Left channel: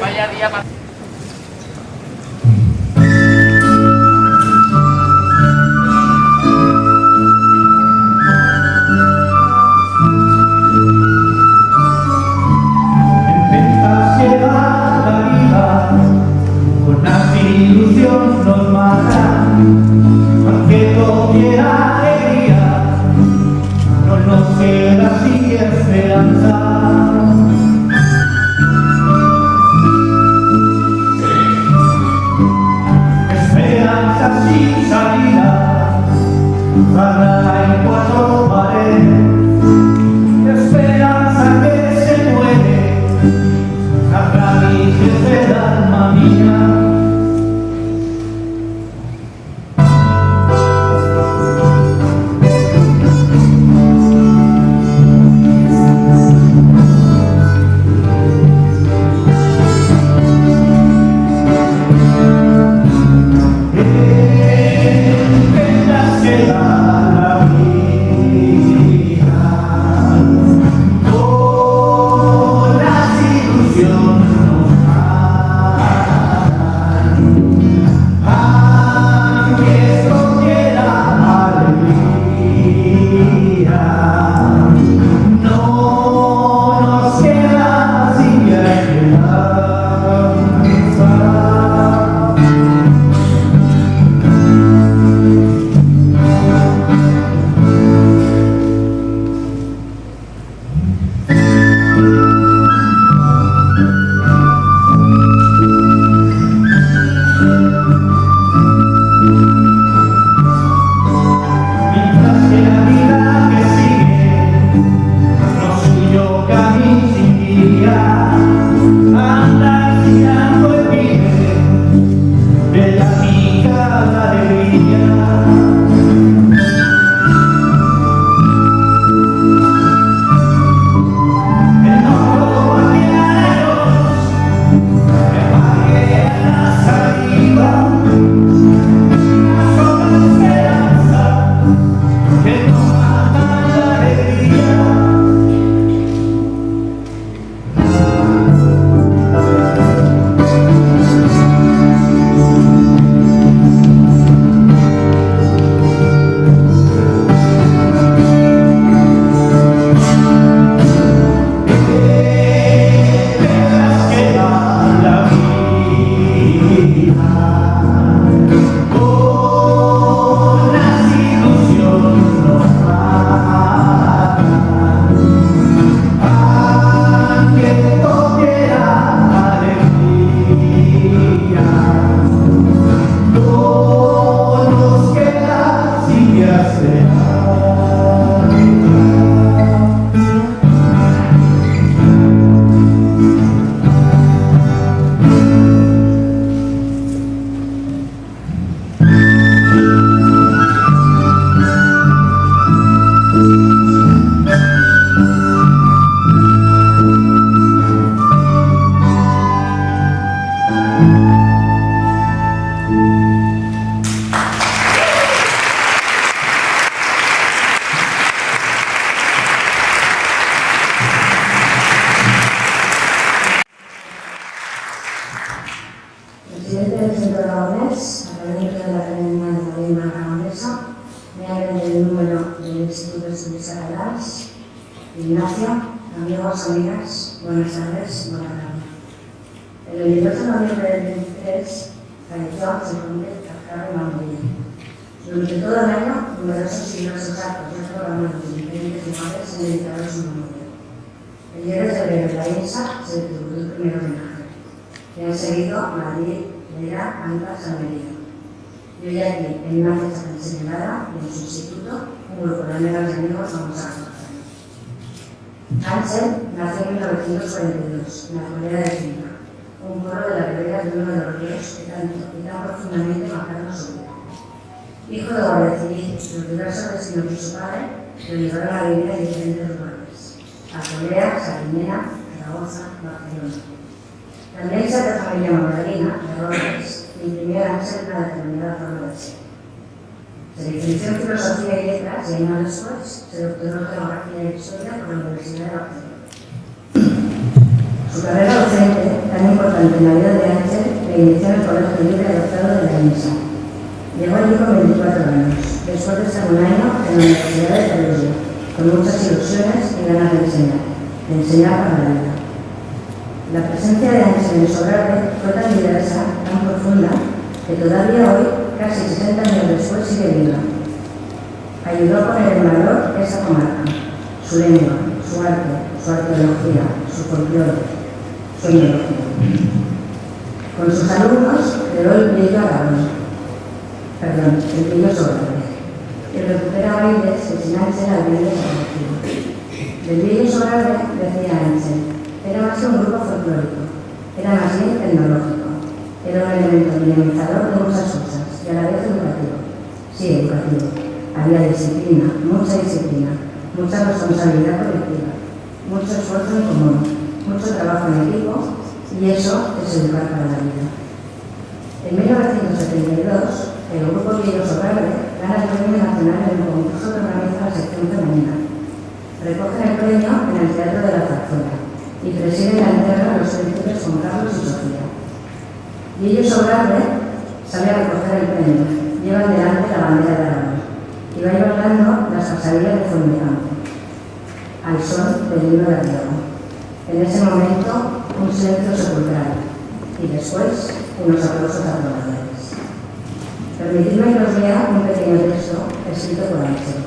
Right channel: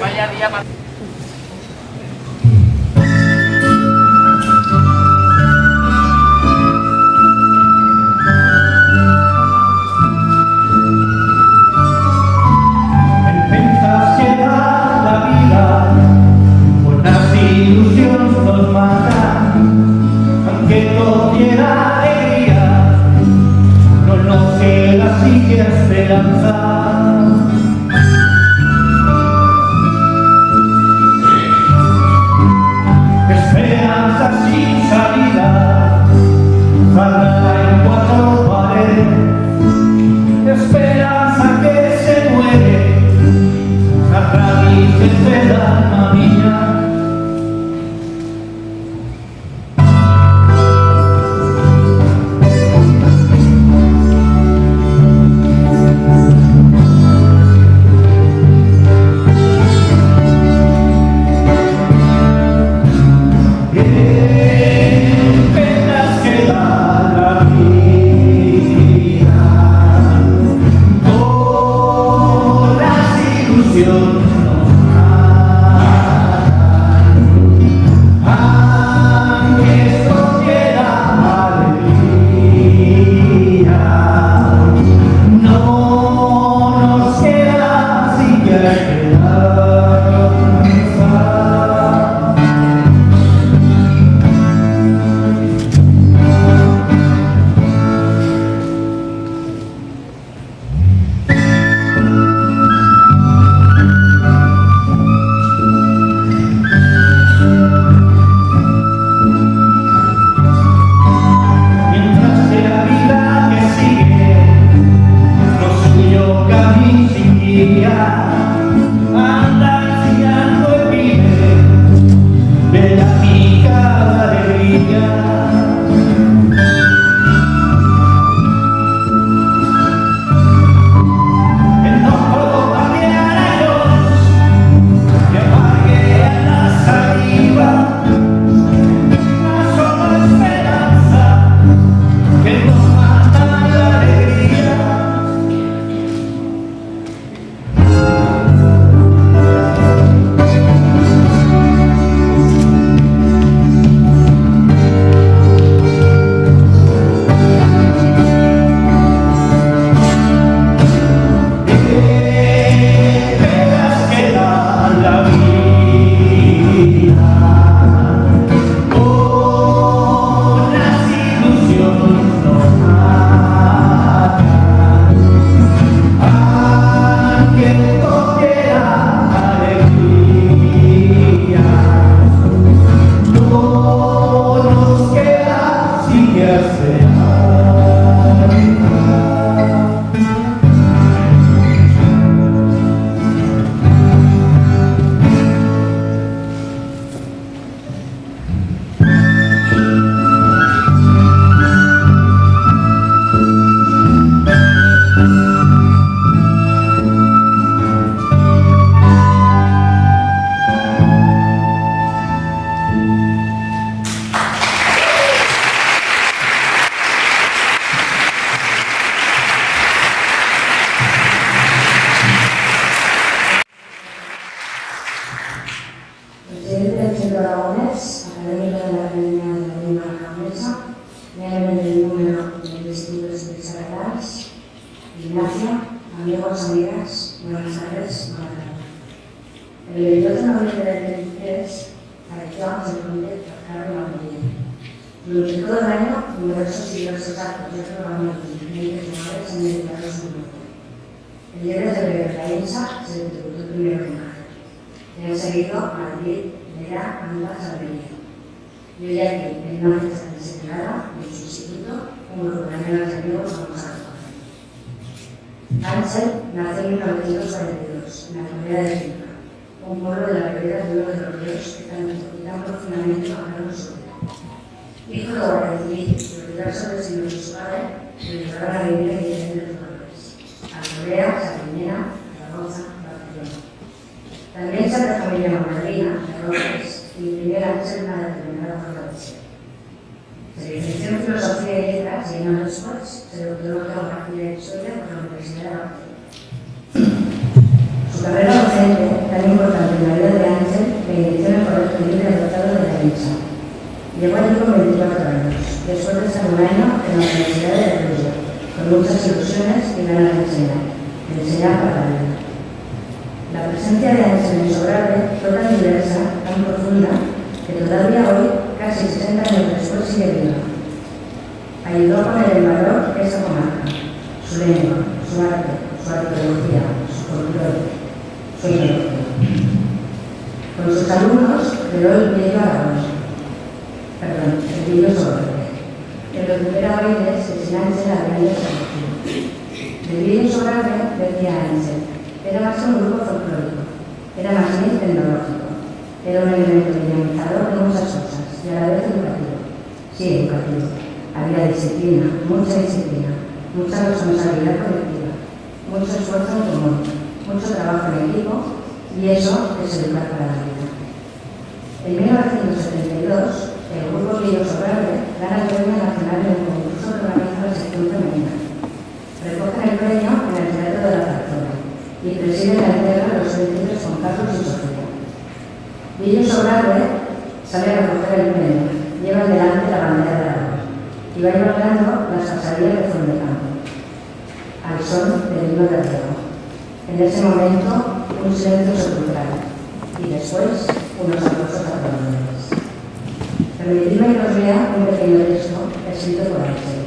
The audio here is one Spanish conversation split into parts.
Vaya día más. Pensas que la vida buenas ilusiones nos matan, aunque todo diera alegría, no nos queda así esperanza. Esperanza sin salida, cerrada en cuatro paredes, esperanza que se muere a raíces del alma mía. Penas que da la vida, todas las ilusiones nos matan, aunque esto diera alegría, no nos queda sin esperanza. Mientras que la vida que sigue, lo suyo camino sin guía, anda enseñando el pibe de la picada alegría. El no puedo barrear a Dios, que pague la saliva, una sola esperanza que no mata la alegría. Penas que da la vida, con las ilusiones nos matan, aunque no quiera alegría, no nos queda sin hacer. Presidente del Centro Aragonés, académico de la Academia de la Lengua Aragonesa, miembro del número del Instituto de Desarrollar, Ignacio, amigos, amigas, buenas tardes, buenas tardes. El 28 de noviembre del 23 falleció José Luis Carlos Martínez. Durante todo el año, numerosos y diversos actos de programas de diferentes lugares han dedicado su muerte. El 10 de febrero de la INSA se distribuyó el primero de mayo. Le han seguido Madrid, Lera, Anda, San Benito. Y hoy aquí, en una fiesta tan señalada, en su instituto, un grupo de amigas y amigos vamos a recoger. Ángel nació en 1942, en la comunidad de Finca, un pueblo de la ribera de uno de los ríos que tan profundamente marcaron su vida. Hijo de guardia civil, los diversos vecinos de su padre le llevaron a vivir en diferentes lugares: a Corea, Sardinera, Zaragoza, Barcelona. También se de familia magdalena, de Robles, y imprimía antes en una determinada forma de ser. Se licenció en Filosofía y Letras y años después se doctoró en Geografía y Historia por la Universidad de Barcelona. Su carrera docente la centenario de Ángel me inició en el Colegio Libre Adoptado de la INSA. Llegó allí con 24 años, después de estar un año en la Universidad de Perugia, con muchas ilusiones y ganas de enseñar para la vida. La presencia de Ángel en Sobrarbe fue tan diversa, tan profunda, que todavía hoy, casi 60 años después, sigue viva. Ayudó a poner en valor esa comarca, su lengua, su arte, su arqueología, su folclore, su etnología. Con sus alumnos creó el Villo Sobrarbe, que recupera oídes que sin Ángel habrían desaparecido. Del Villo Sobrarbe, decía Ángel, era más que un grupo folclórico, era más bien tecnológico, era un elemento dinamizador de muchas cosas y a la vez educativo. Sí, educativo. Había disciplina, mucha responsabilidad colectiva, mucho esfuerzo en común, mucho trabajo en equipo, y eso es educar para la vida. En 1972, el grupo Villo Sobrarbe gana el Premio Nacional en un concurso que organiza la sección femenina. Recogen el premio en el Teatro de la Zarzuela y presiden la entrega de los príncipes Juan Carlos y Sofía. Villo Sobrarbe sale a recoger el premio, llevan delante la bandera de Aragón y va bailando las pasarillas de Fuentemcampo, al son del himno de Riego. En ese momento, un silencio sepulcral y después unos aplausos aprobadores. Permitidme que os lea un pequeño texto escrito por Ángel.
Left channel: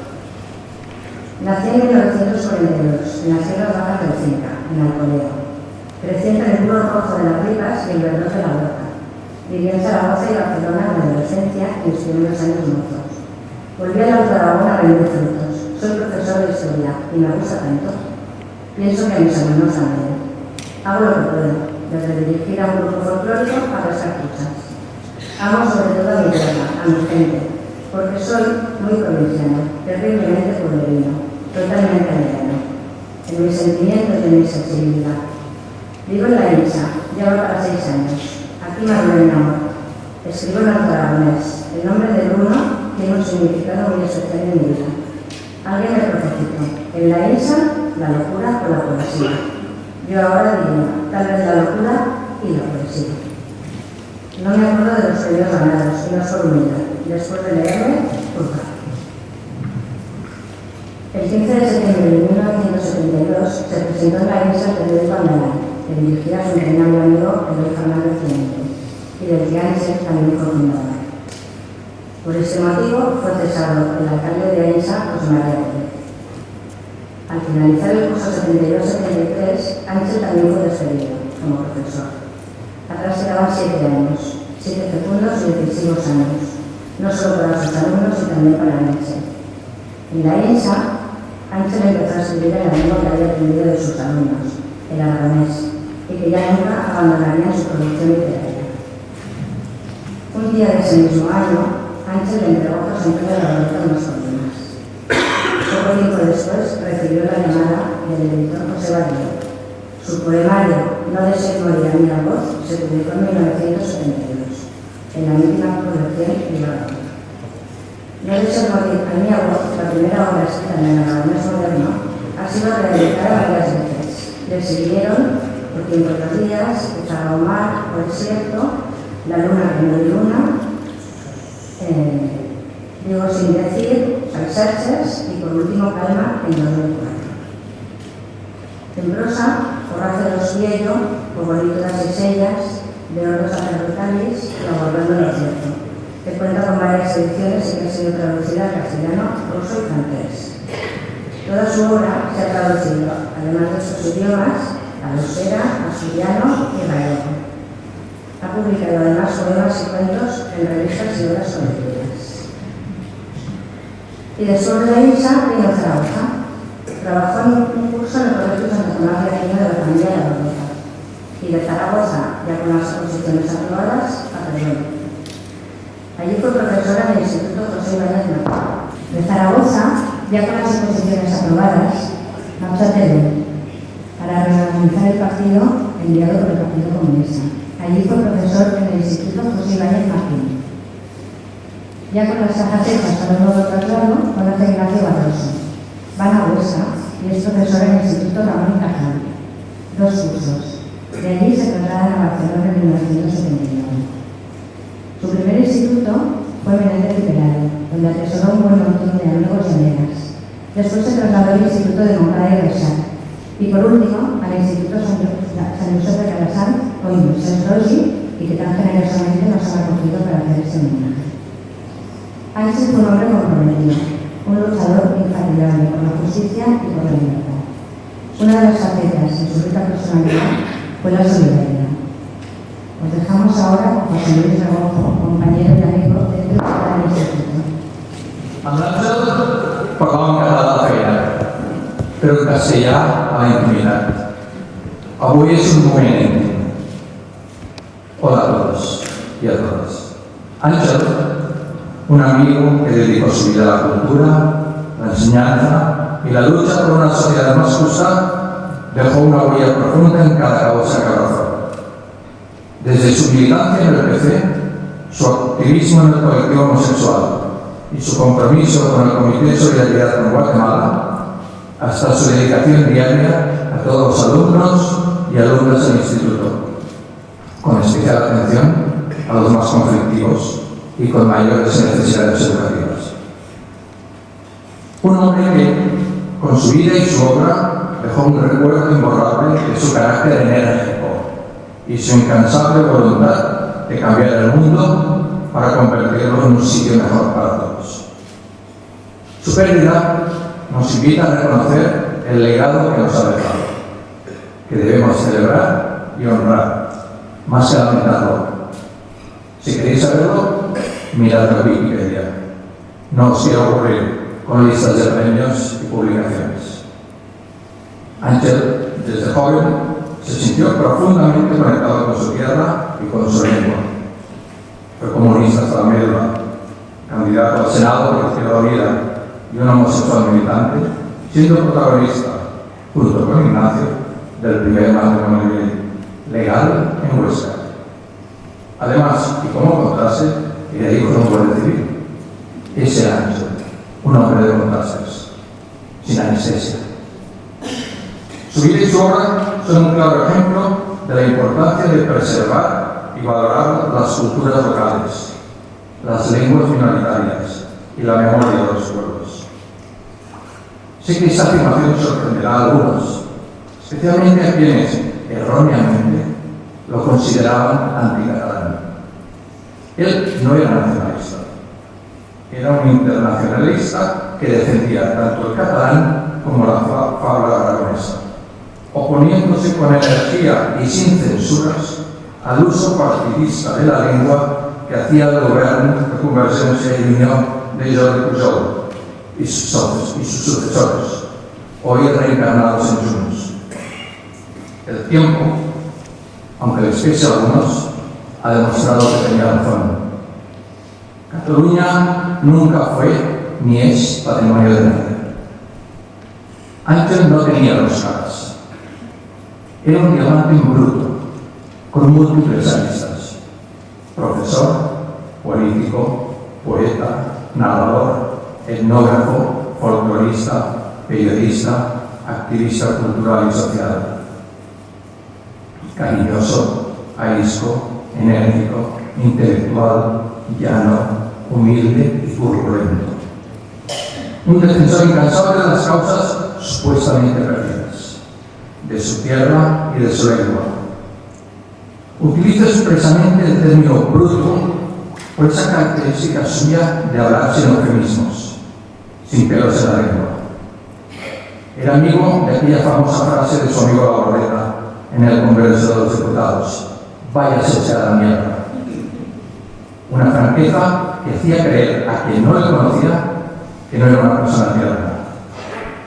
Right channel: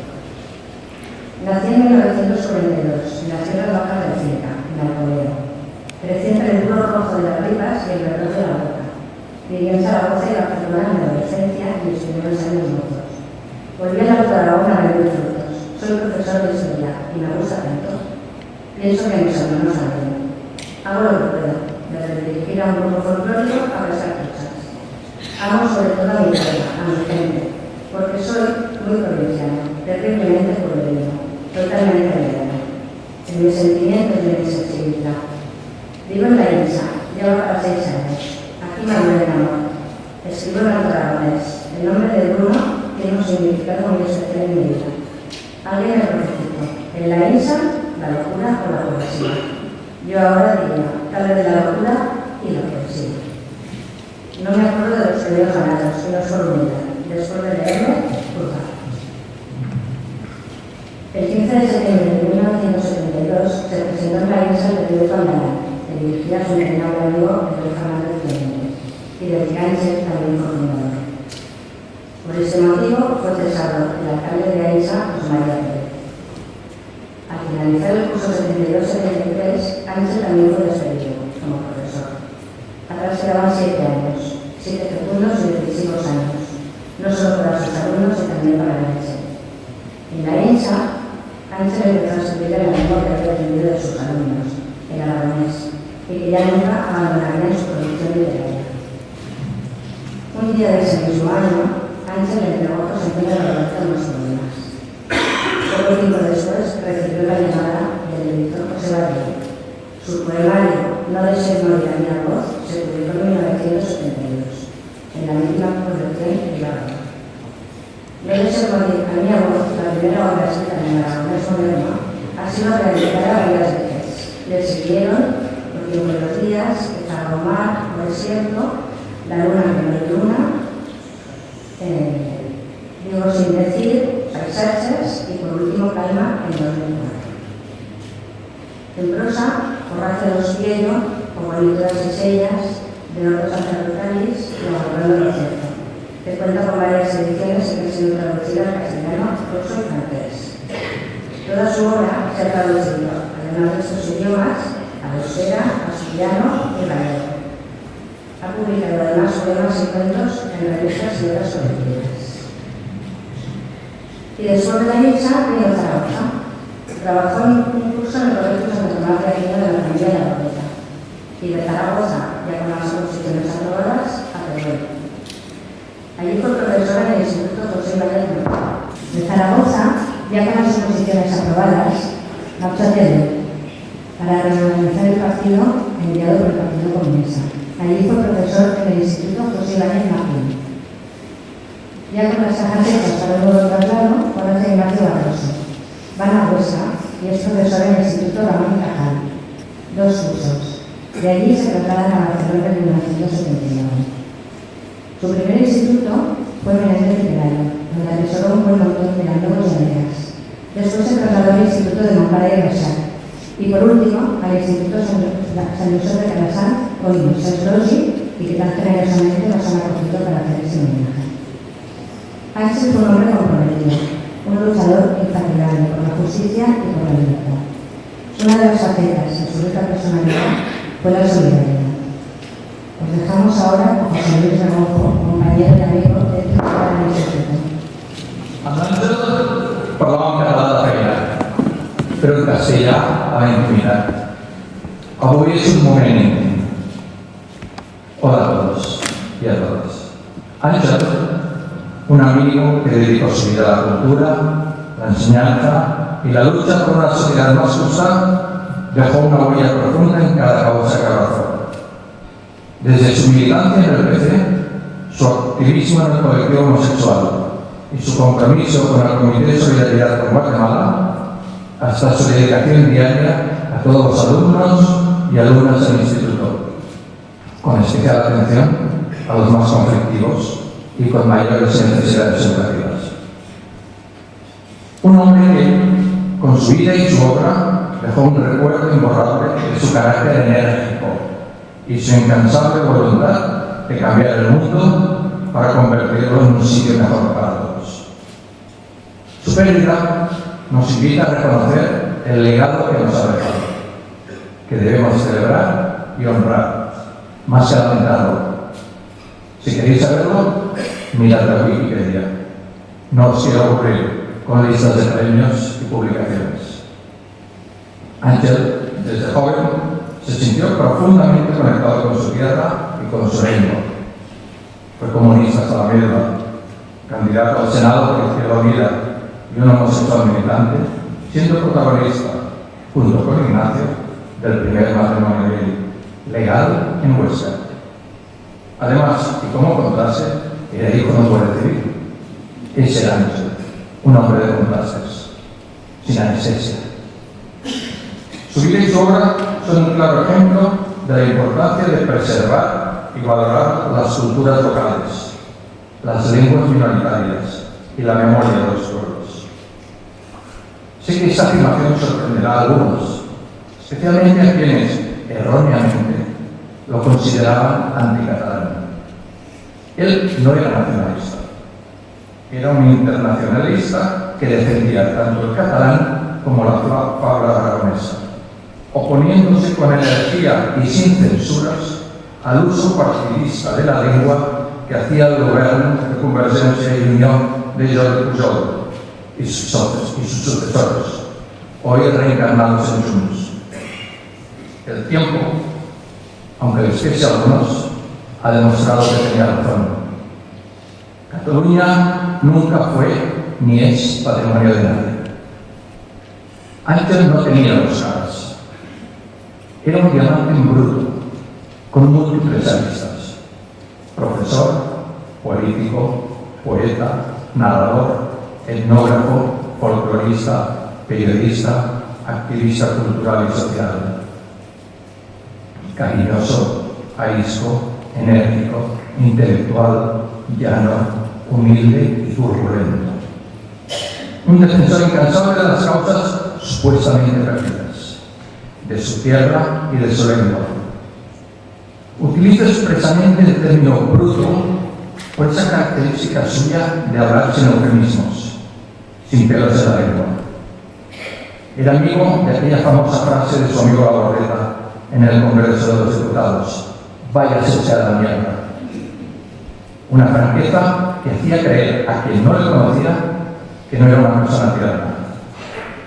Nací en 1942, en las tierras bajas del Cinca, en Alcolea. Crecí entre el puro rojo de las ribas y el verdor de la boca. Viví en Zaragoza y Barcelona en mi adolescencia y mis primeros años mozos. Volví a la Aragón a vender frutos. Soy profesor de historia y me gusta tanto. Pienso que a mis alumnos también. Hago lo que puedo, desde dirigir a un grupo folclórico a pescar truchas. Amo sobre todo a mi tierra, a mi gente, porque soy muy provinciano, terriblemente pueblerino, totalmente aldeano, en mis sentimientos y en mi sensibilidad. Vivo en la INSA, llevo para 6 años. Aquí maduré mi amor. Escribo en aragonés. El nombre de Bruno tiene un significado muy especial en mi vida. Alguien me profetizó. En la INSA, la locura o la poesía. Yo ahora diría, tal vez la locura y la poesía. No me acuerdo de los premios ganados, y no solo unidad. Después de leerme, juzgar. El 15 de septiembre de 1972 se presentó en la INSA el periódico Andalán, que dirigía a su entrañable amigo Eloy Fernández Clemente, y del que Ángel también fue fundador. Por ese motivo fue cesado el alcalde de Ainsa, José María Pérez. Al finalizar el curso 72-73, Ángel también fue despedido como profesor. Atrás quedaban 7 años, 7 fecundos y decisivos años, no solo para sus alumnos, sino también para Ángel. En la INSA, Ángel empezó a escribir en la lengua que había aprendido de sus alumnos, el aragonés, y que ya nunca abandonarían su producción literaria. Un día de ese mismo año, Ángel le entregó a José Antonio Rodríguez unos poemas. Poco tiempo después recibió la llamada del editor José Barrio. Su poemario No deseo morir a mi voz se publicó en 1972, en la mítica colección Ibarra. No deseo morir a mi voz, la primera obra escrita en el aragonés moderno, ha sido reeditada varias veces. Le siguieron Por tiempo de los días, Zagomar o Desierto, La luna que no hay luna, Digo sin decir, Paisajes y por último Calma en 2004. En prosa, Forraje de los Viello, O bonito das Esellas, de Hortos Sacerdotales y O Volviendo lo Cierto, que cuenta con varias ediciones y que ha sido traducida al castellano, ruso y francés. Toda su obra se ha traducido, además de estos idiomas, al euskera, asturiano y gallego. Ha publicado además poemas y cuentos en revistas y obras colectivas. Y después de la INSA vino a Zaragoza. Trabajó en un curso en el Colegio Santa Tomás de Aquino de la familia de la Bordeta. Y de Zaragoza, ya con las oposiciones aprobadas, a Teruel. Allí fue profesora en el Instituto José Ibáñez Martín. De Zaragoza, ya con las oposiciones aprobadas, marchó a Teruel para reorganizar el partido enviado por el Partido Comunista. Allí fue profesor en el Instituto José Ibáñez Martín. Ya con las cajas hechas para el nuevo traslado, conoce a Ignacio Barroso. Van a Huesca y es profesor en el Instituto Ramón y Cajal. 2 cursos. De allí se trasladan a Barcelona en 1979. Su primer instituto fue Menéndez y Pelayo, donde atesoró un buen montón de amigos y amigas. Después se trasladó al Instituto de Moncada y Resac. Y por último, al Instituto San José de Calasán, hoy San Rosi, y que tan generosamente nos han acogido para hacer este homenaje. Ángel fue un hombre comprometido, un luchador infatigable por la justicia y por la libertad. Una de las facetas en su rica personalidad fue la solidaridad. Os dejamos ahora con José Luis Regojo, compañero y amigo dentro del Instituto. Amb l'Àngel parlàvem català de feina, però en castellà a la intimitat. Avui és un moment. Hola a todos y a todas. Ángel, un amigo que dedicó su vida a la cultura, la enseñanza y la lucha por una sociedad más justa, dejó una huella profunda en cada causa que abrazó. Desde su militancia en el PC, su activismo en el colectivo homosexual y su compromiso con el Comité de Solidaridad con Guatemala, hasta su dedicación diaria a todos los alumnos y alumnas del instituto, con especial atención a los más conflictivos y con mayores necesidades educativas. Un hombre que, con su vida y su obra, dejó un recuerdo imborrable de su carácter enérgico y su incansable voluntad de cambiar el mundo para convertirlo en un sitio mejor para todos. Su pérdida nos invita a reconocer el legado que nos ha dejado, que debemos celebrar y honrar, más que lamentarlo. Si queréis saberlo, mirad la Wikipedia. No os quiero aburrir con listas de premios y publicaciones. Ángel, desde joven, se sintió profundamente conectado con su tierra y con su lengua. Fue comunista hasta la médula, candidato al Senado por Izquierda Unida y un homosexual militante, siendo protagonista, junto con Ignacio, del primer matrimonio legal en Huesca. Además, y como contraste, era hijo de un guardia civil. Ese era Ángel, un hombre de contrastes, sin anestesia. Su vida y su obra son un claro ejemplo de la importancia de preservar y valorar las culturas locales, las lenguas minoritarias y la memoria de los pueblos. Sé que esta afirmación sorprenderá a algunos, especialmente a quienes, erróneamente, lo consideraban anticatalán. Él no era nacionalista, era un internacionalista que defendía tanto el catalán como la fabla aragonesa, oponiéndose con energía y sin censuras al uso partidista de la lengua que hacía el gobierno de Convergencia y Unión de Jordi Pujol y sus sucesores, hoy reencarnados en Junts. El tiempo, aunque les pese a algunos, ha demostrado que tenía razón. Cataluña nunca fue ni es patrimonio de nadie. Ángel no tenía dos caras. Era un diamante en bruto, con múltiples aristas. Profesor, político, poeta, narrador, etnógrafo, folclorista, periodista, activista cultural y social. Cariñoso, arisco, enérgico, intelectual, llano, humilde y turbulento. Un defensor incansable de las causas supuestamente perdidas, de su tierra y de su lengua. Utiliza expresamente el término bruto por esa característica suya de hablar sin eufemismos, sin pelos en la lengua. Era amigo de aquella famosa frase de su amigo Gaborreta en el Congreso de los Diputados: váyase a la mierda. Una franqueza que hacía creer a quien no le conocía que no era una persona tirana.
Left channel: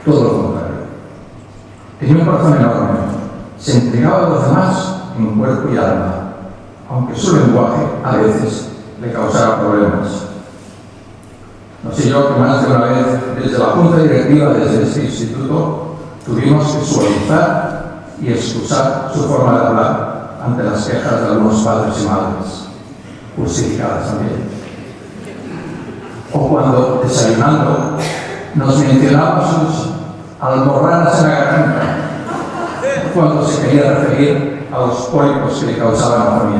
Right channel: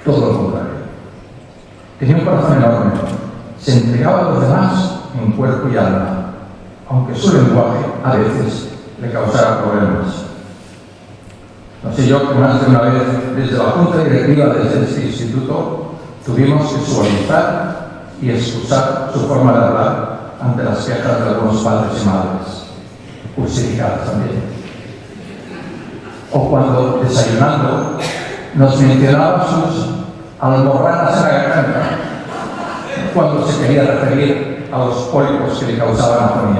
Todo lo contrario. Tenía un corazón enorme, se entregaba a los demás en cuerpo y alma, aunque su lenguaje a veces le causara problemas. No sé yo que más de una vez desde la junta directiva de este instituto tuvimos que suavizar y excusar su forma de hablar ante las quejas de algunos padres y madres, justificadas también. O cuando, desayunando, nos mencionaba sus almorranas en la garganta, cuando se quería referir a los pólipos que le causaban afonía.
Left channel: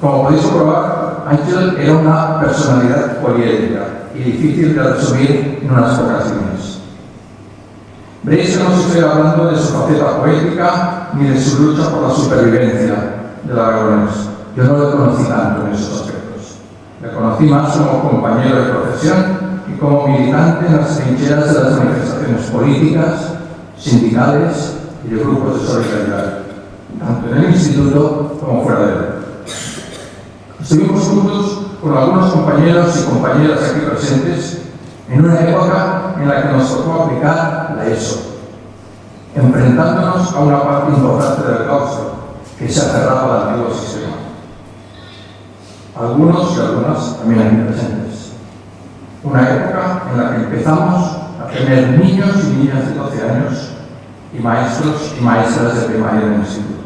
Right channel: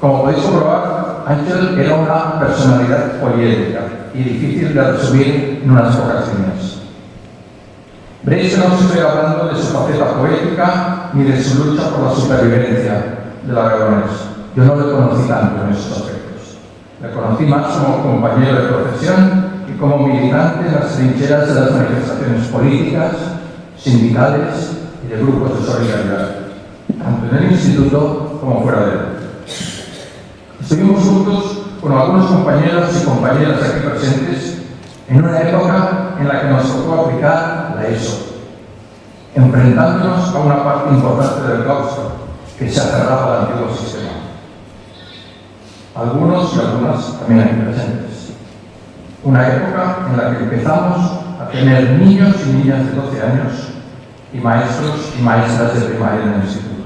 Como podéis comprobar, Ángel era una personalidad poliédrica y difícil de resumir en unas pocas líneas. Veréis que no os estoy hablando de su faceta poética ni de su lucha por la supervivencia del Aragonés. Yo no le conocí tanto en esos aspectos. Le conocí más como compañero de profesión y como militante en las trincheras de las manifestaciones políticas, sindicales y de grupos de solidaridad, tanto en el instituto como fuera de él. Estuvimos juntos con algunos compañeros y compañeras aquí presentes en una época en la que nos tocó aplicar la ESO, enfrentándonos a una parte importante del claustro que se aferraba al antiguo sistema. Algunos y algunas también aquí presentes. Una época en la que empezamos a tener niños y niñas de 12 años y maestros y maestras de primaria en el instituto.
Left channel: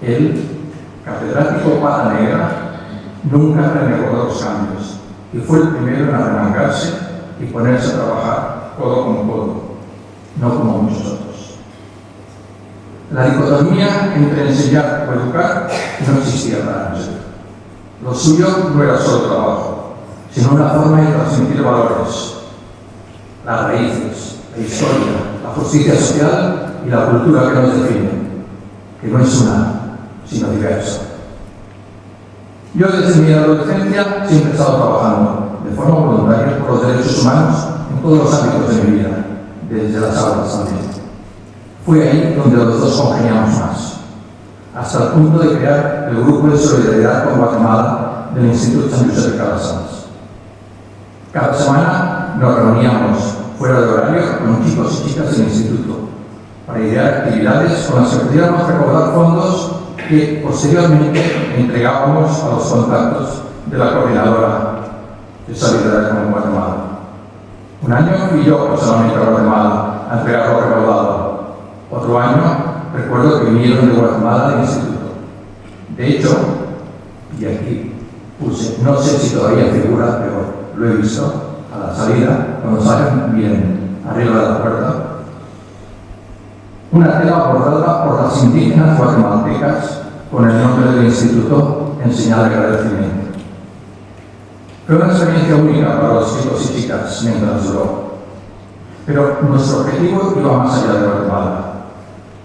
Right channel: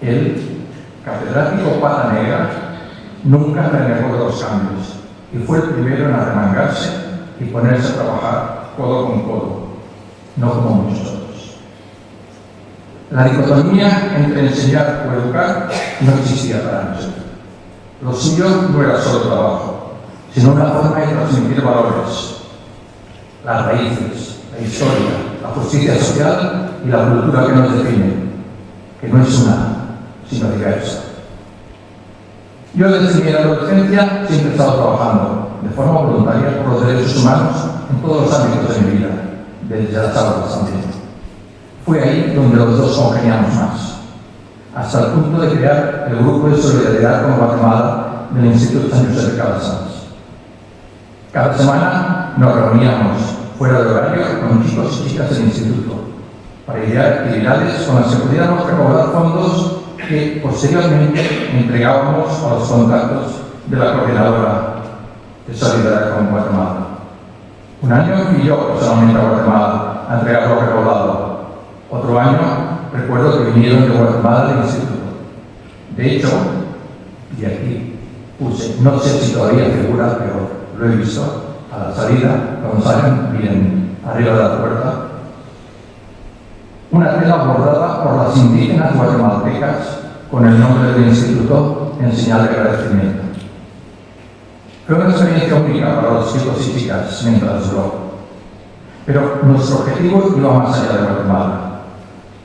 Él, catedrático pata negra, nunca renegó de los cambios y fue el primero en arremangarse y ponerse a trabajar codo con codo, no como muchos otros. La dicotomía entre enseñar o educar no existía para Ángel. Lo suyo no era solo trabajo, sino una forma de transmitir valores, las raíces, la historia, la justicia social y la cultura que nos definen, que no es una, sino diversa. Yo desde mi adolescencia siempre he estado trabajando de forma voluntaria por los derechos humanos en todos los ámbitos de mi vida, desde las aulas también. Fue ahí donde los dos congeniamos más, hasta el punto de crear el grupo de solidaridad con Guatemala del Instituto San José de Calasanz. Cada semana nos reuníamos fuera de horario con chicos y chicas del instituto para idear actividades con las que pudiéramos recaudar fondos que posteriormente entregábamos a los contactos de la coordinadora de Solidaridad con Guatemala. Un año fui yo personalmente a Guatemala a entregar lo recaudado. Otro año recuerdo que vinieron de Guatemala del instituto. De hecho, y aquí puse, no sé si todavía figura, pero lo he visto a la salida, cuando salgan bien arriba de la puerta, una tela bordada por las indígenas guatemaltecas con el nombre del instituto en señal de agradecimiento. Fue una experiencia única para los chicos y chicas mientras duró. Pero nuestro objetivo iba más allá de Guatemala.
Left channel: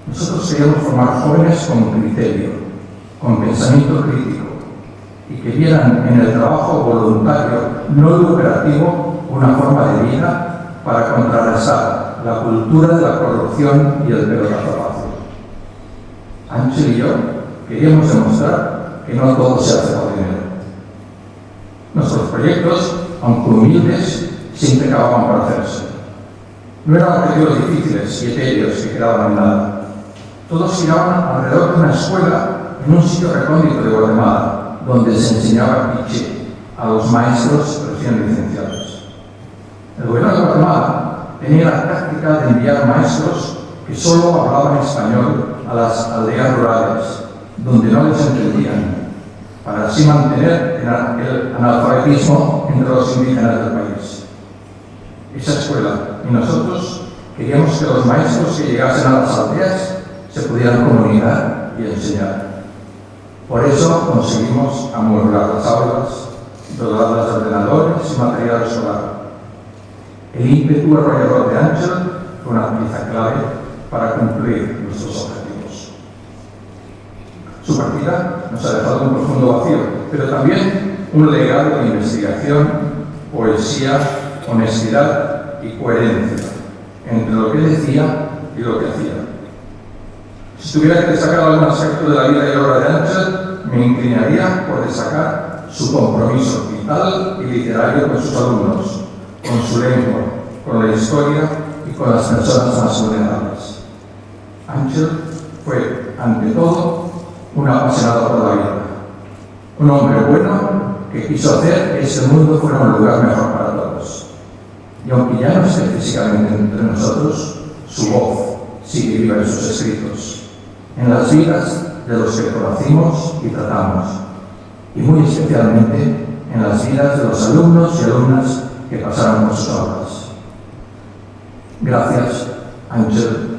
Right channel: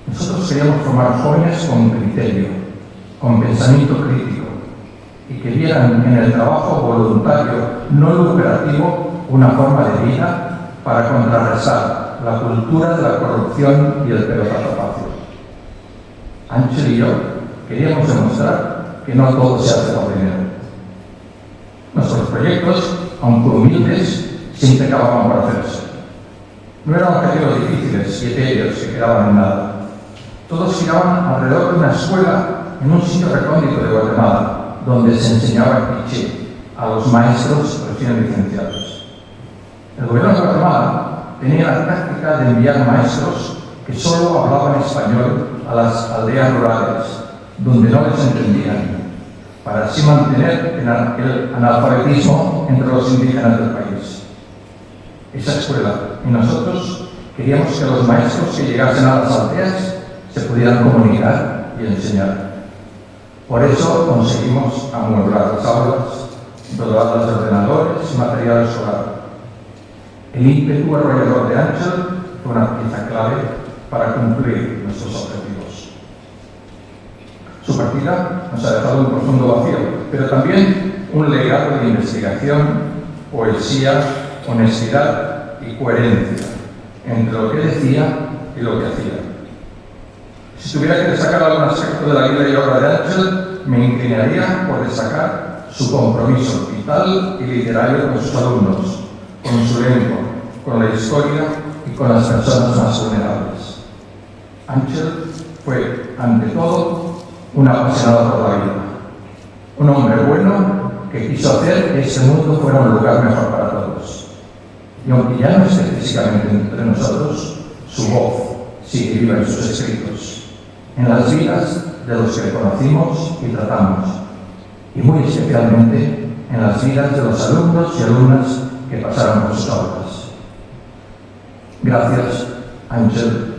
Nosotros queríamos formar jóvenes con criterio, con pensamiento crítico, y que vieran en el trabajo voluntario no lucrativo una forma de vida para contrarrestar la cultura de la corrupción y el pelotazo fácil. Ángel y yo queríamos demostrar que no todo se hace por dinero. Nuestros proyectos, aunque humildes, siempre acababan por hacerse. No eran objetivos difíciles y etéreos que quedaban en nada. Todos giraban alrededor de una escuela en un sitio recóndito de Guatemala, donde se enseñaba quiché a los maestros recién licenciados. El gobierno de Guatemala tenía la táctica de enviar maestros que solo hablaban español a las aldeas rurales, donde no les entendían, para así mantener el analfabetismo entre los indígenas del país. Esa escuela y nosotros queríamos que los maestros que llegasen a las aldeas se pudieran comunicar y enseñar. Por eso conseguimos amueblar las aulas, dotarlas de ordenadores y material escolar. El ímpetu arrollador de Ángel fue una pieza clave para cumplir nuestros objetivos. Su partida nos ha dejado un profundo vacío, pero también un legado de investigación, poesía, honestidad y coherencia entre lo que decía y lo que hacía. Si tuviera que destacar algún aspecto de la vida y obra de Ángel, me inclinaría por destacar su compromiso vital y literario con sus alumnos, con su lengua, con la historia y con las personas más vulnerables. Ángel fue, ante todo, un apasionado por la vida, un hombre bueno que quiso hacer que este mundo fuera un lugar mejor para todos. Y aunque ya no esté físicamente entre nosotros, su voz sigue viva en sus escritos, en las vidas de los que conocimos y tratamos, y muy especialmente en las vidas de los alumnos y alumnas que pasaron por sus aulas. Gracias, Ángel,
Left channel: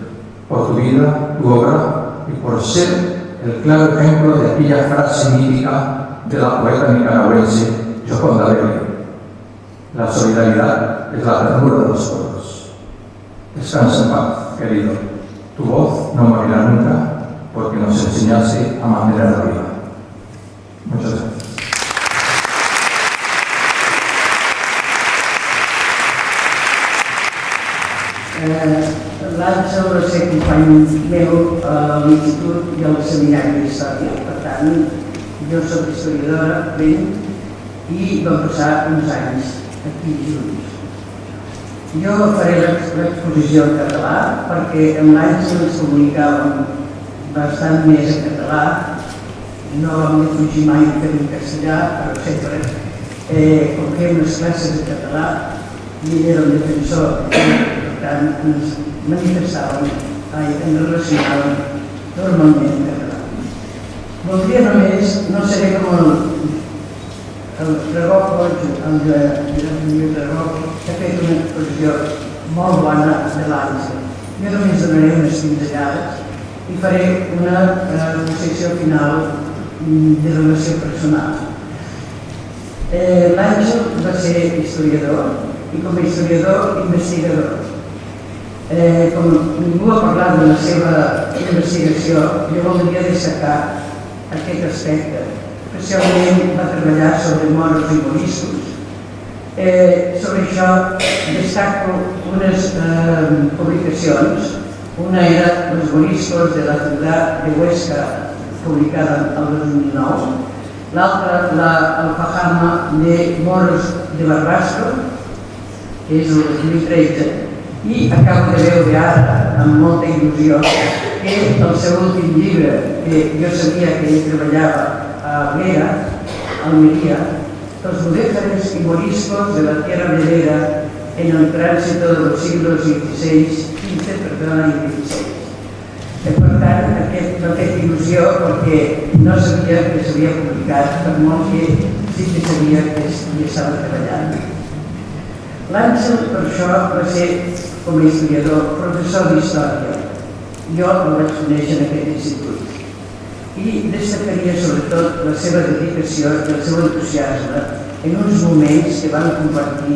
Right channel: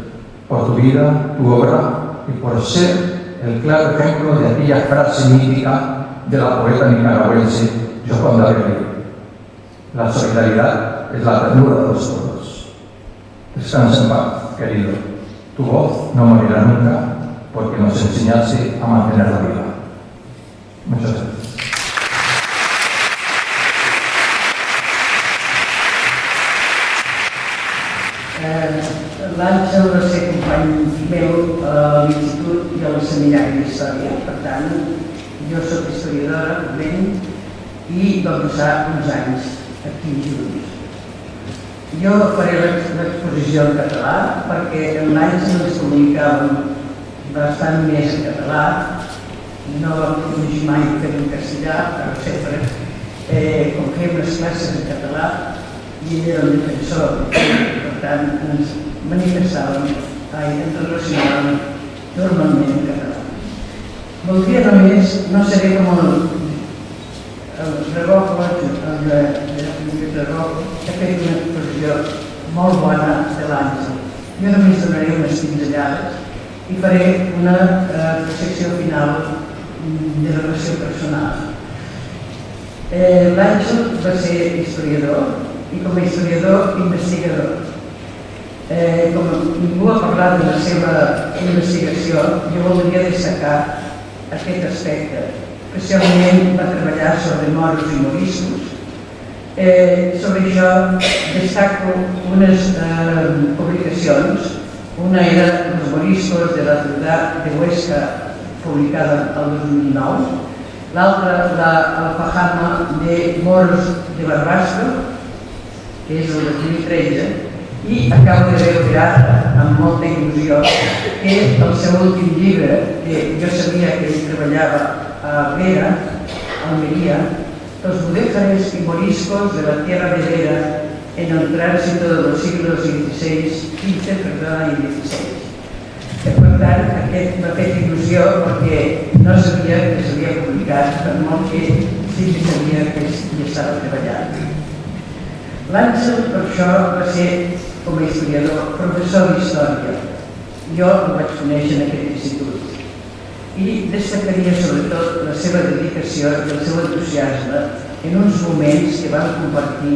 por por tu vida, tu obra y por ser el claro ejemplo de aquella frase mítica de la poeta nicaragüense Yoconda Belli: la solidaridad es la ternura de los otros. Descansa en paz, querido. Tu voz no morirá nunca porque nos enseñase a mantenerla viva. Muchas gracias. L'Àngel va ser company meu a l'institut i al seminari d'Història. Per tant, jo soc historiadora, ben, i vam passar uns anys aquí junts. Jo faré l'exposició en català perquè amb l'Àngel ens comunicàvem bastant més en català. No vam defugir mai que en castellà, però sempre, com fèiem les classes en català, i ell era el defensor, per tant, ens manifestàvem, ens relacionàvem normalment en català. Voldria només, no seré com el Regofo, el Lluís Regofo, que ha fet una exposició molt bona de l'Àngel. Jo només donaré unes pinzellades i faré una secció final de relació personal. L'Àngel va ser historiador i com a historiador investigador. Com ningú ha parlat de la seva investigació, jo voldria destacar aquest aspecte. Especialment va treballar sobre moros i moriscos. Sobre això destaco unes publicacions. Una era Los moriscos de la ciutat de Huesca, publicada el 2009. L'altra, la Fajama de moros de Barbastro, que és el 2013, i acabo de veure ara, amb molta il·lusió, que el seu últim llibre, que jo sabia que ell treballava a Vera, a Almeria, Los mudéjares y moriscos de la tierra de Vera en el tránsito de los siglos XVI, XV, perdona, i XVI. Per tant, aquest m'ha fet il·lusió perquè no sabia que s'havia publicat, per molt que sí que sabia que hi estava treballant. L'Àngel, per això, va ser, com a historiador, professor d'història. Jo el vaig conèixer en aquest institut. I destacaria sobretot la seva dedicació i el seu entusiasme en uns moments que van compartir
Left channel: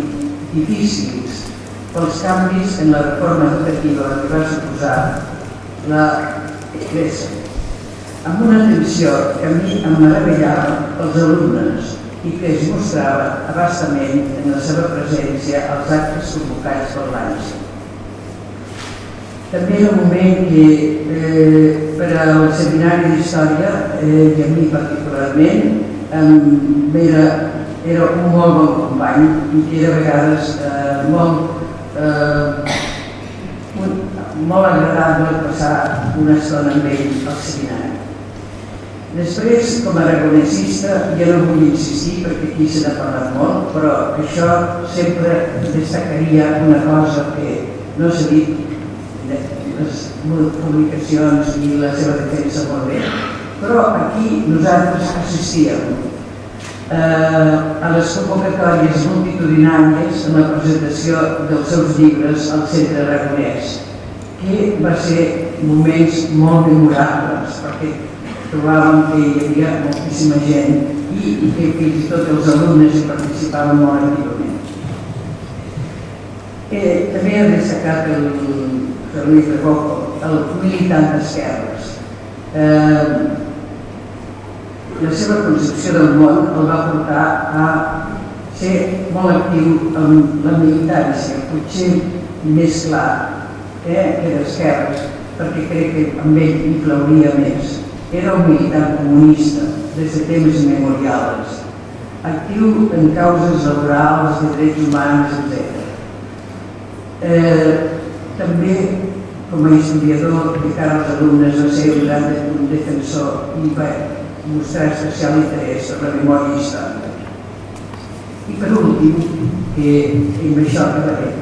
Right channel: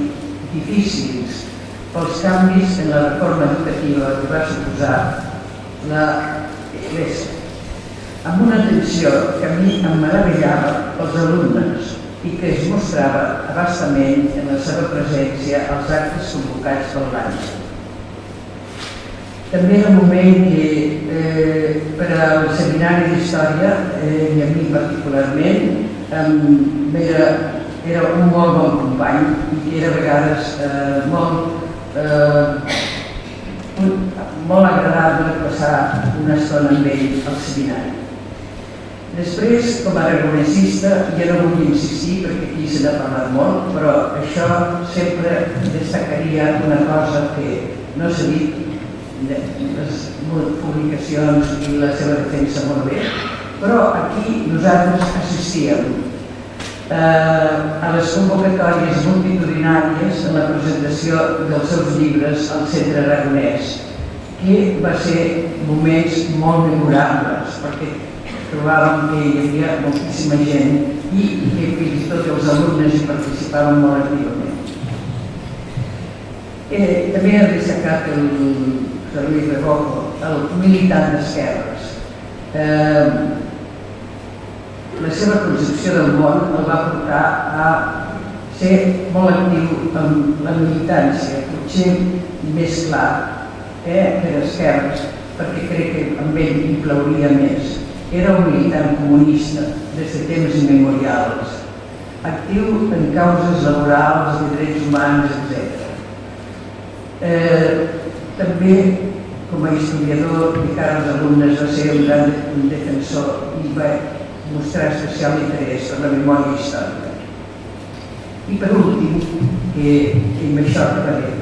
difícils pels canvis en la reforma educativa que va suposar l'Església, amb una atenció que a mi em meravellava pels alumnes i que es mostrava abastament en la seva presència als actes convocats per l'Àngel. També era un moment que per al seminari d'història, i a mi particularment, era un molt bon company i que era a vegades molt agradable passar una estona amb ell al seminari. Després, com a aragonesista, jo no vull insistir perquè aquí se n'ha parlat molt, però això sempre destacaria una cosa que no s'ha dit, les publicacions i la seva defensa molt bé, però aquí nosaltres assistíem a les convocatòries multitudinàries en la presentació dels seus llibres al Centre Aragonès, que va ser moments molt memorables perquè trobàvem que hi havia moltíssima gent i que fins i tot els alumnes hi participaven molt activament. També ha destacat el Lluís Regofo, el militant d'esquerres. La seva concepció del món el va portar a ser molt actiu en la militància, potser més clar que d'esquerres, perquè crec que amb ell hi plauria més. Era un militant comunista des de temps immemorials, actiu en causes laborals, de drets humans, etc. També, com a historiador de cara als alumnes, va ser un gran defensor i va mostrar especial interès per la memòria històrica. I per últim, que amb això acabaré,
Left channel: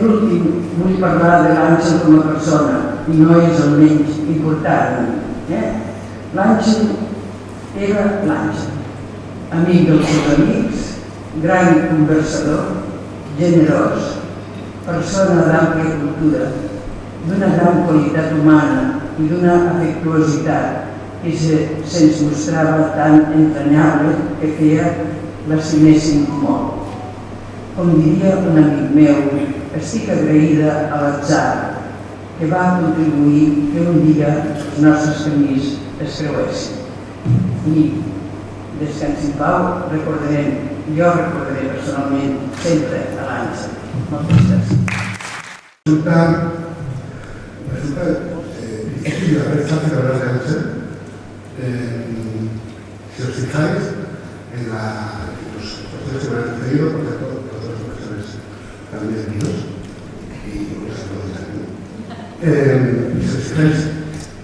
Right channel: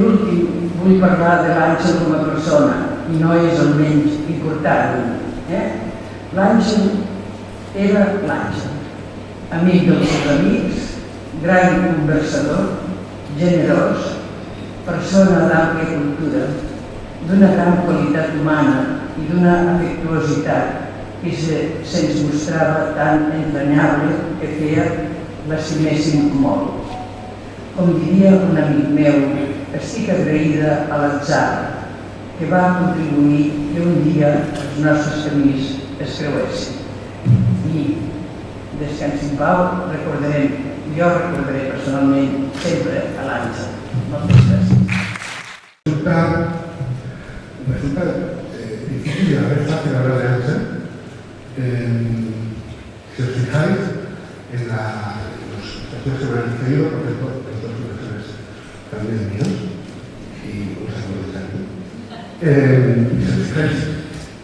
l'últim, vull parlar de l'Àngel com a persona, i no és el menys important. L'Àngel era l'Àngel, amic dels seus amics, gran conversador, generós, persona d'àmplia cultura, d'una gran qualitat humana i d'una afectuositat que se'ns mostrava tan entranyable que feia l'estiméssim molt. Com diria un amic meu, estic agraïda a l'atzar que va contribuir que un dia els nostres camins es creuessin. I descansi en pau, jo recordaré personalment sempre a l'Àngel. Moltes gràcies. Resulta difícil a ver fácil hablar de Ángel. Si os fijáis en los profesores que me han pedido, por cierto, los dos profesores también míos, y los actores aquí. Si os fijáis,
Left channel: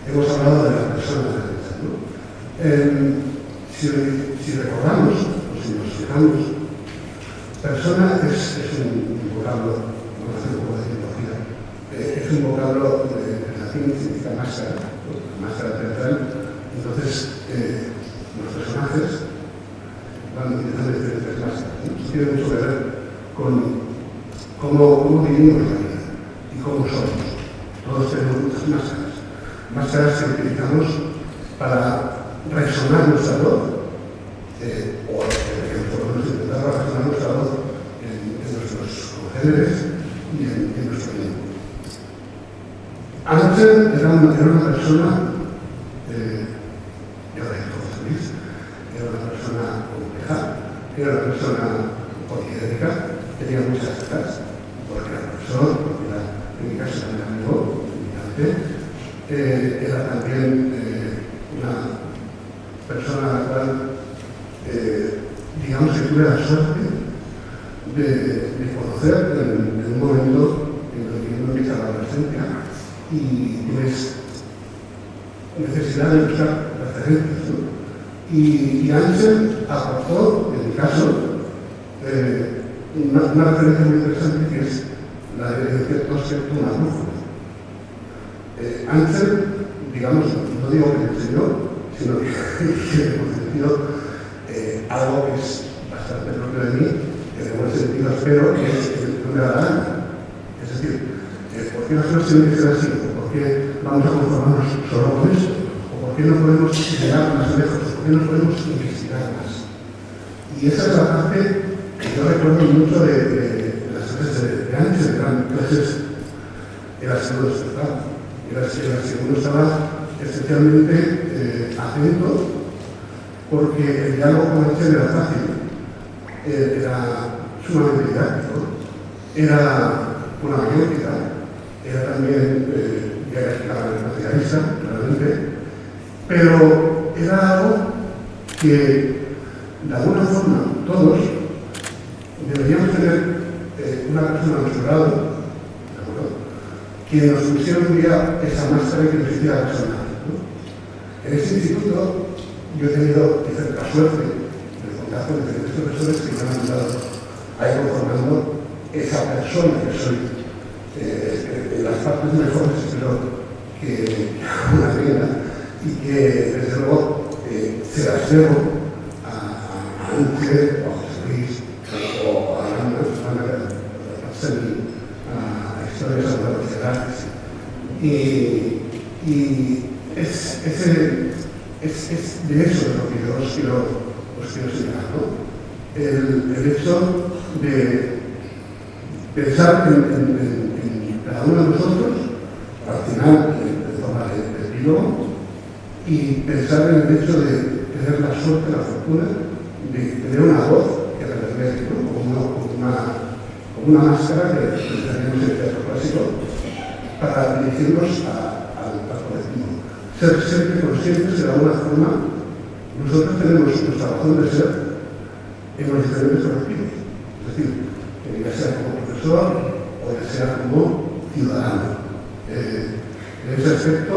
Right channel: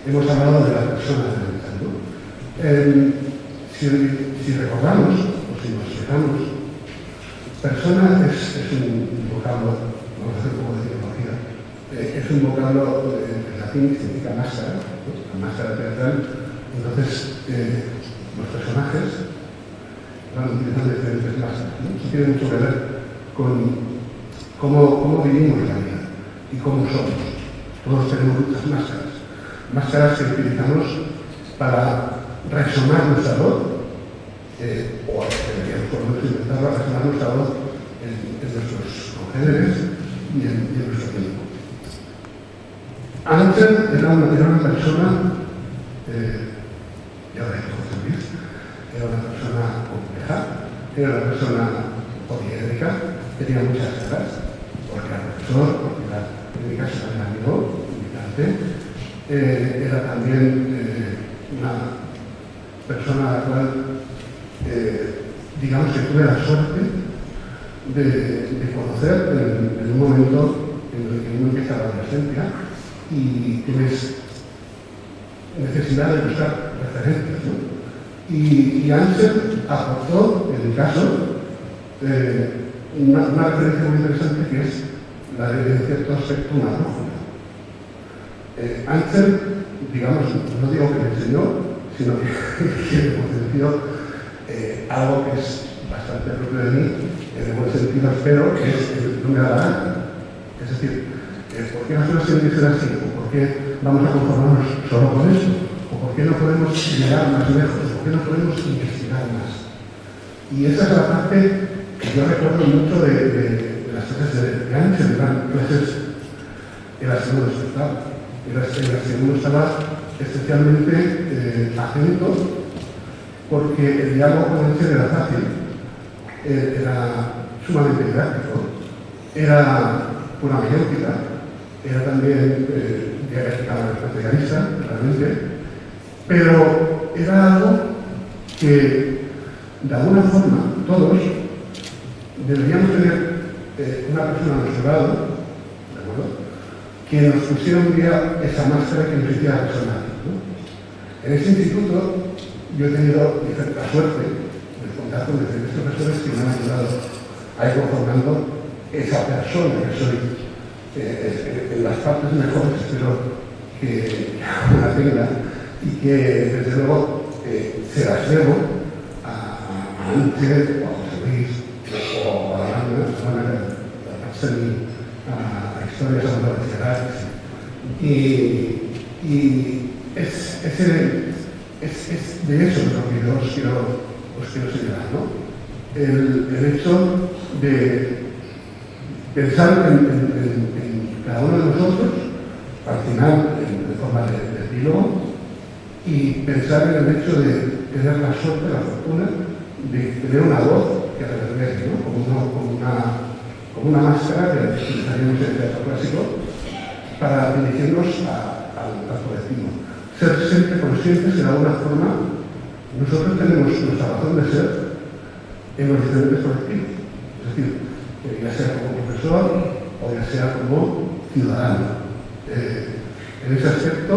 hemos hablado de la persona de Ángel, ¿no? Si recordamos, o si nos fijamos, persona es un vocablo, vamos a hacer un poco de etimología, es un vocablo de latín que significa máscara, ¿no? La máscara teatral. Entonces, los personajes van utilizando diferentes máscaras, ¿no? Eso tiene mucho que ver con cómo vivimos la vida y cómo somos. Todos tenemos muchas máscaras. Máscaras que utilizamos para resonar nuestra voz, o por lo menos intentar resonar nuestra voz en nuestros congéneres y en nuestro tiempo. Ángel era una persona, ya lo dijo José Luis, era una persona compleja, era una persona poliédrica, tenía muchas caras, porque era profesor, porque era, en mi caso también amigo, era también una persona a la cual, digamos que tuve la suerte de conocer en un momento en el que uno empieza la adolescencia y tienes necesidad de buscar referencias, ¿no? Y Ángel aportó, en mi caso, una referencia muy interesante que es la de cierto aspecto una brújula. Ángel, digamos, no digo que me enseñó, sino que hemos sentido algo que es bastante propio de mí, en buen sentido espero, que es que no me da la gana. Es decir, ¿por qué las cosas tienen que ser así? ¿Por qué vamos a conformarnos solo con eso? ¿O por qué no podemos llegar más lejos? ¿Por qué no podemos investigar más? Y esa es la parte que yo recuerdo mucho de las clases de Ángel, eran clases en las que uno despertaba, en las que uno estaba especialmente atento, porque el diálogo con Ángel era fácil, era sumamente didáctico, era una mayéutica, era también materialista, claramente, pero era algo que, de alguna forma, todos deberíamos tener una persona a nuestro lado, ¿de acuerdo?, que nos pusiera un día esa máscara y que nos hiciera resonar, ¿no? En este instituto yo he tenido cierta suerte de contar con diferentes profesores que me han ayudado a ir conformando esa persona que soy, en las partes mejores, espero que una tenga, y que desde luego se las debo a Ángel, o a José Luis, o a Ana, a historias autoritarias. Y es de eso de lo que yo os quiero señalar, ¿no? El hecho de pensar en cada uno de nosotros, al final en forma de epílogo, y pensar en el hecho de tener la suerte, la fortuna, de tener una voz que reverbergue, ¿no? como una máscara que utilizaríamos en el teatro clásico para dirigirnos al colectivo. Ser siempre conscientes que de alguna forma nosotros tenemos nuestra razón de ser en los diferentes colectivos. Es decir, ya sea como profesor o ya sea como ciudadano. En ese aspecto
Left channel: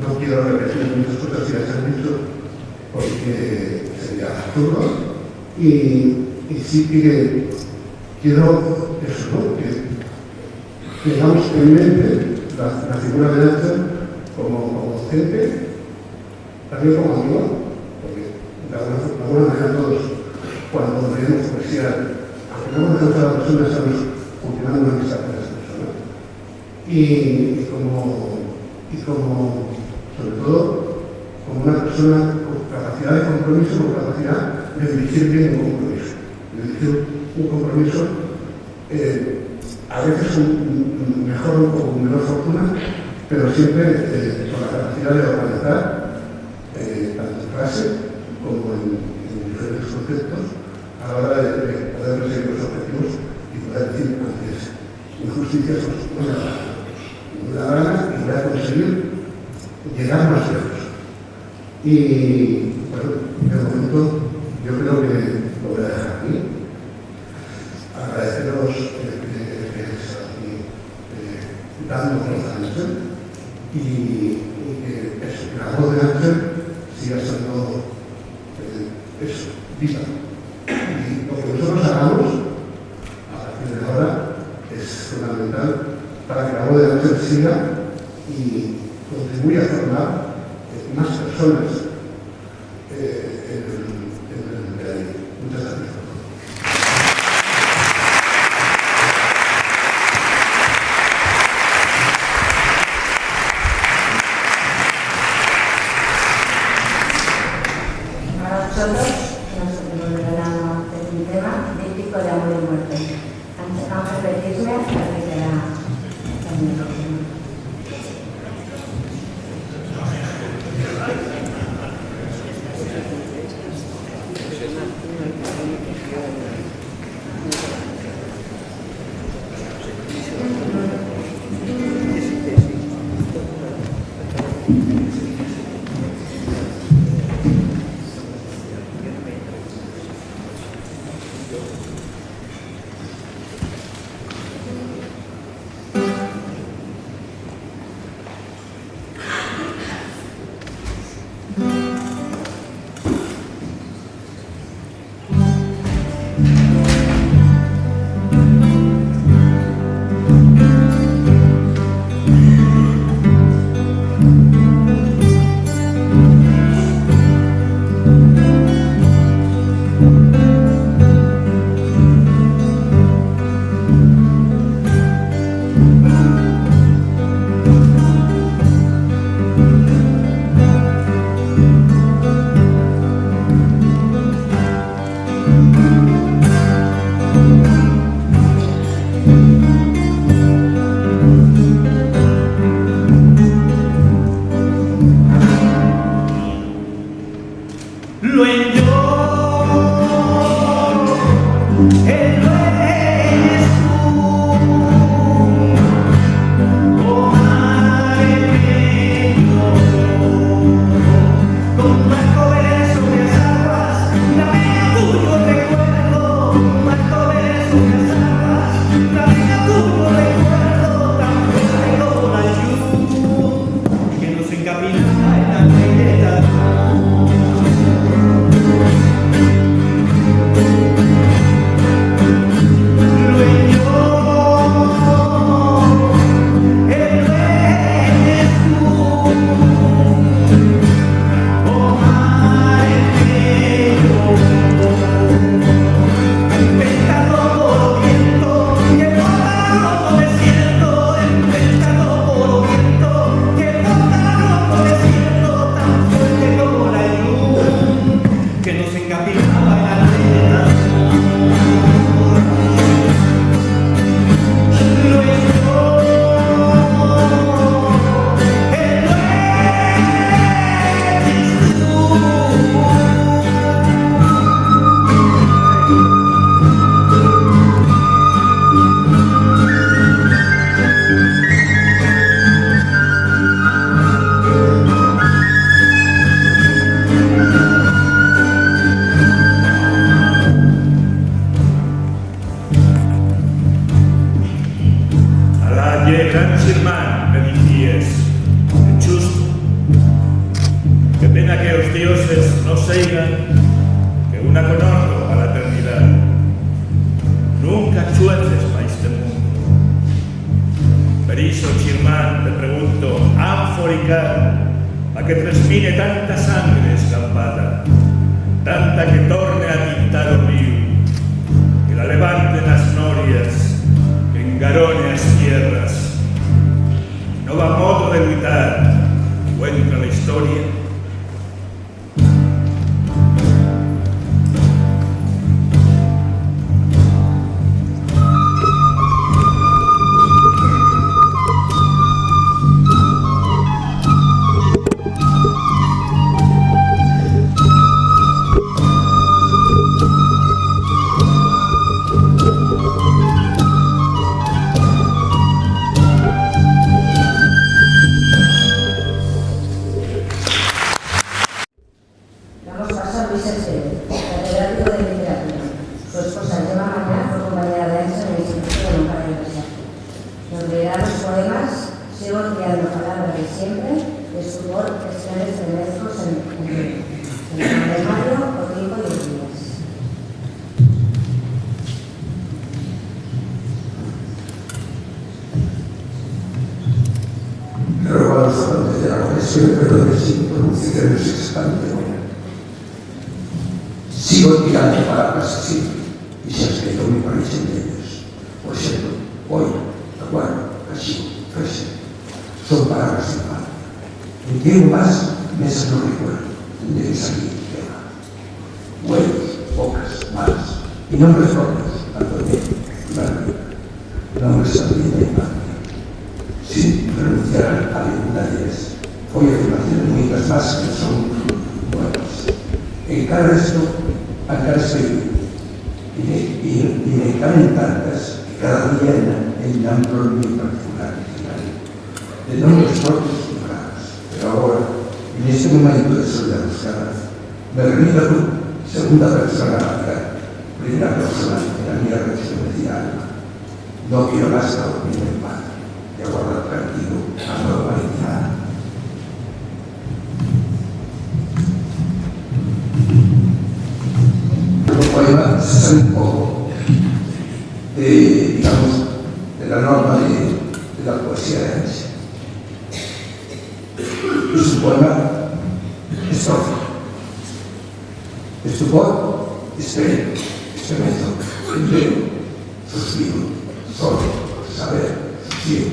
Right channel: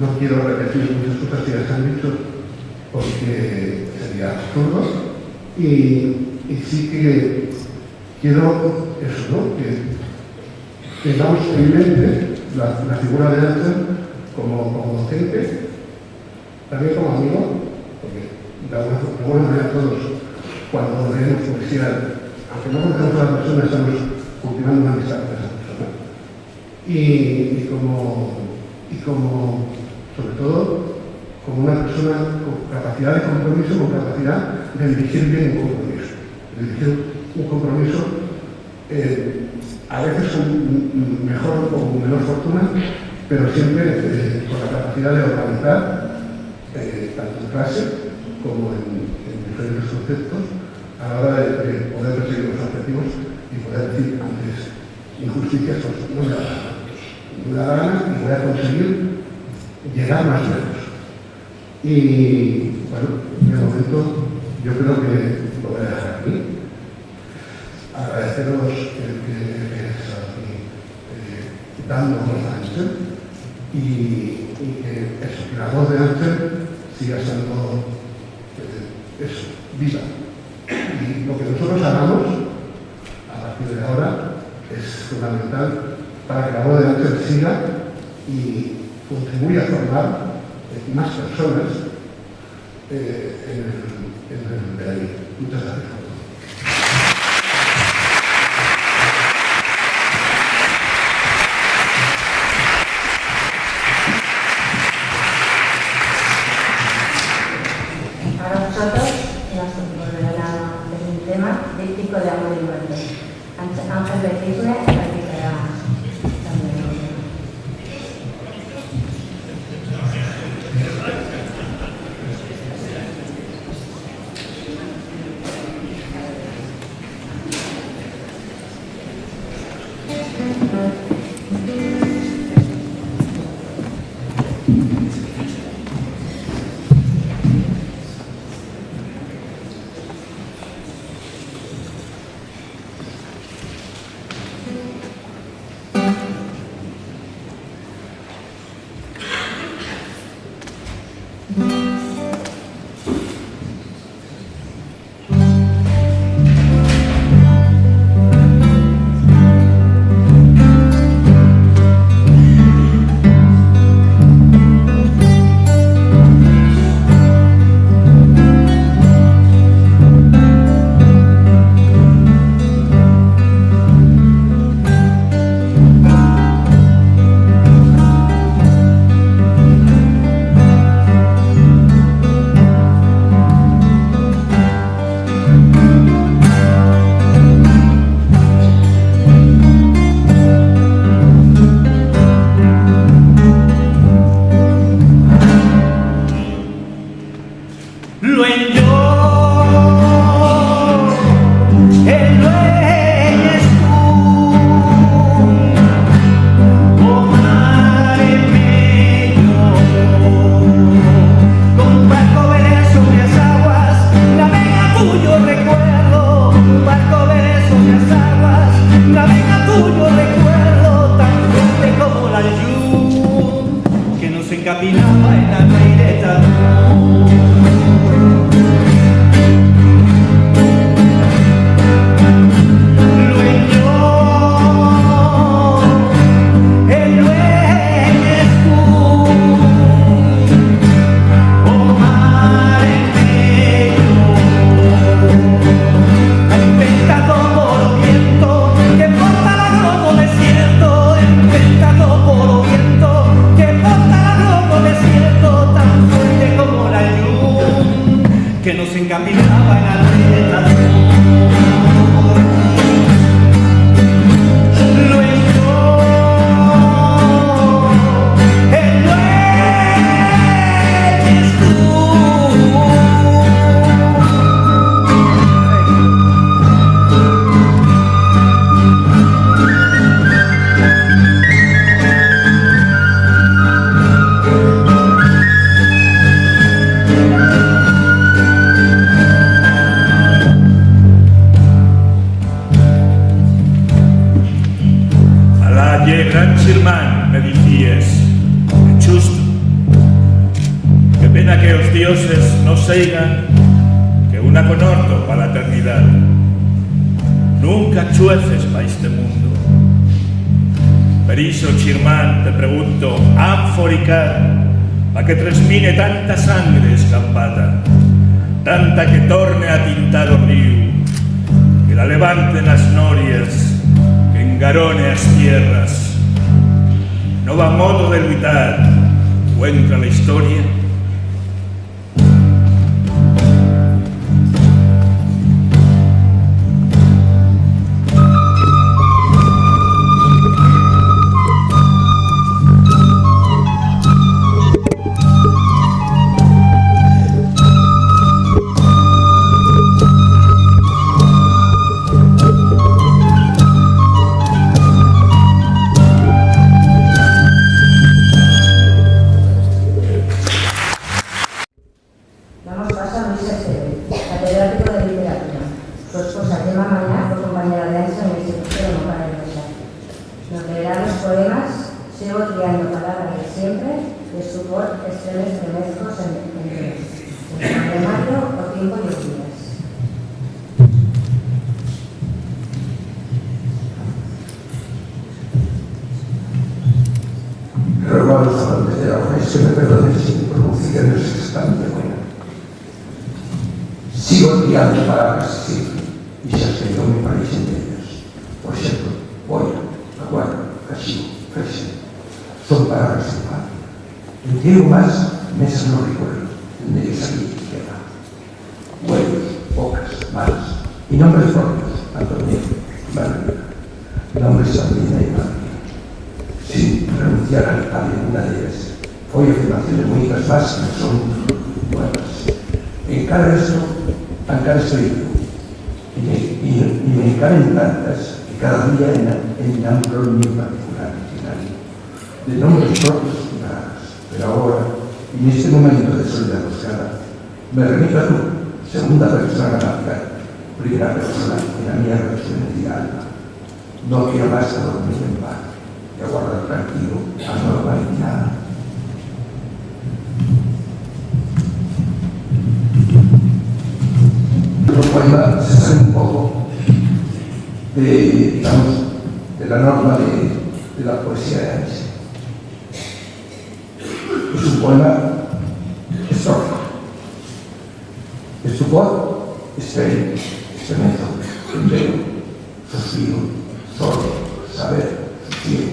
no quiero repetir muchas cosas que ya se han dicho porque sería absurdo y sí que quiero eso, ¿no? Que tengamos en mente la figura de Ángel como docente, también como amigo, porque de alguna manera todos cuando leemos poesía, aunque no conocemos a la persona, estamos cultivando una amistad con esa persona. y como, sobre todo, como una persona con capacidad de compromiso, con capacidad de dirigir bien un compromiso. De dirigir un compromiso a veces con mejor o con menor fortuna, pero siempre con la capacidad de organizar, tanto en clase como en diferentes conceptos, a la hora de poder perseguir los objetivos y poder decir antes injusticias, pues no me da gana y voy a conseguir llegar más lejos. Y bueno, de momento yo creo que lo voy a dejar aquí. Agradeceros que dando voz a Ángel y que la voz de Ángel siga estando viva. Y lo que nosotros hagamos a partir de ahora es fundamental para que la voz de Ángel siga y contribuya a formar más personas en el Medellín. Muchas gracias. Para nosotros nos volverán a hacer un tema díptico de amor y muerte. Ángel Betisle practicará también el tema. Gran Xirmán, me dicíes, justo. Qué pena que os dioses no seigan que una conorto para la eternidad. Nunca chueces pa este mundo. Per iso, Xirmán, te pregunto, han foricar pa que tresmine tanta sangre escampata, tanta que torne a tintar o río, que la levanten as norias, que engarone as tierras, no va modo de luchar, cuenta la historia. Damos paso a Luis Esteve, catedrático de literatura. Su esposa Gemma Mañá fue compañera de años en el Instituto de Moncada de Universidad. Nos leerá los poemas Sigo criando palabras de siempre, de su voz extraños estremezcos en el mayo o tiempo y los días. Le ruego a los amantes de la juez que me perdonen si mi pronunciación no es exactamente buena. Sigo tirando palabras siempre y se aspectó mi país entre ellos. Por ejemplo, hoy, aguardo, cachivo, fresa. Son palabras de patria. Entiendo más, mesas no recuerdo, tendré que salir y quemar. Huevos, bocas, manos y nombres propios, Antonio, Manuel, nombres Sabrina y Manuel. Sin renunciar a ninguna de ellas. Hoy afirmaciones únicas más que son nuevas. En cada estoy y me encaben tantas que cada día enambro el mío particular diccionario de nombres propios y raros. Pero ahora, en este momento de soledad buscada, me remito a tu segunda persona natural, primera persona en la mía referencia alma. No quiero más que dormir en paz y aguardar tranquilo a la normalidad. El poema se sale un poco de la norma de la poesía de antes. Es un poema estrófico. Estupor, experimento, entero, suspiro, solo, saber, sosiego,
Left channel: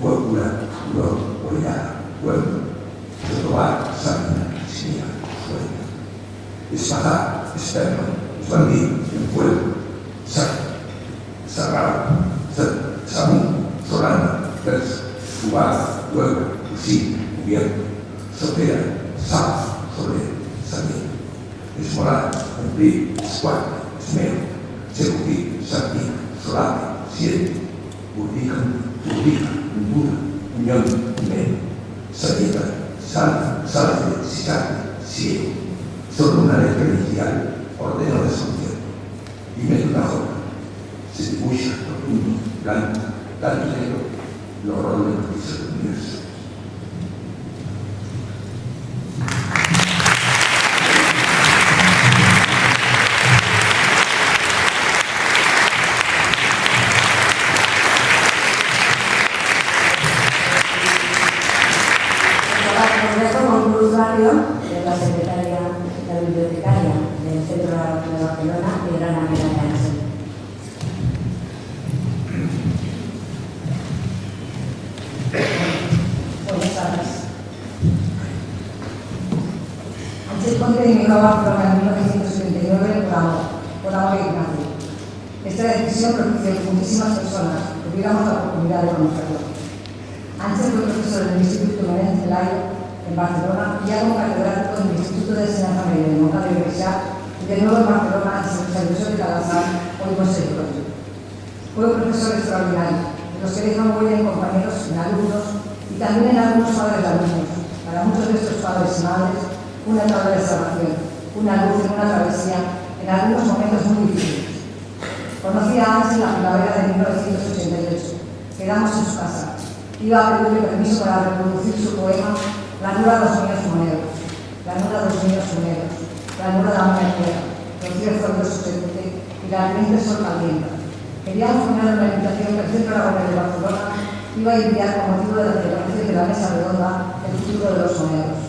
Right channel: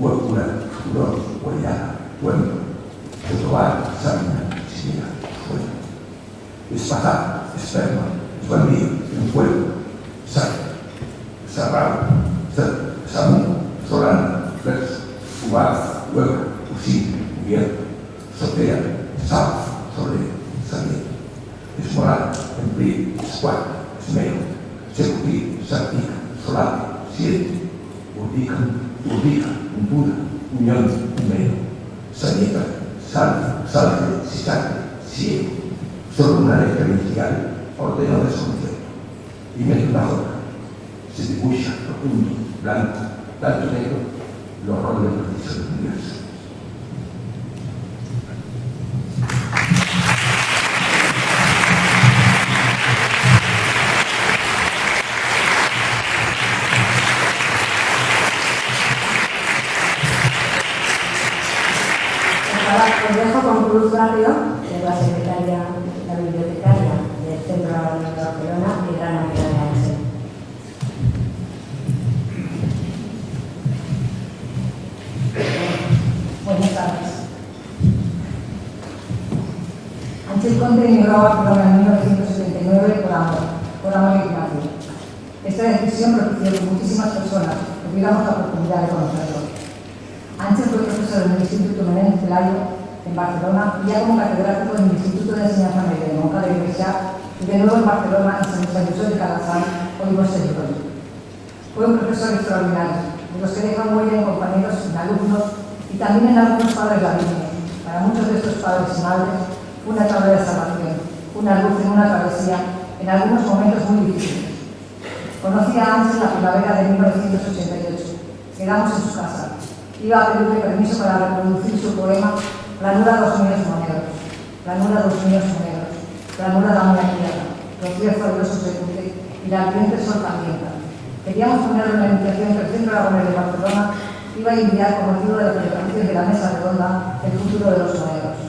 huecura, furor, huellada, pueblo, retrobar, sábina, chinilla, fuente, espada, esperma, bandido, en fuego, sarrado, samú, solana, verso, cubada, huevo, fusil, cubierto, sotea, sal, solera, saliente, esmoral, empleo, escuadra, esmero, seducir, sartina, solate, siete, urdica, impura, unión, mero, salieta, salve, citate, ciego, solo una letra inicial, ordeno de solución, y meto una hoja, se dibuja, profundo, blanco, tanto negro, el horror del juicio del universo. Os dejo con Cruz Barrio, que es la secretaria, la bibliotecaria del Centro de Barcelona y gran amiga de Ángel. Buenas tardes. Ángel Conde emigró a Barcelona en 1979 por amor Ignacio. Esta decisión propició que muchísimas personas tuviéramos la oportunidad de conocerlo. Ángel fue profesor en el Instituto Menéndez Pelayo en Barcelona y ya como catedrático en el Instituto de Enseñanza Media de Moncada y Universidad y de nuevo en Barcelona en San José de Calazán, hoy Montserrat. Fue un profesor extraordinario, de los que dejan huella en compañeros, en alumnos y también en algunos padres de alumnos. Para muchos de estos padres y madres, una tabla de salvación, una luz en una travesía, en algunos momentos muy difíciles. Conocí a Ángel la primavera de 1988. Quedamos en su casa. Iba a pedirle permiso para reproducir su poema Planura dos niños moneros, planura dos niños moneros, planura da una tierra, los días fabulosos de Cute y la ardiente sol calienta. Queríamos poner una invitación que el Centro Aragonés de Barcelona iba a enviar con motivo de la celebración de la mesa redonda El futuro de los moneros.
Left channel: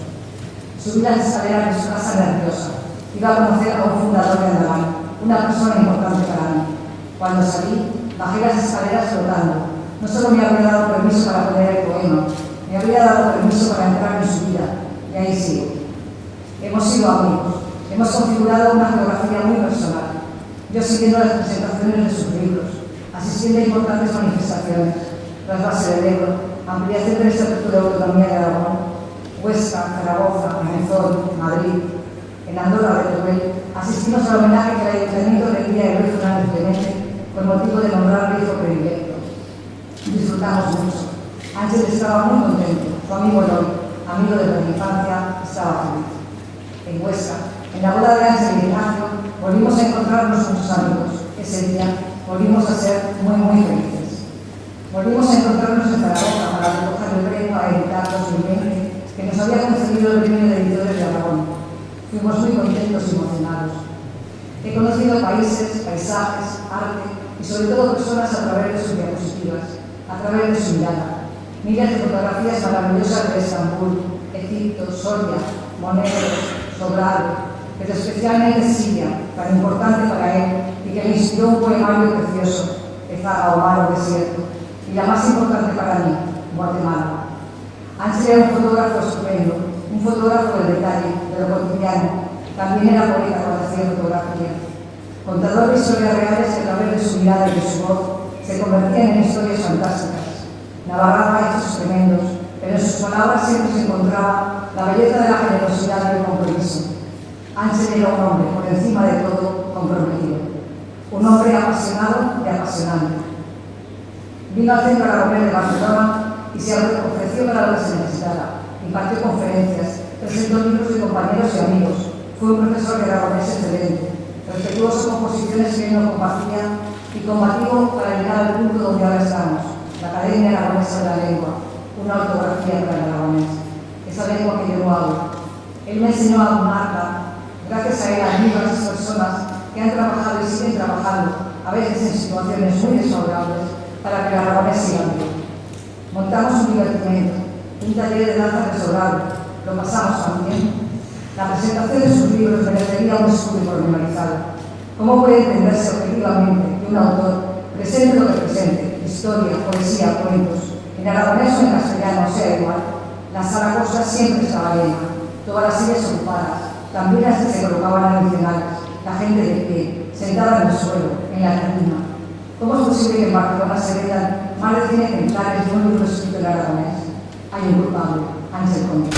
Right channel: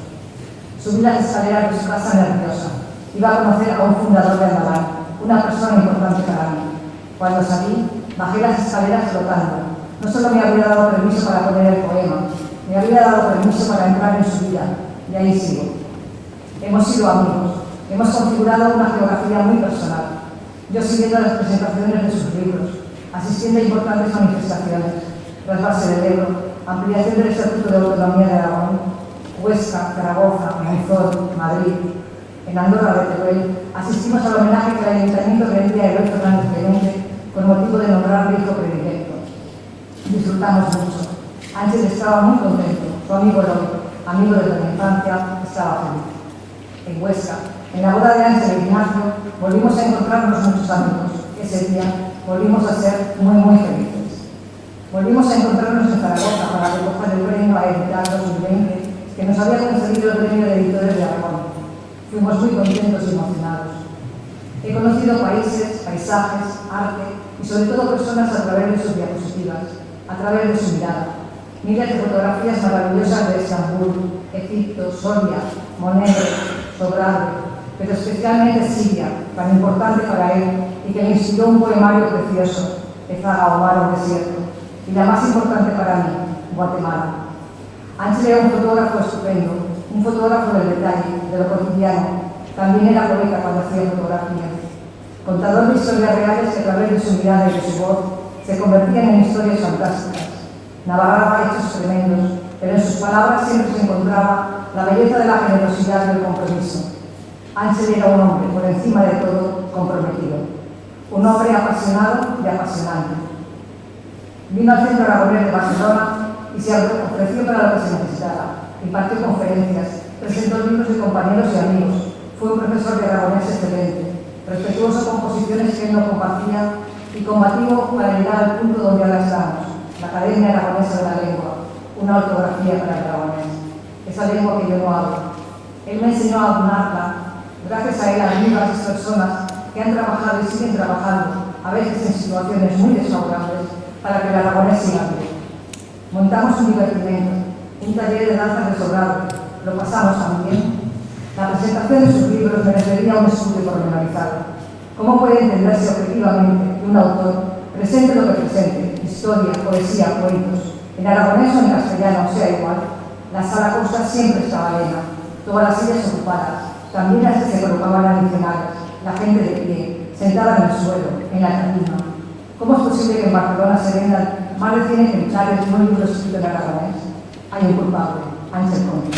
Subí las escaleras de su casa nerviosa. Iba a conocer a un fundador de Andalán, una persona importante para mí. Cuando salí, bajé las escaleras flotando. No solo me habría dado permiso para poner el poema, me habría dado permiso para entrar en su vida, y ahí sigo. Hemos sido amigos, hemos configurado una geografía muy personal. Yo siguiendo las presentaciones de sus libros, asistiendo a importantes manifestaciones, trasvase del Ebro, ampliación del Estatuto de Autonomía de Aragón, Huesca, Zaragoza, Monzón, Madrid. En Andorra de Teruel asistimos al homenaje que el Ayuntamiento rendía a Eloy Fernández Clemente con motivo de nombrarle hijo predilecto. Disfrutamos mucho. Ángel estaba muy contento, su amigo Eloy, amigo de la infancia, estaba feliz. En Huesca, en la boda de Ángel y Ignacio, volvimos a encontrarnos muchos amigos. Ese día volvimos a ser muy felices. Volvimos a encontrarnos en Zaragoza para recoger el premio a editar 2020 que nos había concedido el Premio de Editores de Aragón. Fuimos muy contentos y emocionados. He conocido países, paisajes, arte y sobre todo personas a través de sus diapositivas, a través de su mirada. Miles de fotografías maravillosas de Estambul, Egipto, Soria, Monet, Sobrado, pero especialmente Siria, tan importante para él y que le inspiró un poemario precioso, Ezaga o Mar o Desierto, y la más importante para mí, Guatemala. Ángel era un fotógrafo estupendo, un fotógrafo del detalle, de lo cotidiano. También era poeta cuando hacía fotografía. Contador de historias reales que a través de su mirada y de su voz se convertían en historias fantásticas. Narraba hechos tremendos, pero en sus palabras siempre se encontraba la belleza de la generosidad y el compromiso. Ángel era un hombre, por encima de todo, comprometido. Un hombre apasionado y apasionante. Vino al Centro Aragonés de Barcelona y se ofreció para lo que se necesitara. Impartió conferencias, presentó libros de compañeros y amigos. Fue un profesor de aragonés excelente, respetuoso con posiciones que él no compartía y combativo para llegar al punto donde ahora estamos, la Academia Aragonesa de la Lengua, una ortografía para el aragonés, esa lengua que yo no hablo. Él me enseñó a hablarla. Gracias a él, a diversas personas que han trabajado y siguen trabajando, a veces en situaciones muy desfavorables, para que el aragonés siga vivo. Montamos un divertimento, un taller de danza de Sobrado, lo pasamos también. La presentación de sus libros merecería un estudio pormenorizado. ¿Cómo puede entenderse objetivamente que un autor presente lo que presente, historia, poesía, cuentos, en aragonés o en castellano, sea igual? La sala Costa siempre estaba llena, todas las sillas ocupadas, también las que se colocaban adicionales, la gente de pie, sentada en el suelo, en la tarima. ¿Cómo es posible que en Barcelona se vendan más de 100 ejemplares de un libro escrito en aragonés? Hay un culpable, Ángel Conde.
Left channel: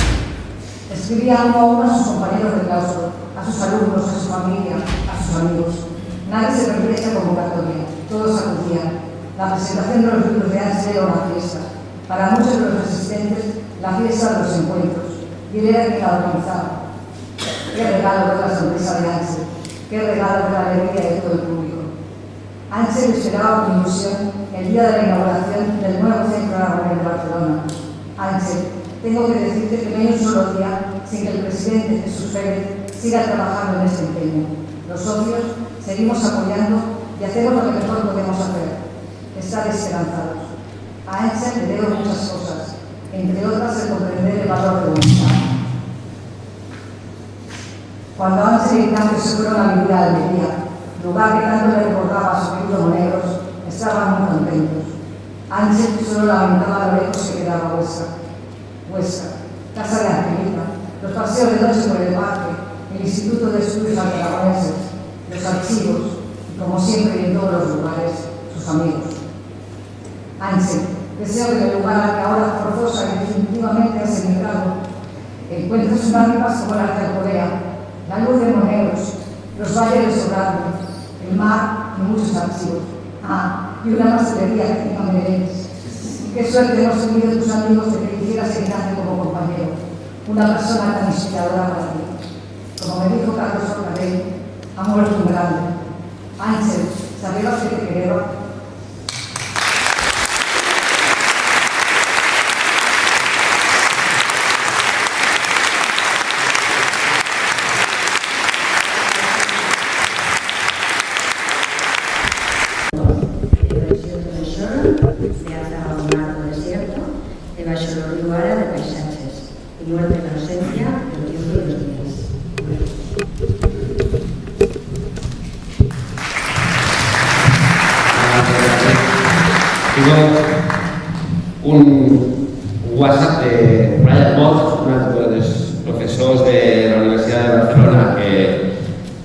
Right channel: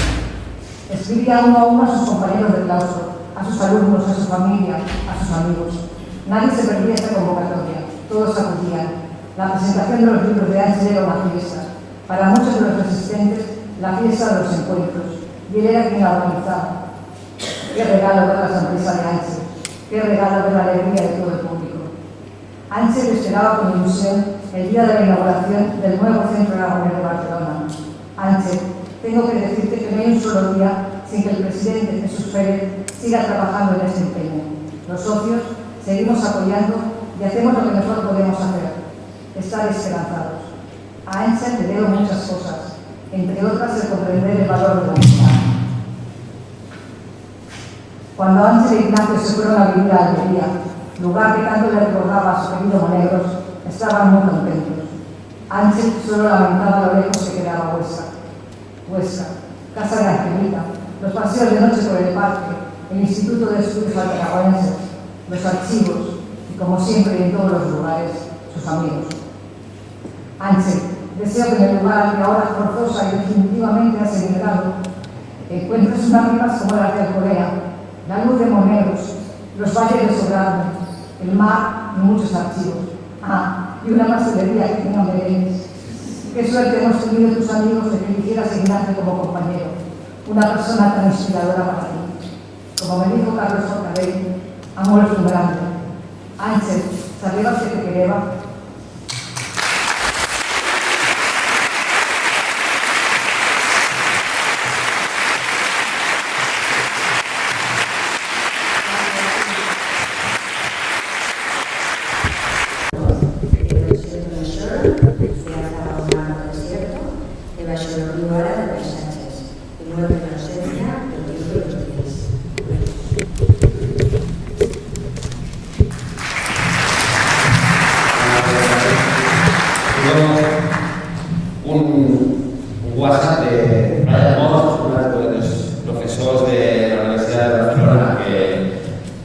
Escribía uno a uno a sus compañeros de claustro, a sus alumnos, a su familia, a sus amigos. Nadie se perdía esta convocatoria, todos acudían. La presentación de los libros de Ángel era una fiesta. Para muchos de los asistentes, la fiesta de los encuentros. Y él era quien la organizaba. Qué regalo ver la sonrisa de Ángel, qué regalo ver la alegría de todo el público. Ángel esperaba con ilusión el día de la inauguración del nuevo Centro Aragonés de Barcelona. Ángel, tengo que decirte que no hay un solo día sin que el presidente Jesús Pérez siga trabajando en este empeño. Los socios seguimos apoyando y hacemos lo que mejor podemos hacer, estar esperanzados. A Ángel le debo muchas cosas, entre otras el comprender el valor de la amistad. Cuando Ángel e Ignacio se fueron a vivir a Almería, lugar que tanto le recordaba a su querido Monegros, estaban muy contentos. Ángel solo lamentaba lo lejos que quedaba Huesca, casa de Angelita, los paseos de noche por el parque, el Instituto de Estudios Aragoneses, los archivos y, como siempre y en todos los lugares, sus amigos. Ángel, deseo que en el lugar al que ahora forzosa y definitivamente has emigrado, encuentres unas rimas como las de Alcorea, la luz de Monegros, los valles de Sobrado, el mar y muchos archivos. Y una pastelería que no me veis. Qué suerte hemos tenido tus amigos de que eligieras a Ignacio como compañero, una persona tan inspiradora para ti. Como me dijo Carlos Forcadell, ha muerto un grande. Ángel, ¿sabías que te quería? Yo un WhatsApp de Brian Moss, uno de los profesores de la Universidad de Barcelona,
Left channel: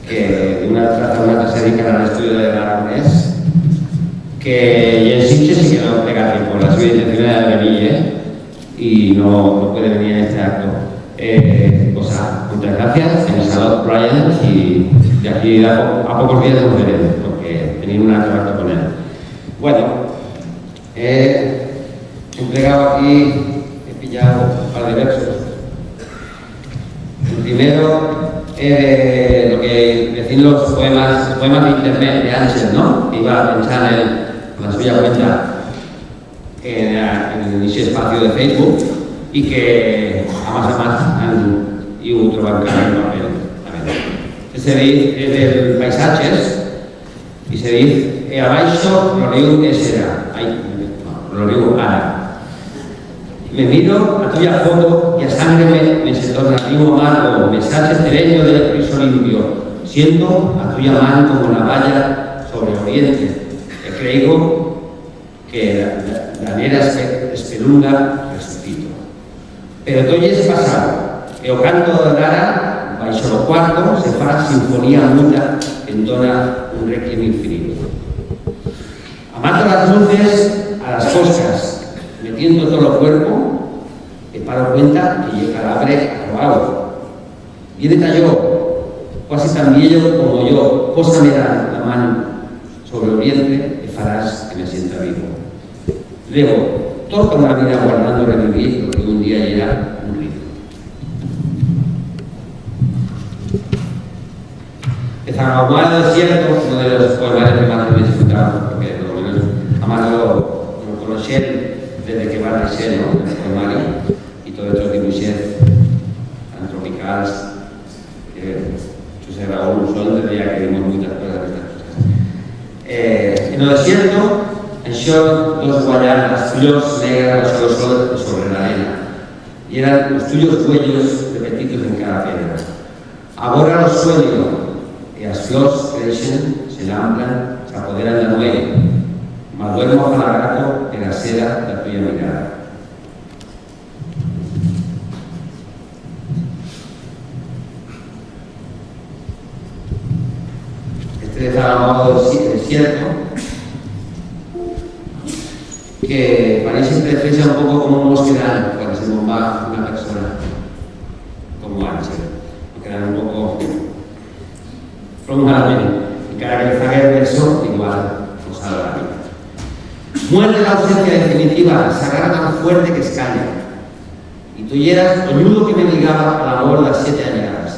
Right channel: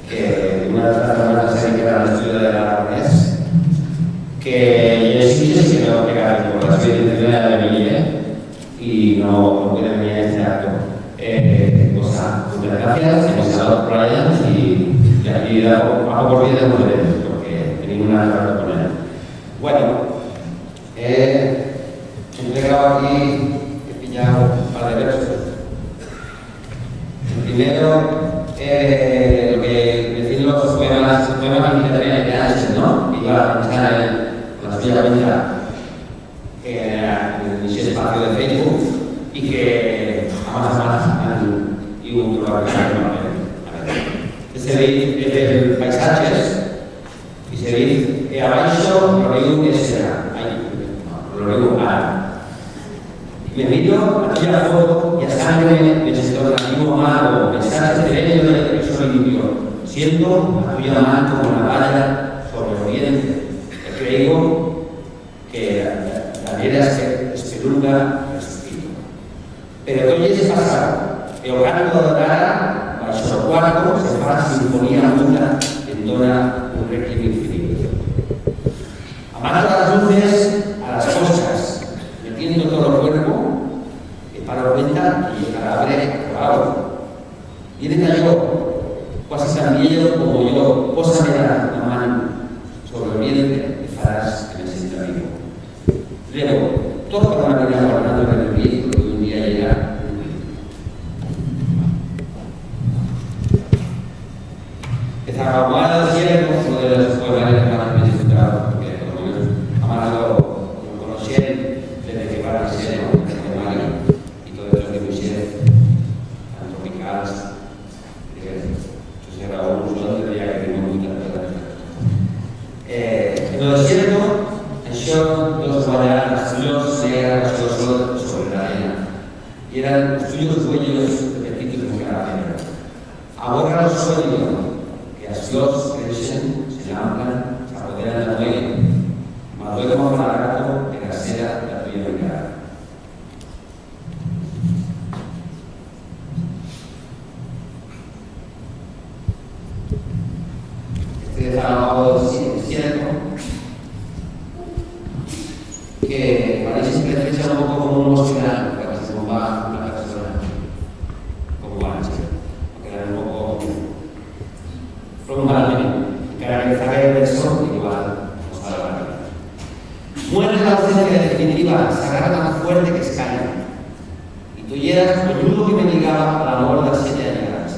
que una clase dedicada al estudio del aragonés, que en Sitges sí que no pega por la suya intención de venir, y no puede venir en este acto. Muchas gracias, he saludado a Brian y de aquí a pocos días nos veremos, porque tenía una relación con él. Bueno, he entregado aquí, he pillado un par de versos. El primero, lo que decían los poemas de internet de Ansel, ¿no? Que iba a pensar en la suya cuenta en ese espacio de Facebook y que a más y un trabajo en papel. Se dice de paisajes y se dice abaixo lo riu será, lo riu ara. Me miro a tuya foto y a sangre me torna vivo amargo, mensaje sereno del piso limpio, siento a tuya mano como una valla sobre el oriente. Creo que la nera espelunga resucito. Pero todo es pasado. E o canto da Lara, baixo do cuarto, se fa sinfonía muda, entona un requiem infinito. Amando las luces a las cosas, metiendo todo el cuerpo, me paro cuenta que llega el abre acabado. Viene cayó, casi tan viejo como yo, pósame la mano sobre el vientre y farás que me sienta vivo. Luego, toda la vida guardando revivir lo que un día llega. Zacahual del Cielo, uno de los poemas que más me he disfrutado, porque por lo menos Amado lo conocí desde que va a ser el poemario y todos estos dibujos tan tropicales. José Raúl Usón tendría que vimos muchas cosas de estas cosas. En el desierto, en dos guayanas, tuyos negras sobre la arena, y eran los tuyos cuellos repetidos en cada piedra. Ahora los sueños que as flors creixen, se lamplan, se apoderan da noite, mas duermo afalagado de la seda da tuya mirada. Este desalmado desierto, que parece precisa un poco como un bosquedal, cuando se bomba una persona, como Ángel, que era un poco prolongadamente, y cada que saque el verso, igual nos salva la vida. Muere la ausencia definitiva, sagrada tan fuerte que escaña, y tú eras el nudo que me ligaba al amor de las 7 añadas.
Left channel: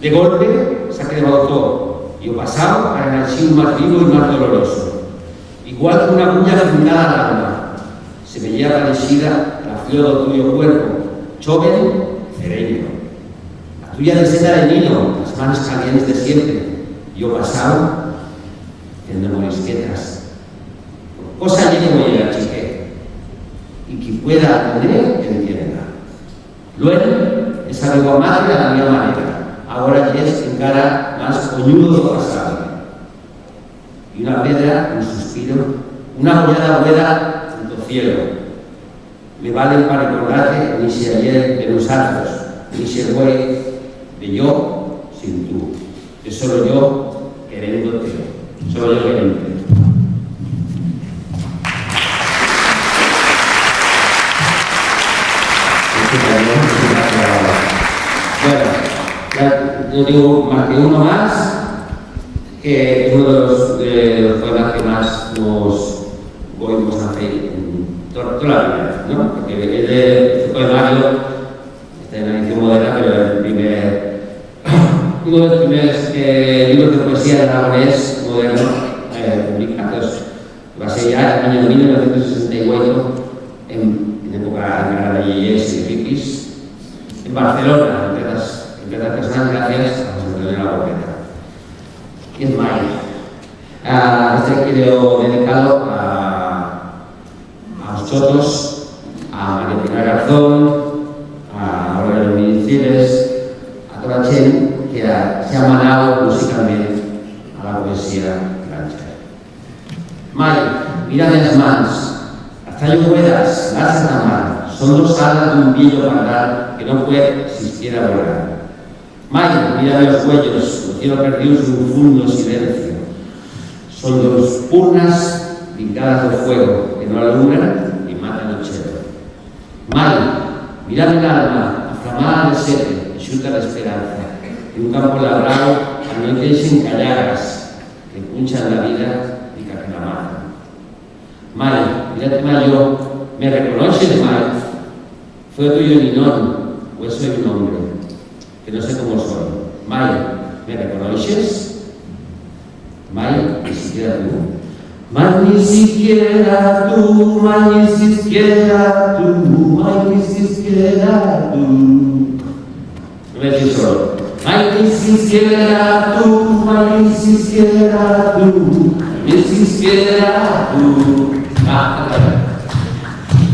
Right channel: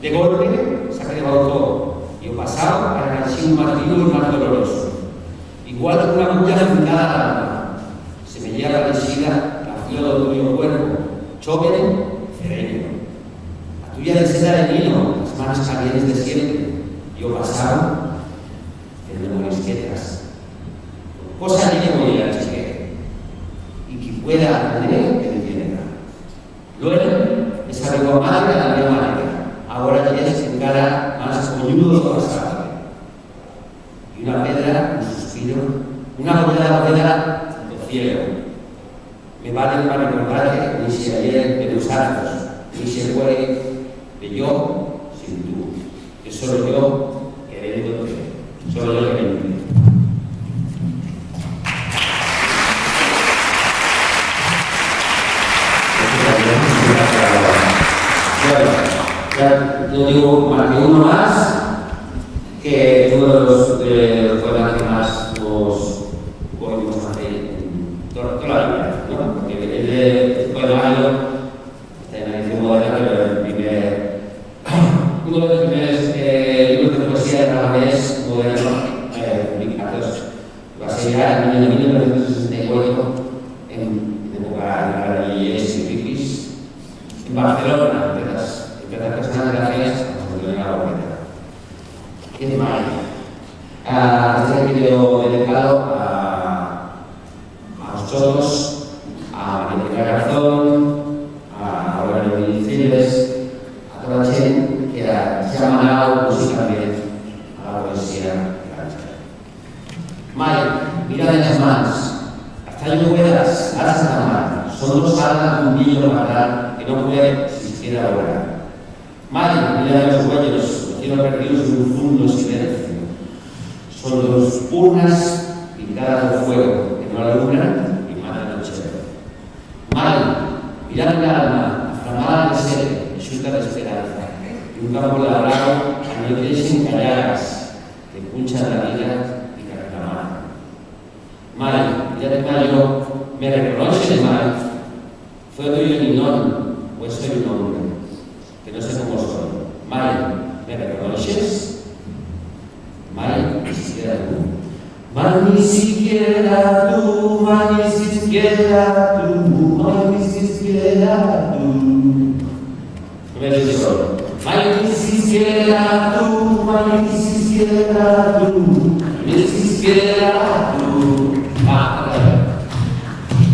De golpe, se acrebautó, y o pasado para el archivo más vivo y más doloroso. Igual que una bulla fundada al alma, se me lleva parecida la flor del tuyo cuerpo, joven, cereño. La tuya de seda de niño, las manos calientes de siempre. Yo pasado, en memorias quietas. Cosa allí que voy a chique, y que pueda aprender, que entienda. Luego, esa lengua madre a la misma manera. Ahora ya es encara más coñudo do pasado. Y una pedra, un suspiro, una bollada del cielo. Me valen para recordarte ni si ayer de los actos, ni si fue de yo sin tú. Que solo yo queriéndote, solo yo queriéndote. Bueno, ya yo digo más que uno más, que es uno de los poemas que más nos oímos hacer en toda la vida, ¿no? Porque este poemario está en la edición moderna, pero uno de los primeros libros de poesía de aragonés moderno publicados va a ser ya en el año 1968, en época de Yeyes y Pipis, en Barcelona, entre las personas gracias a José Antonio Laborreta. Y es mayo. Este video dedicado a vosotros, a María Pilar Garzón, a Aurelio Ministires, a toda la gente que se ha manado musicalmente a la poesía grancha. Mayo, mira de las manos, hasta yo puedas, lanza la maldad que no puede siquiera volar. Maya, mira los cuellos, el cielo perdidos en un profundo silencio. Son dos urnas pintadas de fuego que no alumbran y matan al cielo. Maya, mirad el alma, aflamada de sed, enxuta de esperanza, y un campo labrado anoitecen callagas que punchan la vida y que la matan. Maya, mirad mayo, me reconoces, Maya. Fue tuyo Ninón, pues soy un hombre, que no sé cómo soy. Maya, ¿me reconoces? Maya, ni siquiera tú. Maya, ni siquiera tú, Maya, ni siquiera tú, Maya, ni siquiera tú. No me dices solo. Maya, ni siquiera tú, Maya, ni siquiera tú, ni siquiera tú.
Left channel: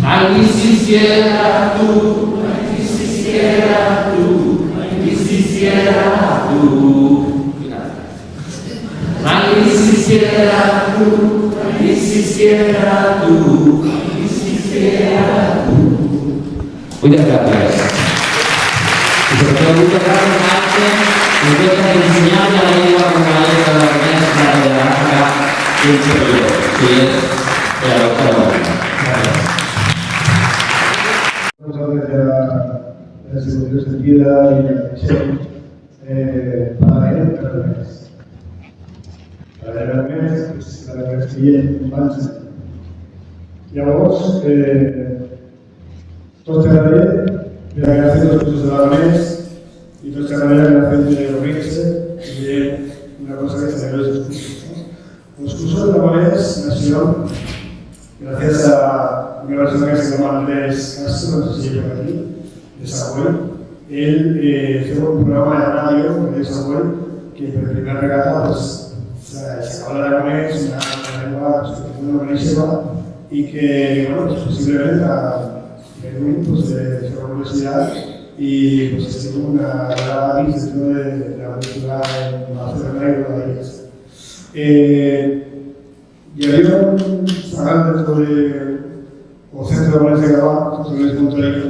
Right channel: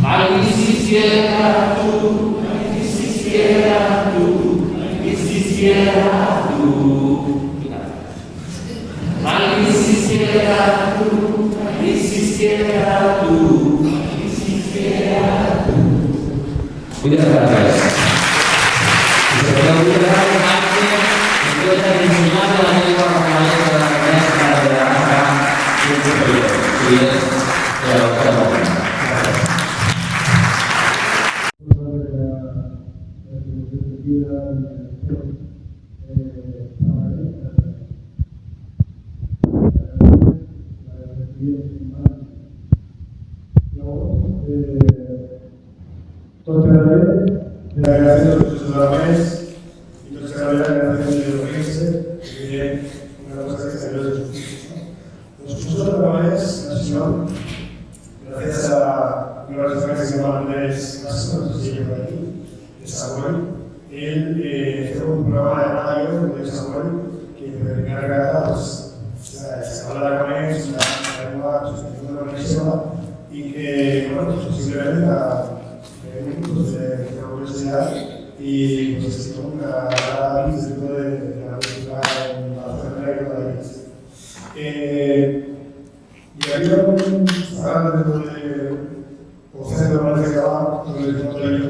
Ay, ni siquiera tú, ay, ni siquiera tú, ay, ni siquiera tú. Ay, ni siquiera tú, ay, ni siquiera tú, ay, ni siquiera tú. Muchas gracias. Y sobre todo muchas gracias, Marte, que nos está enseñando la lengua como la letra de la maestra de la raza y el pueblo, que es la doctora. Las evoluciones de vida y la conexión para él, para el mes. Para el mes, pues la verdad es que bien, más. Llavors, tot queda bé, la gràcia dels cursos de la mes i tot queda bé la gràcia de reunirse y bien, una cosa que se ve los cursos. Los cursos de la mes nacieron gracias a una persona que se llama Andrés Castro, no sé si llega aquí, de Samuel. Él hizo un programa de radio de Samuel que por primera regata pues, se acaba de aragonés, una lengua muy buenísima y que, bueno, pues, posiblemente pues, de la universidad y pues estuvo una gran dentro de la universidad en Barcelona y Madrid. Y había un restaurante dentro de o centro de Valencia Gabá, que les monto ello,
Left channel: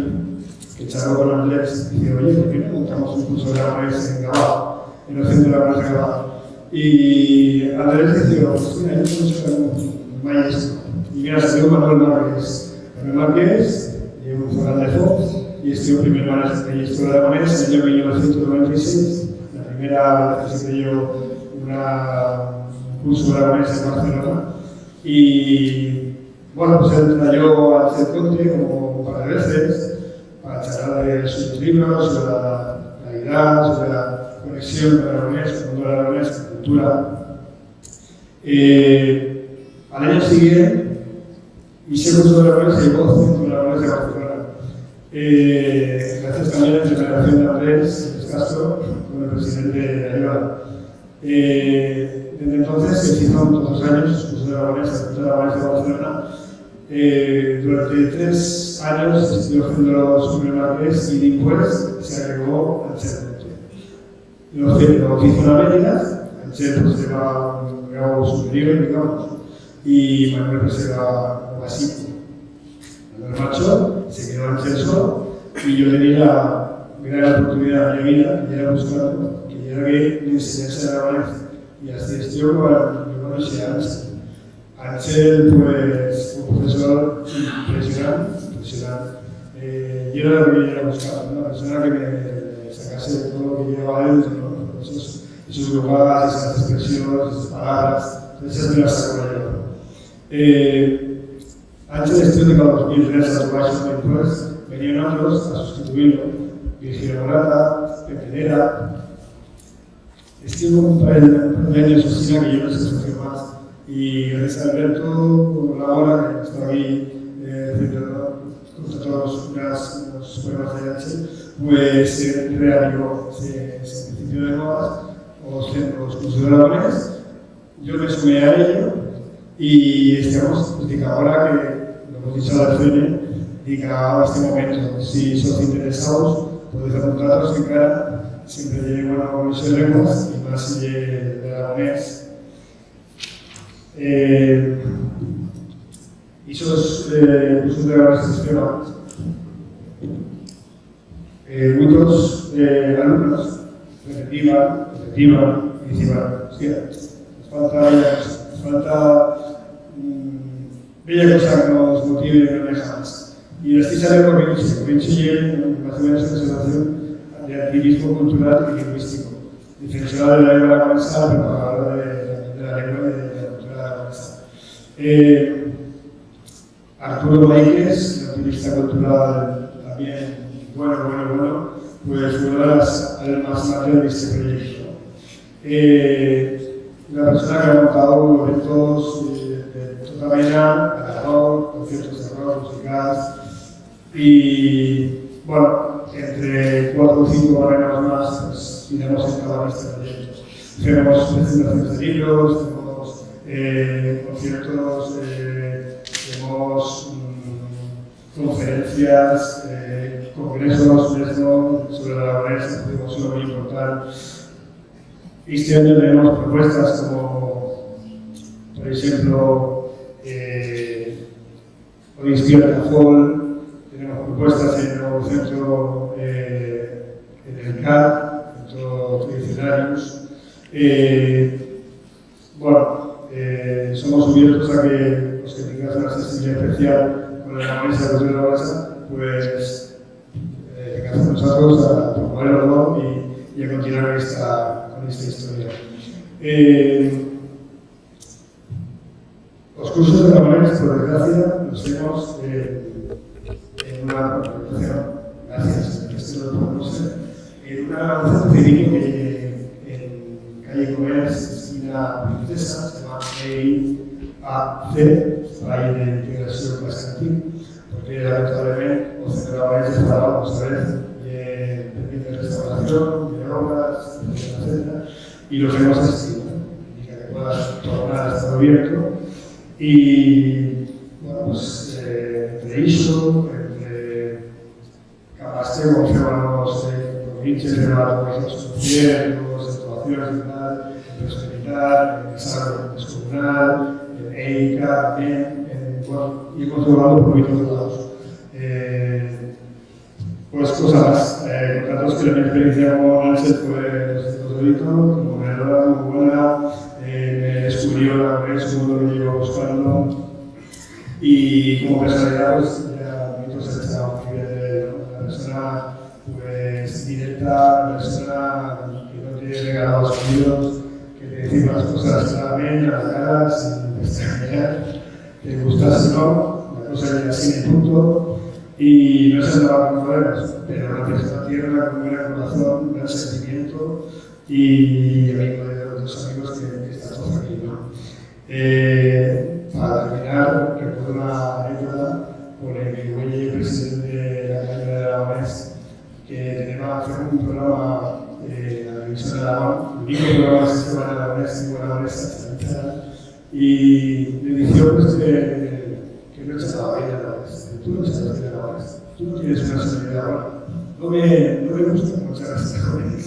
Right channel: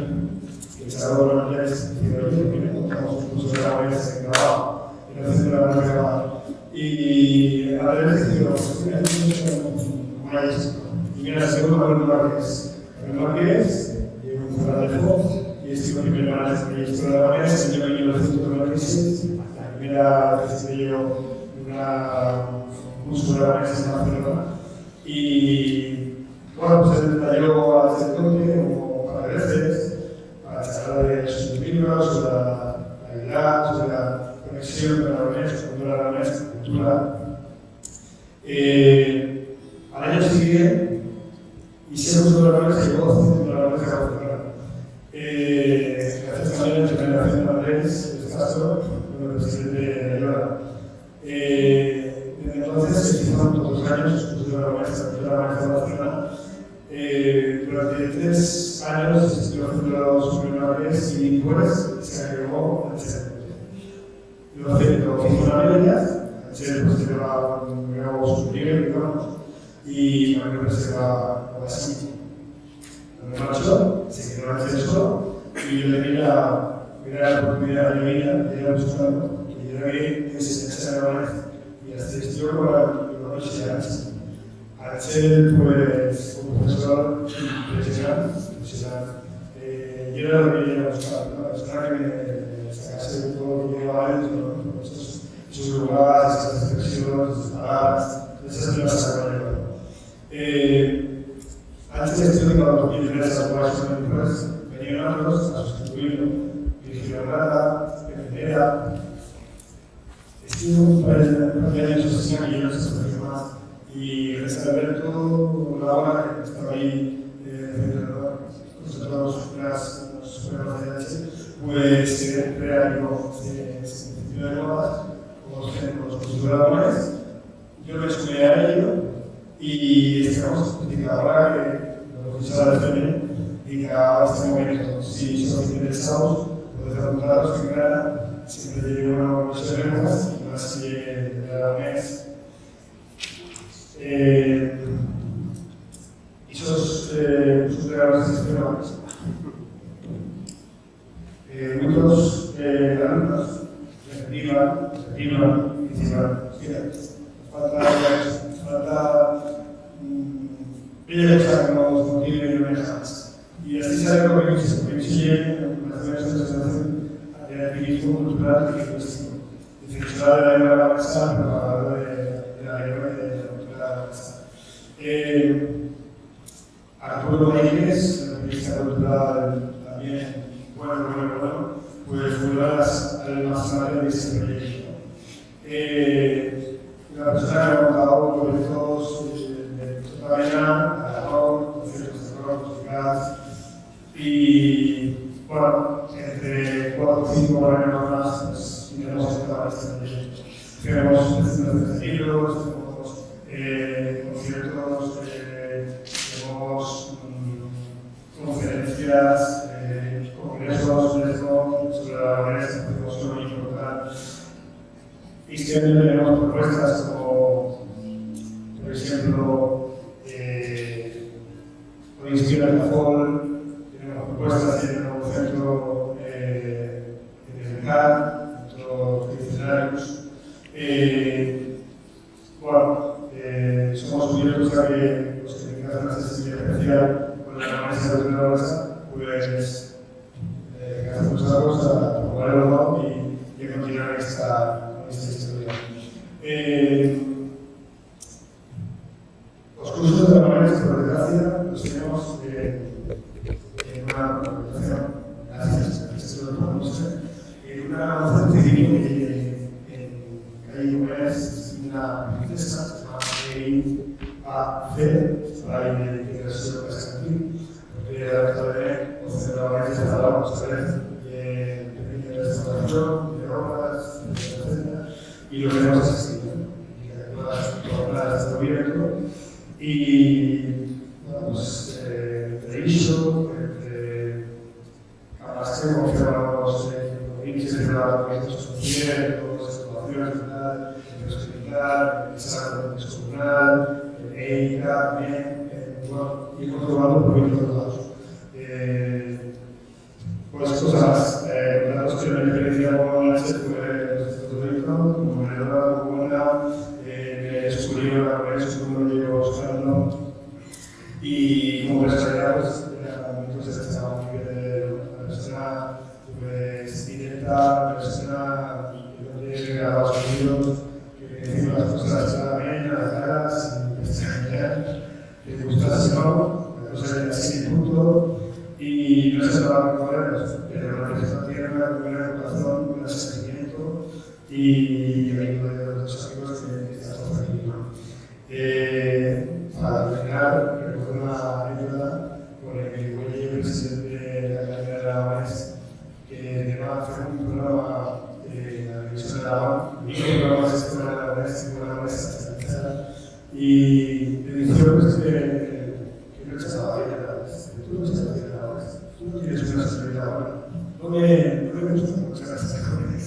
que charlaba con Andrés y dijo, oye, ¿por qué no montamos un curso de aragonés en Gabá, en el centro de Valencia Gabá? Y Andrés decidió, pues mira, yo no sé maestro. Y mira, estudió Manuel Márquez. Manuel Márquez, un Fernández Fox, y estudió primero en la historia de aragonés en el año 1996. La primera vez que dio un curso de aragonés en Barcelona. Y bueno, pues él trayó a hacer conte como un par de veces para charlar de sus libros, sobre la realidad, sobre la conexión con el aragonés, con el mundo del aragonés, con la cultura. Al año siguiente, y ese curso de aragonés se llevó al centro de aragonés de Barcelona. Gracias también a la intervención de Andrés Castro, como presidente de Ayuda. Desde entonces se hicieron todos los años los cursos de aragonés de Barcelona. Durante 3 años se estuvo haciendo los primeros y después se agregó al CERN. Lo que hizo la media, el CERN pues llevaba un grado superior, digamos, y Manuel pues se va así. Manuel Macho se quedó en CERN y yo le di la gran oportunidad de mi vida de ir a buscarlo, que era que me enseñase a aragonés. Y así estuvo con los años. Axel, pues, un profesor impresionante. Yo era lo que iba a buscar, una persona que me sacase todo lo que llevaba dentro, ¿no? Esos lugares, esas expresiones, esas palabras, esas me las saco yo. Antes de estudio, cuando 2003 a los después, venían otros a sustituirlo. Virgilio Morata, Pepe Nera. Estuvo un par de años así, que yo no sé si más. Y gracias a Alberto, la hora que está ahí frente a todos los programas de H, pues se reanimó ese principio de nuevas, los cursos de aragonés. Yo me sumé a ello y estamos, ahora que lo hemos dicho a la CN, y que a este momento, si sois interesados, podéis apuntaros en cara, siempre llevo una comisión de lenguas y más de aragonés. Y esos cursos de aragonés sistemas Muchos alumnos repetiban y decían, hostia, nos falta bella cosa que nos motive y nos deja más. Y así sale lo que coincide con esta sensación de activismo cultural y lingüístico, defensora de la lengua aragonesa, propagadora de la lengua y de la cultura aragonesa. Arturo Maíquez, activista cultural también, bueno, pues fue una de las almas madres de este proyecto. Una persona que ha montado eventos de toda vena, Aragón, conciertos de rock, musicales, y bueno, entre 4 o 5 años más, pues iremos entrando en este proyecto. Tenemos presentaciones de libros, tenemos conciertos, tenemos conferencias, congresos sobre la aragonesa, que es muy importante. Este año tenemos propuestas como, por ejemplo, Odisea Cajol, tenemos propuestas en el nuevo centro en el CAR, centro tradicionarios. Somos abiertos a que los que tengan una sensibilidad especial con la aragonesa de la aragonesa, pues vengan con nosotros a promoverlo y a continuar con esta historia. Los cursos de aragonés, por desgracia, los tenemos en una organización, gracias a esto lo podemos hacer, en una organización pequeña en calle Comercio, esquina Princesa, se llama EIAC, para ir de integración estudiantil, porque lamentablemente los centros estaban otra vez de restauración, de obras, etc. Y lo tenemos asistido, y que puedas tornar a estar abierto. Y bueno, pues entre ISO, entre Capasteo, confirmamos los hinches de la organización social, las actuaciones de prosperidad, el desarrollo descomunal, el EICA, y hemos logrado por todos lados. Pues cosas más. Datos que la experiencia con Ángel fue Totolito, como menedora, muy buena, me descubrió la vez como lo llevo buscando. Y como personalidad, pues ya entonces estaba muy bien, una persona pues directa, una persona que no tiene regalos sonidos, que te dice las cosas claramente a la cara, sin extrañar, que te gusta si no, la cosa es así en punto. Y no se traba con poderes, pero lo que está tierra, con buen corazón, buen sentimiento y amigo de los amigos que estamos aquí, ¿no? Para terminar, recuerdo una anécdota con el que fue presidente de la Academia de Aragonés, que tenía hacer un programa en la televisión de Aragón, el único programa de sistema de Aragonés, y buena mesa estabilizada, y me dijo pues, que no estaba bien Aragonés. Tú no estás bien Aragonés, tú no tienes una sensibilidad buena. No me gusta mucho las jóvenes.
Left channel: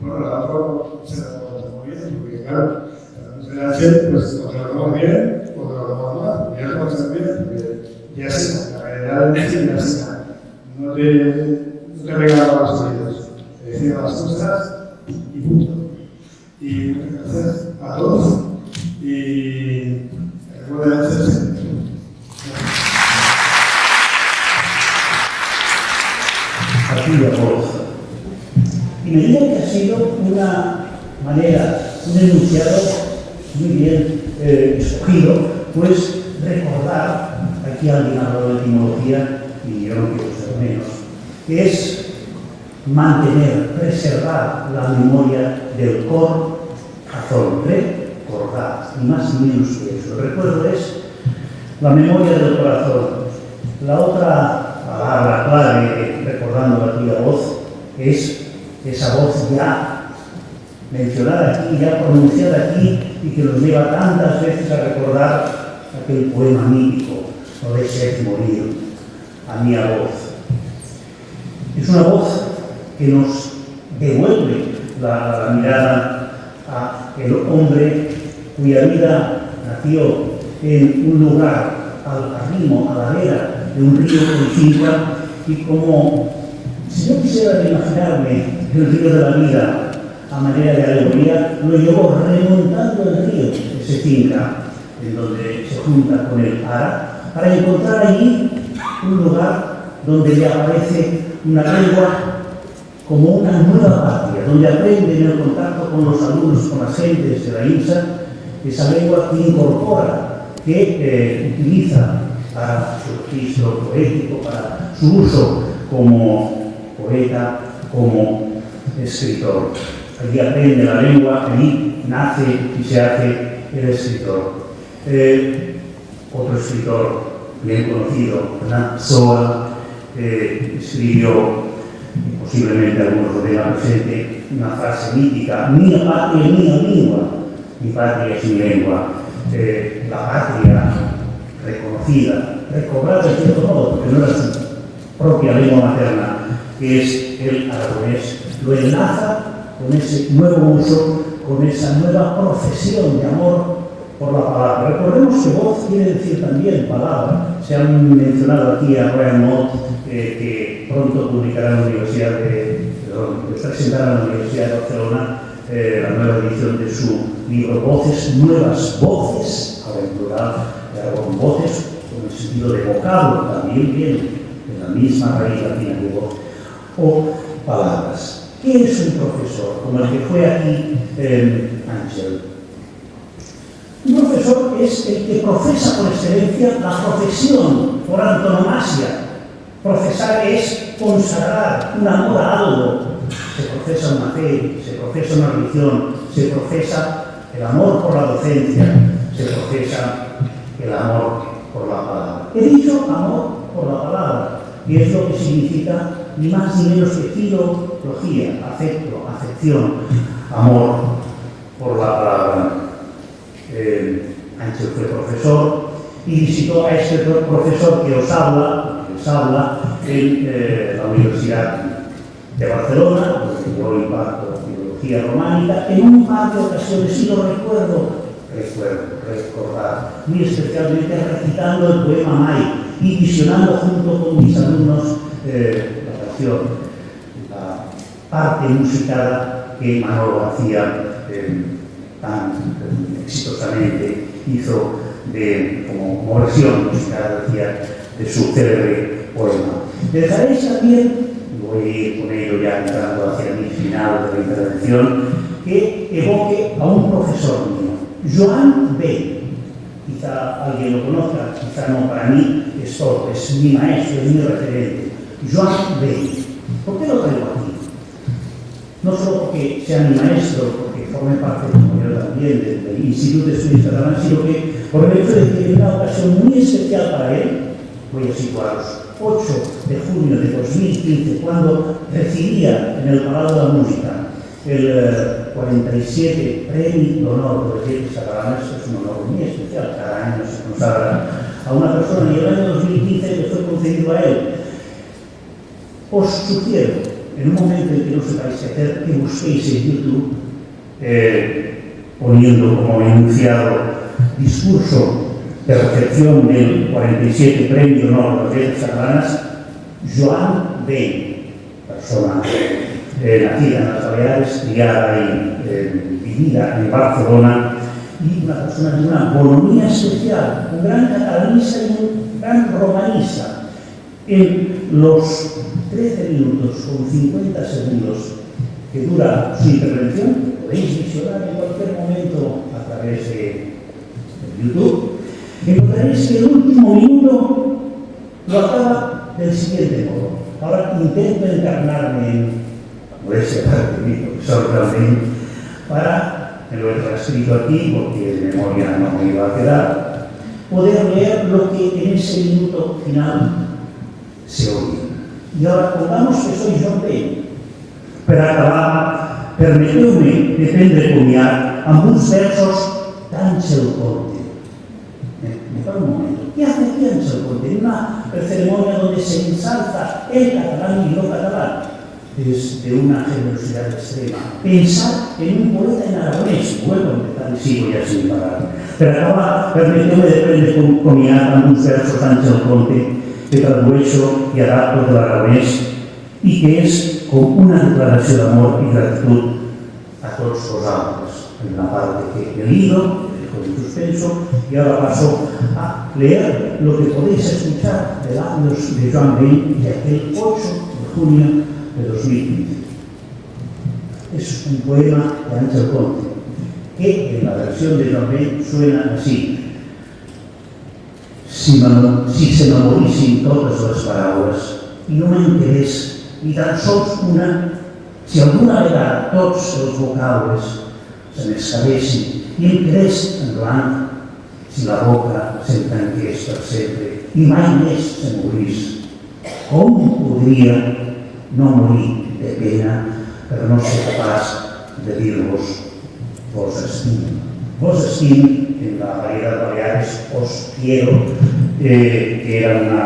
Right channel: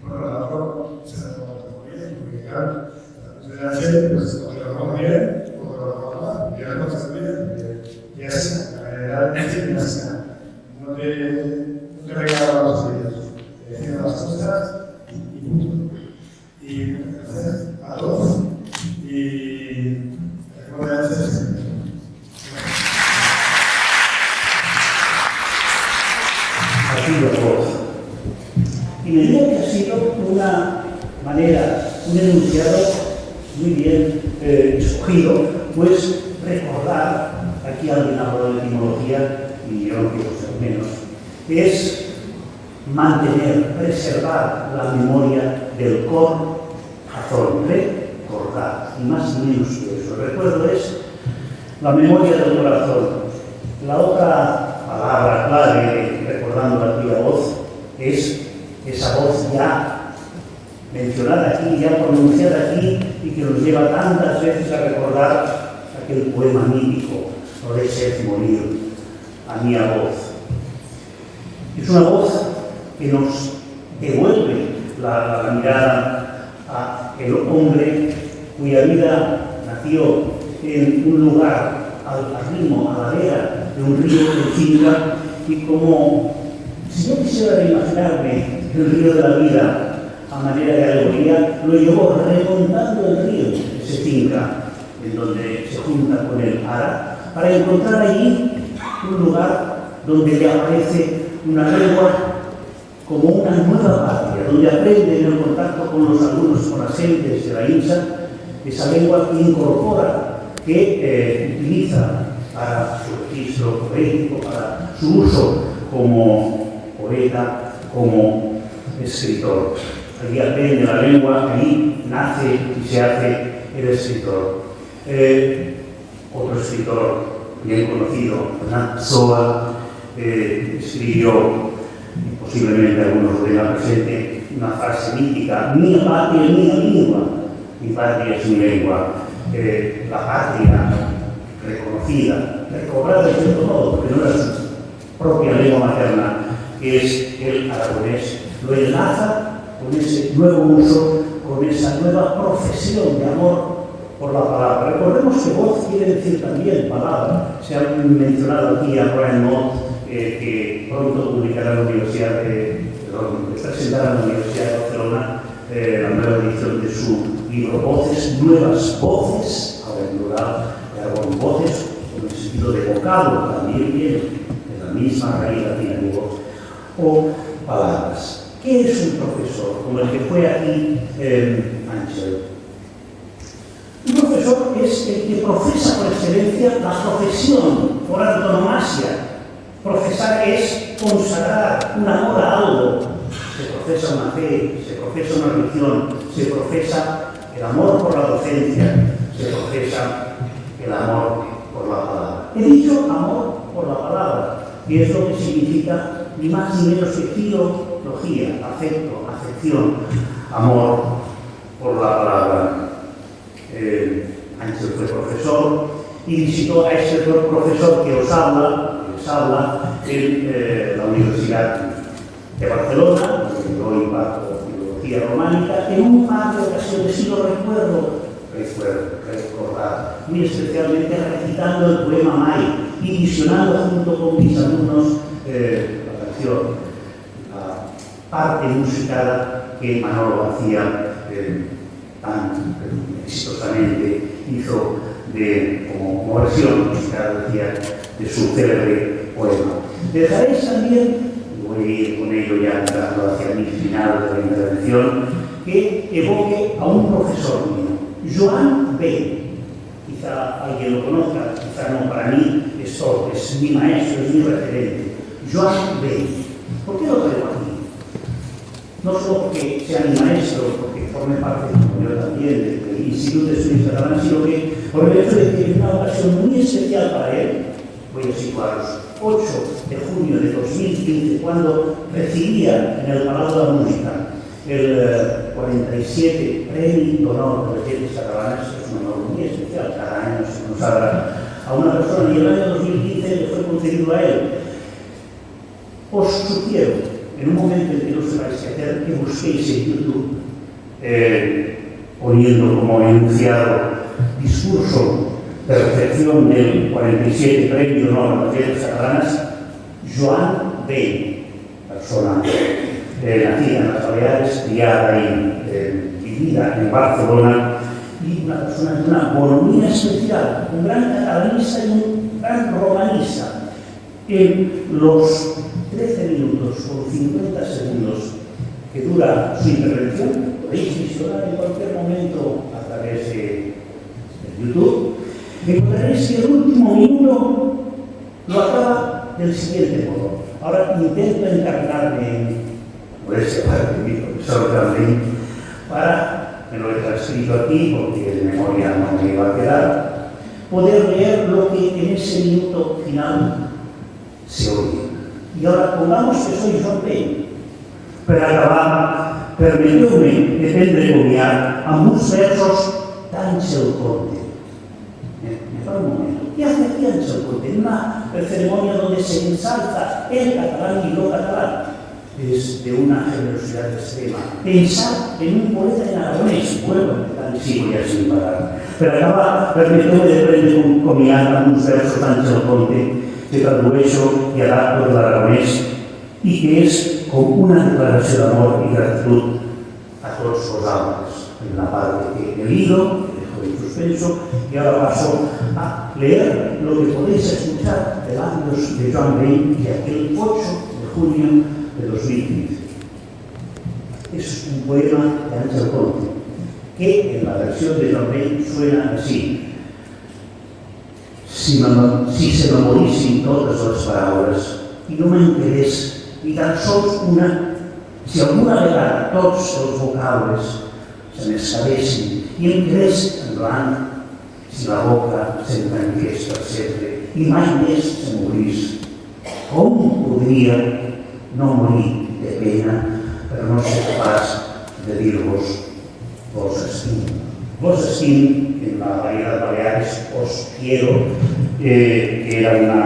Bueno, la otra se la tomamos muy bien, porque claro, la gente pues o te lo tomamos bien, o te lo tomamos mal, ya lo tomamos bien, porque ya está, la realidad es ya está. No te regalamos los oídos, te decimos las cosas y punto. Y muchas gracias a todos y buenas noches. Y me digo que ha sido una manera, un enunciado muy bien escogido, pues recordar, aquí alguien habló de etimología y yo no quiero ser menos, que es mantener, preservar la memoria del cor, razón, recordar, y más y menos que eso. El recuerdo es la memoria del corazón. La otra palabra clave, recordando aquí la voz, es esa voz ya mencionada aquí, ya pronunciada aquí, y que nos lleva tantas veces a recordar aquel poema mítico, no de ser morir, a mi voz. Es una voz que nos devuelve la mirada a el hombre cuya vida nació en un lugar al ritmo, a la vera de un río de Cinca, y como Si yo quisiera imaginarme el río de la vida a manera de alegoría, lo llevo remontando el río, ese finca, en donde se junta con el Ara, para encontrar allí un lugar donde le aparece una lengua como una nueva patria, donde aprende en el contacto con los alumnos, con las gentes de la INSA, esa lengua que incorpora, que utiliza para su registro poético, para su uso como poeta, como escritor. Allí aprende la lengua, allí nace y se hace el escritor. Otro escritor bien conocido, Fernand Pessoa, escribió, posiblemente algunos lo tengan presente, una frase mítica: mia patria, mia lingua. Mi patria es mi lengua. La patria reconocida, recobrada de cierto modo, porque no era su propia lengua materna, que es el aragonés, lo enlaza con ese nuevo uso, con esa nueva profesión de amor por la palabra. Recordemos que voz quiere decir también palabra. Se han mencionado aquí a Brian Mott, que pronto publicará en la Universidad presentará en la Universidad de Barcelona la nueva edición de su libro Voces, Nuevas Voces, ahora en plural, con voces, con el sentido de vocablo, también viene de la misma raíz latina de voz, o palabras. ¿Qué es un profesor? Como el que fue aquí Ángel. Un profesor es el que profesa por excelencia la profesión, por antonomasia. Profesar es consagrar un amor a algo. Se profesa una fe, se profesa una religión, se profesa el amor por la docencia, se profesa el amor por la palabra. He dicho amor por la palabra, y es lo que significa ni más ni menos que filología, afecto, afección, amor por la palabra. Ángel fue profesor y visitó a este profesor que les habla en la Universidad de Barcelona, donde yo imparto filología románica, en un par de ocasiones, y lo recordar, muy especialmente recitando el poema Mai y visionando junto con mis alumnos la canción, la parte musicada que Manolo García tan exitosamente hizo como versión musical, decía, de su célebre poema. Dejaréis también, y voy a ir con ello ya entrando hacia mi final de la intervención, que evoque a un profesor mío, Joan Bell. Quizá alguien lo conozca, quizá no, para mí es todo, es mi maestro, es mi referente. Joan Bell. ¿Por qué lo traigo aquí? No solo porque sea mi maestro, porque forme parte, como yo también, del Instituto de Estudios Catalanes, sino que por el hecho de que en una ocasión muy especial para él, voy a situaros, 8 de junio de 2015, cuando recibía en el Palau de la Música el 47 Premi d'Honor de las Letras Catalanes, es un honor muy especial, cada año se consagra a una persona, y el año 2015 le fue concedido a él. Os sugiero, en un momento en que no sepáis qué hacer, que busquéis en YouTube, poniendo como enunciado discurso de recepción del 47 Premio Honor de las Letras Catalanas, Joan Bell, persona nacida en las Baleares, criada y vivida en Barcelona, y una persona de una bonomía especial, un gran catalanista y un gran romanista. En los 13 minutos con 50 segundos que dura su intervención, podéis visionar en cualquier momento a través de YouTube, encontraréis que el último minuto lo acaba del siguiente modo. Ahora intento encarnarme en modestia parte de mi profesor también, me lo he transcrito aquí porque de memoria no me iba a quedar, poder leer lo que en ese minuto final se oye. Y ahora pongamos que soy Joan Bell. Per acabar, permeteu-me de prendre comiat amb uns versos d'Àngel Conte. Me para un momento. ¿Qué hace aquí Àngel Conte? En una ceremonia donde se ensalza el catalán y lo catalán. Es de una generosidad extrema. Pensar en un poeta en aragonès. Vuelvo a empezar y sigo ya sin parar. Per acabar, permeteu-me de prendre comiat amb uns versos d'Àngel Conte que tradueixo i adapto de l'aragonès y que es como una declaración de amor y gratitud a todos los hombres. En la parte que he leído, dejo en suspenso, y ahora paso a leer lo que podéis escuchar de labios de Joan Bell de aquel 8 de junio de 2015. Es un poema de Ángel Conte, que en la versión de Joan Bell suena así. Si se m'amorixin totes les paraules i no me'n quedés ni tan sols una, si alguna vegada tots els vocabres se m'escapessin i em quedés en blanc, si la boca se'm tanqués per sempre i mai més se morís, com podria no morir de pena per no ser capaç de dir-vos vos estim. Vos estim, en la variedad de Baleares, os quiero, que era una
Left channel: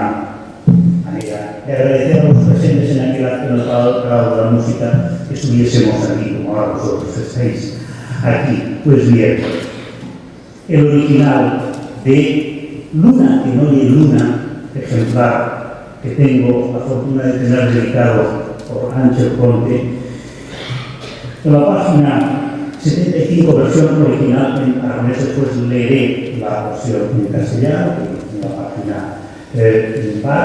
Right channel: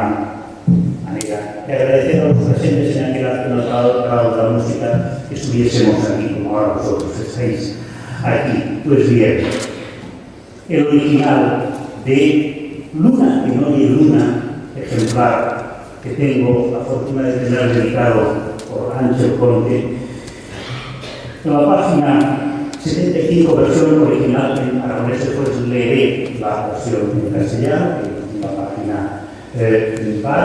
manera de agradecer a los presentes en el grado de la música que estuviésemos aquí, como ahora vosotros estáis aquí. Pues bien, el original de Luna, que no hay Luna, ejemplar que tengo la fortuna de tener dedicado por Ángel Conte, en la página 75, versión original en aragonés, después leeré la versión en castellano, que es la página par.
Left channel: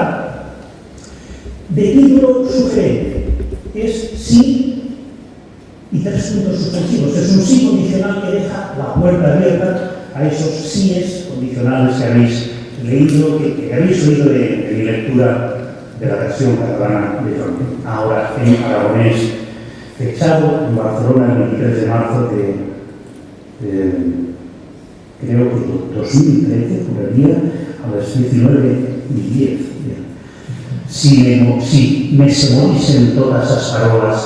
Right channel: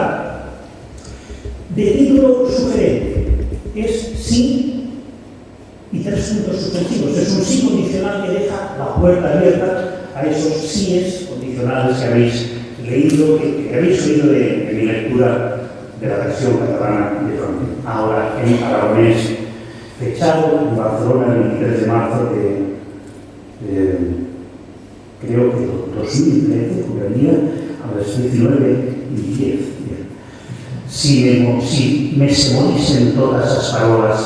De título sugerente, es sí y 3 puntos suspensivos. Es un sí condicional que deja la puerta abierta a esos síes condicionales que habéis leído, que habéis oído de mi lectura de la versión catalana de Fronte. Ahora en aragonés, fechado en Barcelona el 23 de marzo de creo que 2013, juraría, a las 19:10. Si me se morisen todas as parolas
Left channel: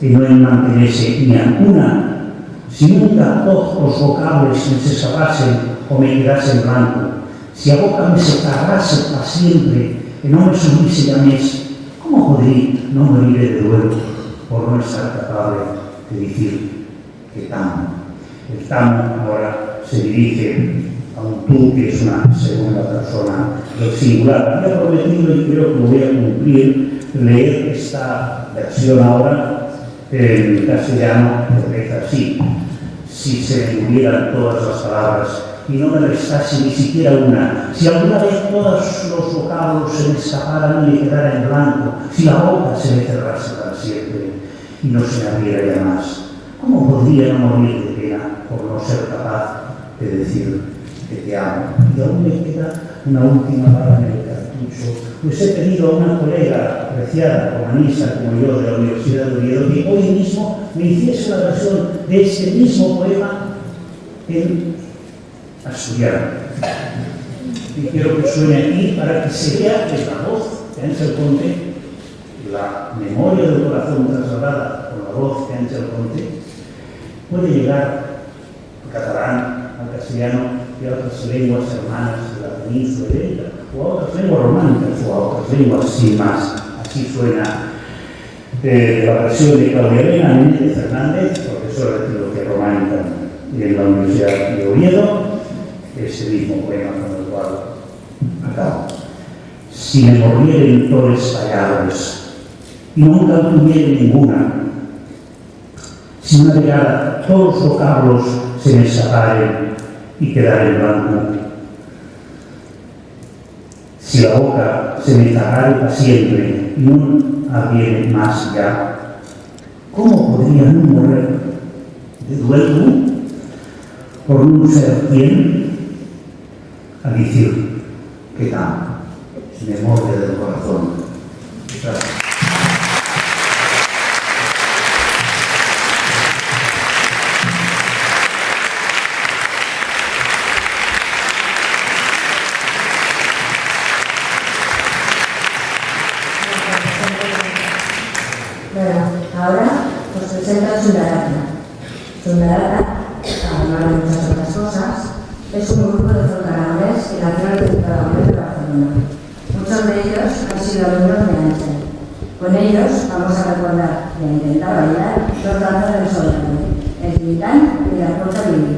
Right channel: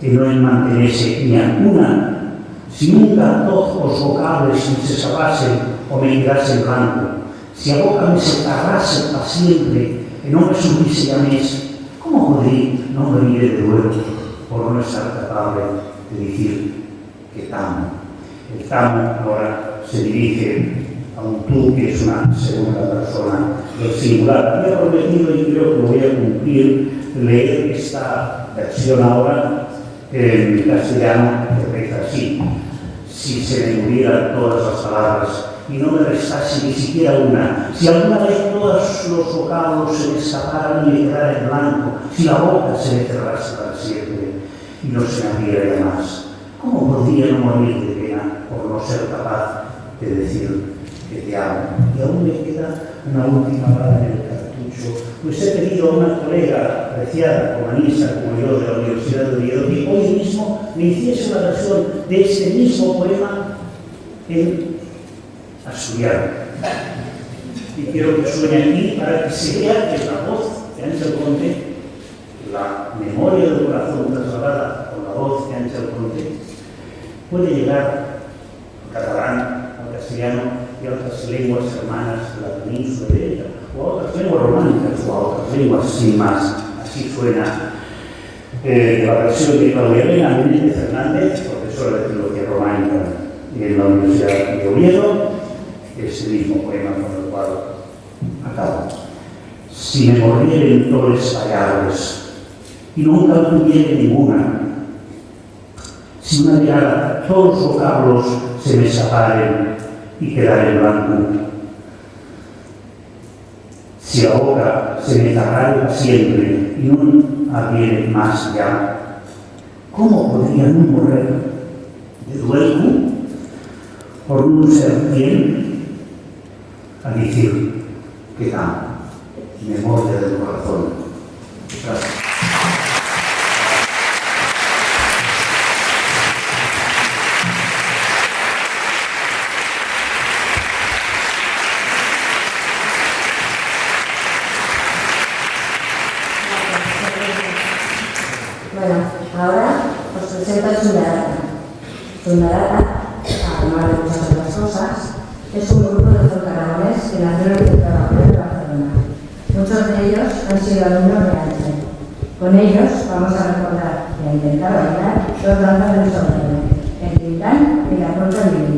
que no en mantenese ni alguna, si nunca todos os vocables me se sabasen o me quedasen blanco, si a boca me se carrase para siempre e non me subise ya mes, como podría no morir de nuevo por no estar capaz de decir que tamo? El tamo ahora se dirige a un tú que es una segunda persona del singular. Yo he prometido y creo que lo voy a cumplir, leer esta versión ahora en castellano, que reza así. Si se me murieran todas las palabras y no me restase ni siquiera una, si alguna vez todos los vocablos se me escaparan y me quedara en blanco, si la boca se me cerrase para siempre y no se me abriera ya más, ¿cómo podría no morir de pena por no ser capaz de decir que te amo? Y aún me queda una última bala en el cartucho, pues he pedido a una colega apreciada, humanista como yo, de la Universidad de Oviedo, que hoy mismo me hiciese una versión de este mismo poema en asturiano. Y quiero que suene aquí para que se vea que la voz de Ángel Conte, la memoria del corazón trasladada con la voz de Ángel Conte, puede llegar al catalán, al castellano y a otras lenguas hermanas de la península ibérica, o a otras lenguas románicas, o a otras lenguas sin más. Así suena la versión de Claudia Elena Méndez Fernández, profesora de Filología Románica en la Universidad de Oviedo, ese mismo poema con el cual acabo. Si me mordieren tores pallables y nunca tuviera ninguna, si una vegada todos los vocablos se me escaparen y quedar en blanco, si la boca se me cerrare para siempre y no abriere más ya, ¿cómo podría no morrer de duelo por no ser quien a decir que amo? Memoria del corazón. Gracias. Bueno, ahora os presento a Chundarata. Chundarata, además de muchas otras cosas, es un grupo de folk aragonés que nació en el Centro Aragonés de Barcelona. Muchos de ellos han sido alumnos de Ángel. Con ellos vamos a recordar y a intentar bailar dos danzas del Solerno, el Tintán y la Ruta Lili.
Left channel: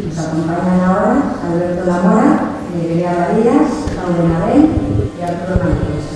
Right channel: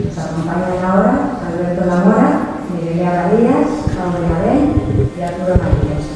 Nos acompañan ahora Alberto Lamora, Mireia Varillas, Paula Mabel y Arturo Mañez.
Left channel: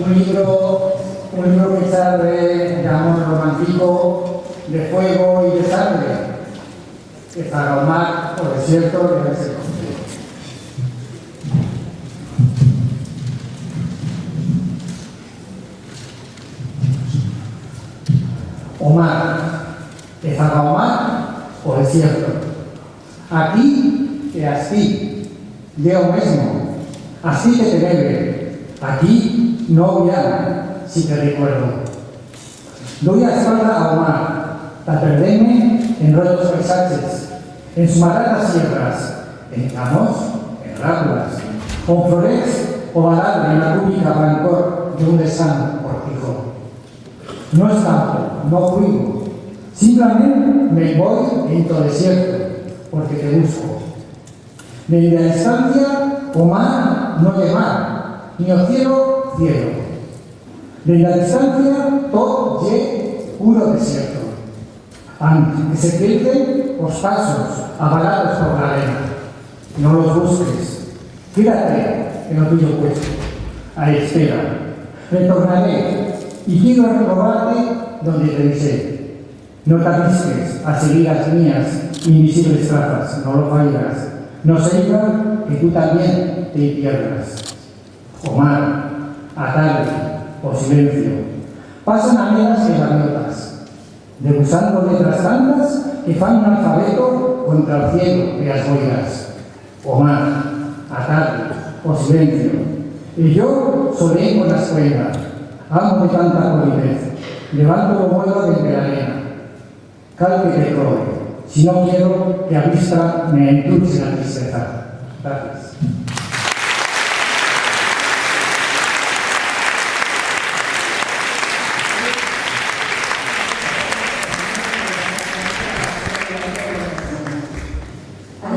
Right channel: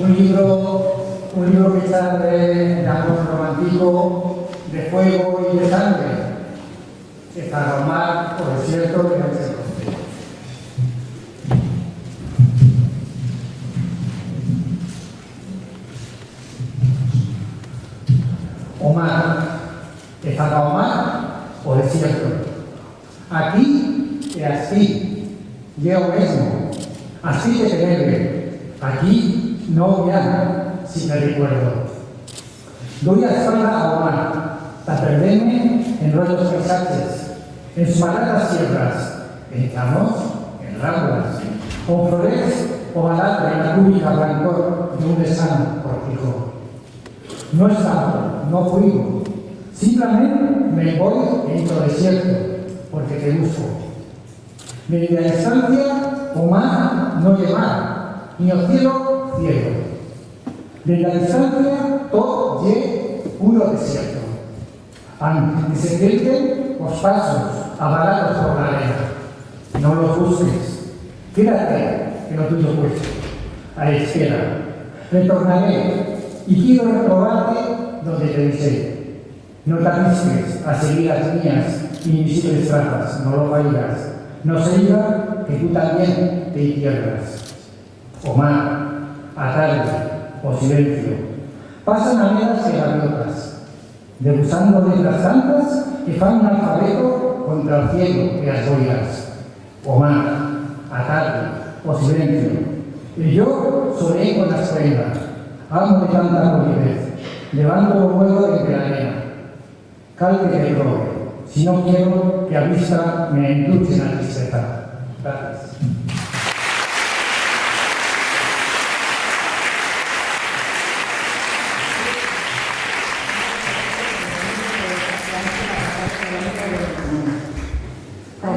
un libro que está de amor romántico, de fuego y de sangre, que para Omar, por desierto, debe ser construido. Omar, ¿es para Omar o desierto? Aquí e así, yo mismo, así que te debe, aquí no viaja, si te recuerdo. Doy la espalda a Omar, para perderme en rollos paisajes, en sumaradas sierras, en tramos, en ramblas, con flores o balar en la rúbrica blancor de un desano cortijo. No escapo, no fuigo, simplemente me voy en todo desierto, porque te busco. Desde la distancia, Omar no llevar, ni el cielo, cielo. Desde la distancia, todo ye puro desierto. Aunque se pierden los pasos avalados por la arena. No los busques. Quédate en lo tuyo puesto. A la espera. Retornaré y quiero recordarte donde te dice. No te avisques a seguir las mías invisibles trazas, no lo fallas. No se diga que tú también te pierdas. Omar, a tarde o silencio, pasan amigas y gaviotas, degustando letras tantas que fan un alfabeto contra el cielo de las boias. Omar, a tarde o silencio, y yo soleé con la escuela, amo de tanta polidez, levanto lo vuelo desde la arena. Cal que te robe, si no quiero que a vista me endulce la tristeza. Gracias.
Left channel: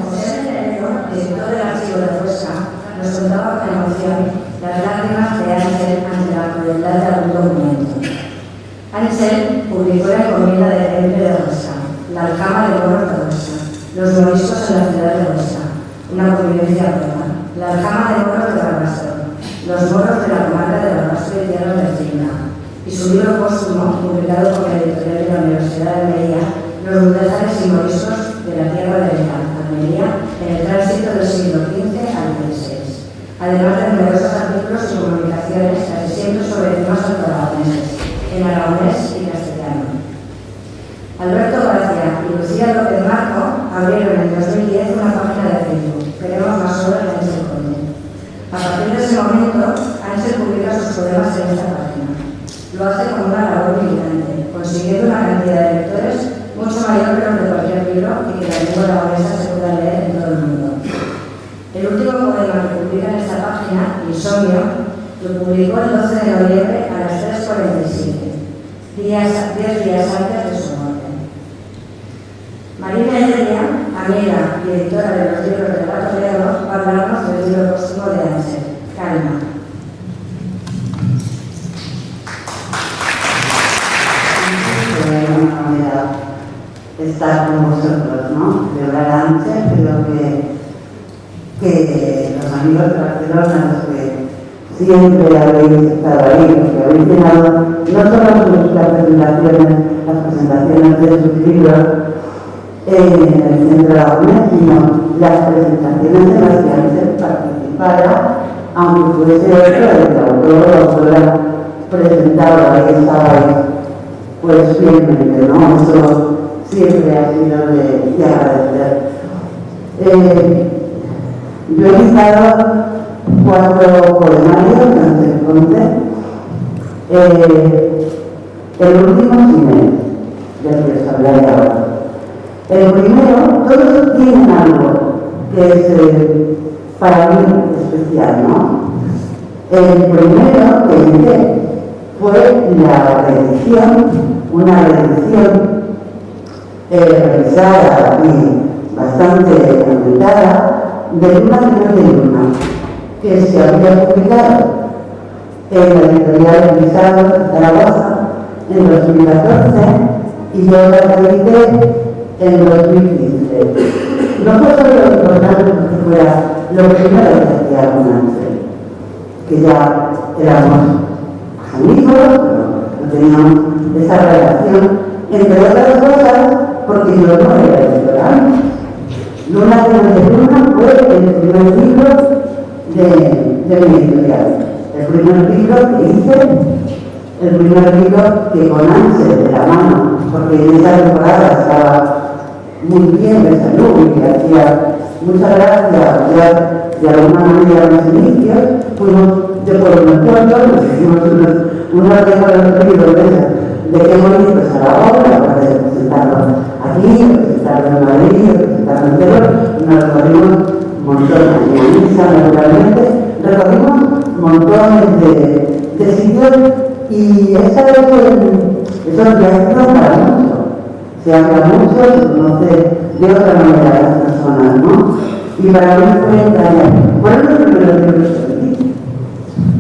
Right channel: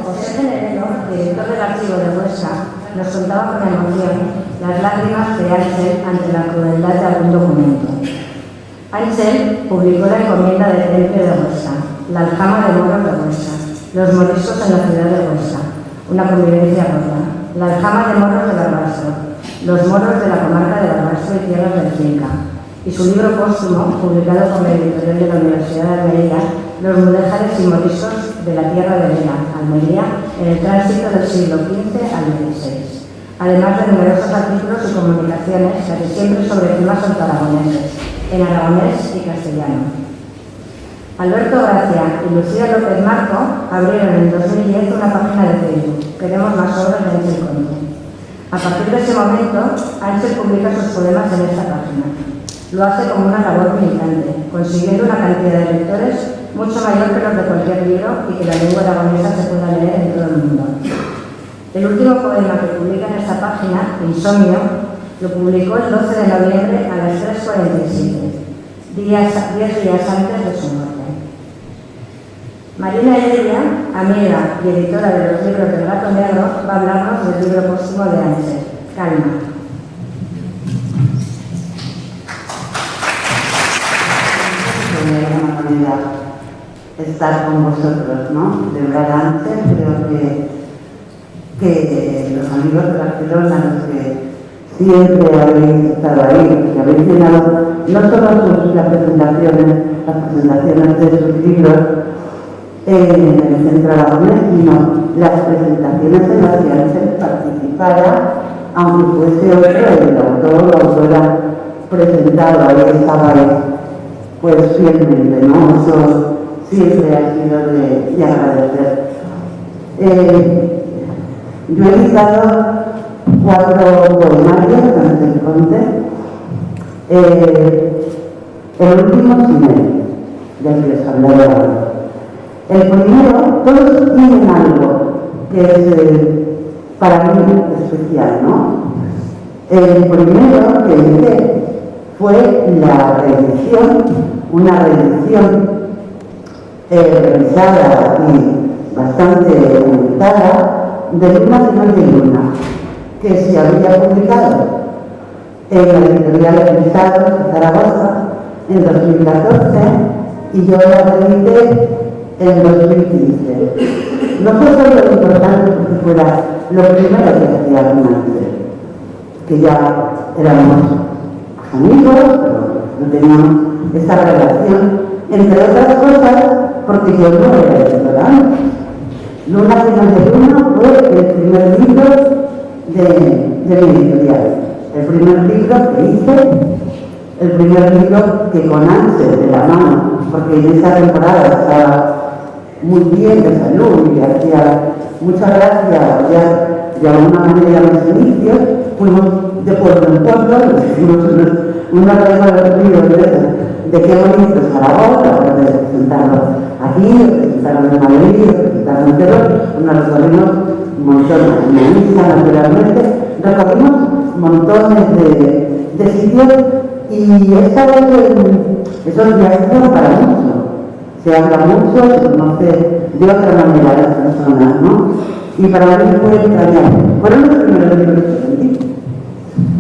José Generero, director del Archivo de Huesca, nos contaba con emoción las lágrimas de Ángel ante la crueldad de algún documento. Ángel publicó la encomienda del Templo de Huesca, la aljama de moros de Huesca, los moriscos en la ciudad de Huesca, una convivencia rota, la aljama de moros de Barbastro, los moros de la comarca de Barbastro y tierras del Cinca, y su libro póstumo, publicado por la editorial de la Universidad de Almería, Los mudéjares y moriscos de la tierra de Vera, Almería, en el tránsito del siglo XV al XVI, además de numerosos artículos y comunicaciones, casi siempre sobre temas aragoneses, en aragonés y castellano. Alberto Gracia y Lucía López Marco abrieron en 2010 una página de Facebook, Queremos más obras de Ángel Conde. A partir de ese momento, Ángel publica sus poemas en esta página. Lo hace como una labor militante, consiguiendo una cantidad de lectores mucho mayor que los de cualquier libro y que la lengua aragonesa se pueda leer en todo el mundo. El último poema que publica en esta página, Insomnio, lo publicó el 12 de noviembre a las 3:47, 10 días antes de su muerte. Marina Heredia, amiga y editora de los libros del Gato Negro, va a hablarnos del libro póstumo de Ángel, Calma. Sería una manera estar con vosotros, ¿no? De hablar a Ángel, creo que los amigos de Barcelona, los que siempre habéis estado ahí, que habéis llenado no solo las presentaciones de sus libros en el Centro Aragonés, sino las presentaciones en las que Ángel participara, aunque fuese otro el autor o autora presentado, ahí estabais, pues fielmente, ¿no? Eso siempre ha sido de agradecer. Yo he editado 4 poemarios de Ángel Conde. El último es Cine, ya que les hablaré ahora. El primero, todos tienen algo que es para mí especial, ¿no? El primero que hice fue la reedición, una reedición revisada y bastante aumentada de Luna de Luna, que se había publicado en la editorial Pizarro de Zaragoza en 2014 y yo la reedité en 2015. No fue solo lo importante porque fuera lo primero que hacía con Ángel, que ya éramos amigos, pero no teníamos esa relación, entre otras cosas, porque yo no era editora. Luna de Luna fue el primer libro de mi editorial, el primer libro que hice, el primer libro que con Ángel de la mano, porque en esa temporada estaba muy bien de salud y hacía mucha gracia, ya de alguna manera en los inicios, fuimos de pueblo en pueblo, nos hicimos unos recorridos de qué bonito es Zaragoza, de presentarnos aquí, presentarnos en Madrid, presentarnos en Perú, nos recorrimos montones, en la misa naturalmente, recorrimos montones de sitios y esta vez esos viajes son para mucho. Se habla mucho, se conoce de otra manera a las personas, ¿no? Y para mí fue entrañable. Fueron los primeros libros que sentí.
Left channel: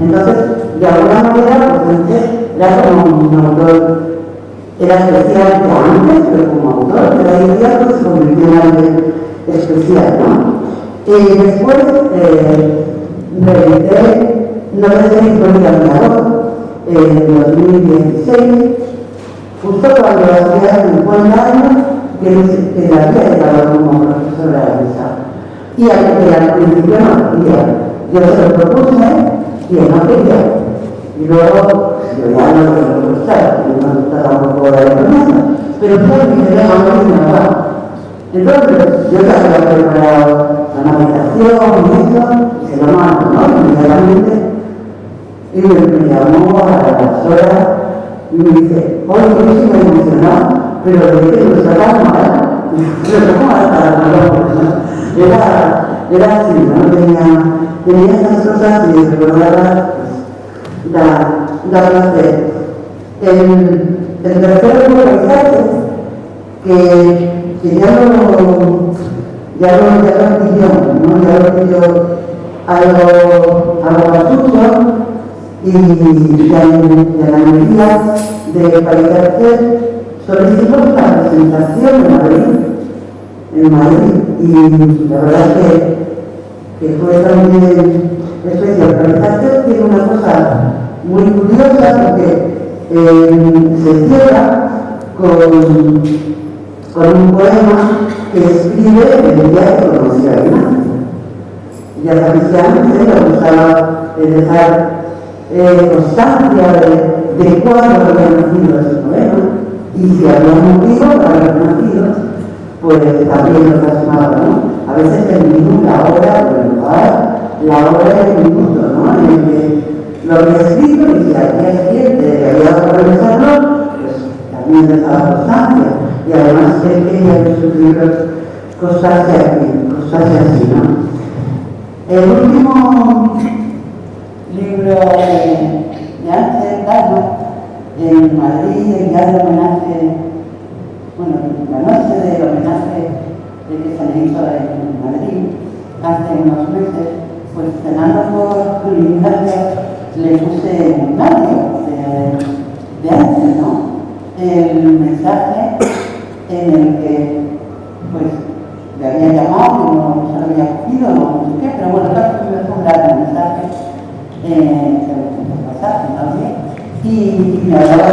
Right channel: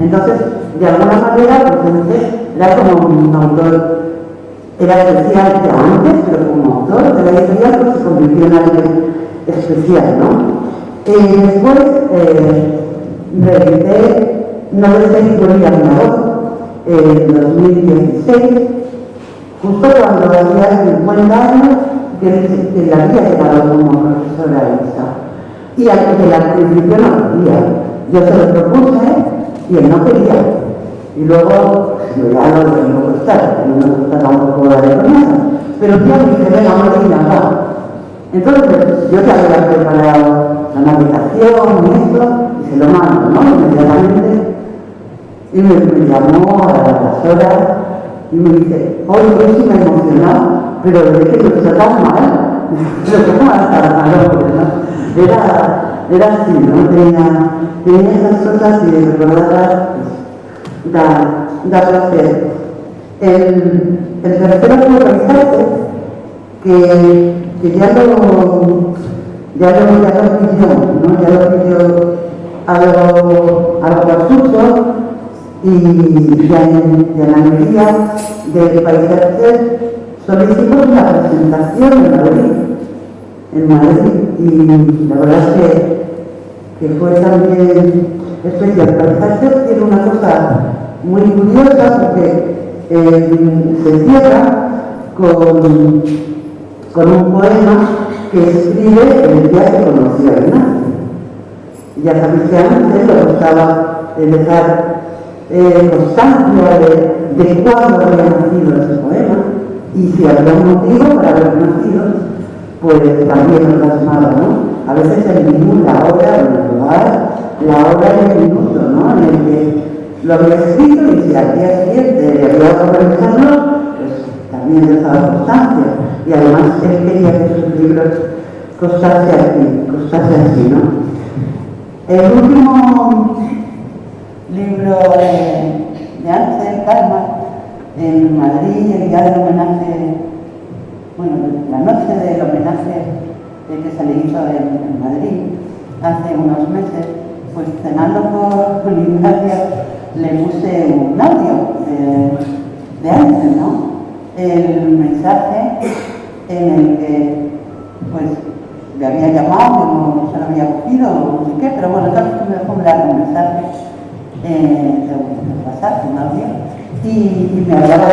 Entonces, de alguna manera, pues era como un autor, era especial ya antes, pero como autor, pero hoy en día pues, se convirtió en alguien especial, ¿no? Después reedité No deseo incluir a mi abuelo en 2016, justo cuando hacía 50 años que la había llegado como profesora de misa. Y al principio no quería. Yo se lo propuse y él no quería. Y luego, yo ya no lo tengo que gustar, no me gusta tampoco la de promesa. Pero yo dije, venga, no me nada. Entonces, yo ya había preparado la navegación y eso, y se lo mando, ¿no? Inmediatamente. Y me llamó a las horas y me dice, hoy sí me he emocionado, pero de que lo sacas mal. Lo toco mal para la era así, ¿no? Tenía estas cosas y recordarlas, da placer. El tercero fue paisajes, que ya lo pidió, ¿no? Ya lo pidió algo basucho y ya en la mayoría de paisajes solicitamos una presentación en Madrid y la verdad es que fue también especial. Paisajes tiene una cosa muy curiosa porque se cierra con un poema que escribe el día que conoció a Ignacio. Ya sabéis que antes le gustaba dejar constancia de cuándo había nacido ese poema y si había un motivo para haber nacido, pues también lo plasmaba, ¿no? A veces el minuto, la hora, el lugar, la hora y el minuto, ¿no? En el que lo había escrito y si al día siguiente le había dado revisarlo, pues también dejaba constancia. Y además él quería que sus libros costase así, ¿no? El último libro de Ángel Calma, en Madrid, el día del homenaje, bueno, la noche del homenaje que se le hizo en Madrid hace unos meses, pues cenando con Ignacio le puse un audio de Ángel, ¿no? El mensaje en el que pues le había llamado, que no se lo había cogido, no sé qué, pero bueno, claro que me dejó hablar el mensaje WhatsApp, un audio, y me hablaba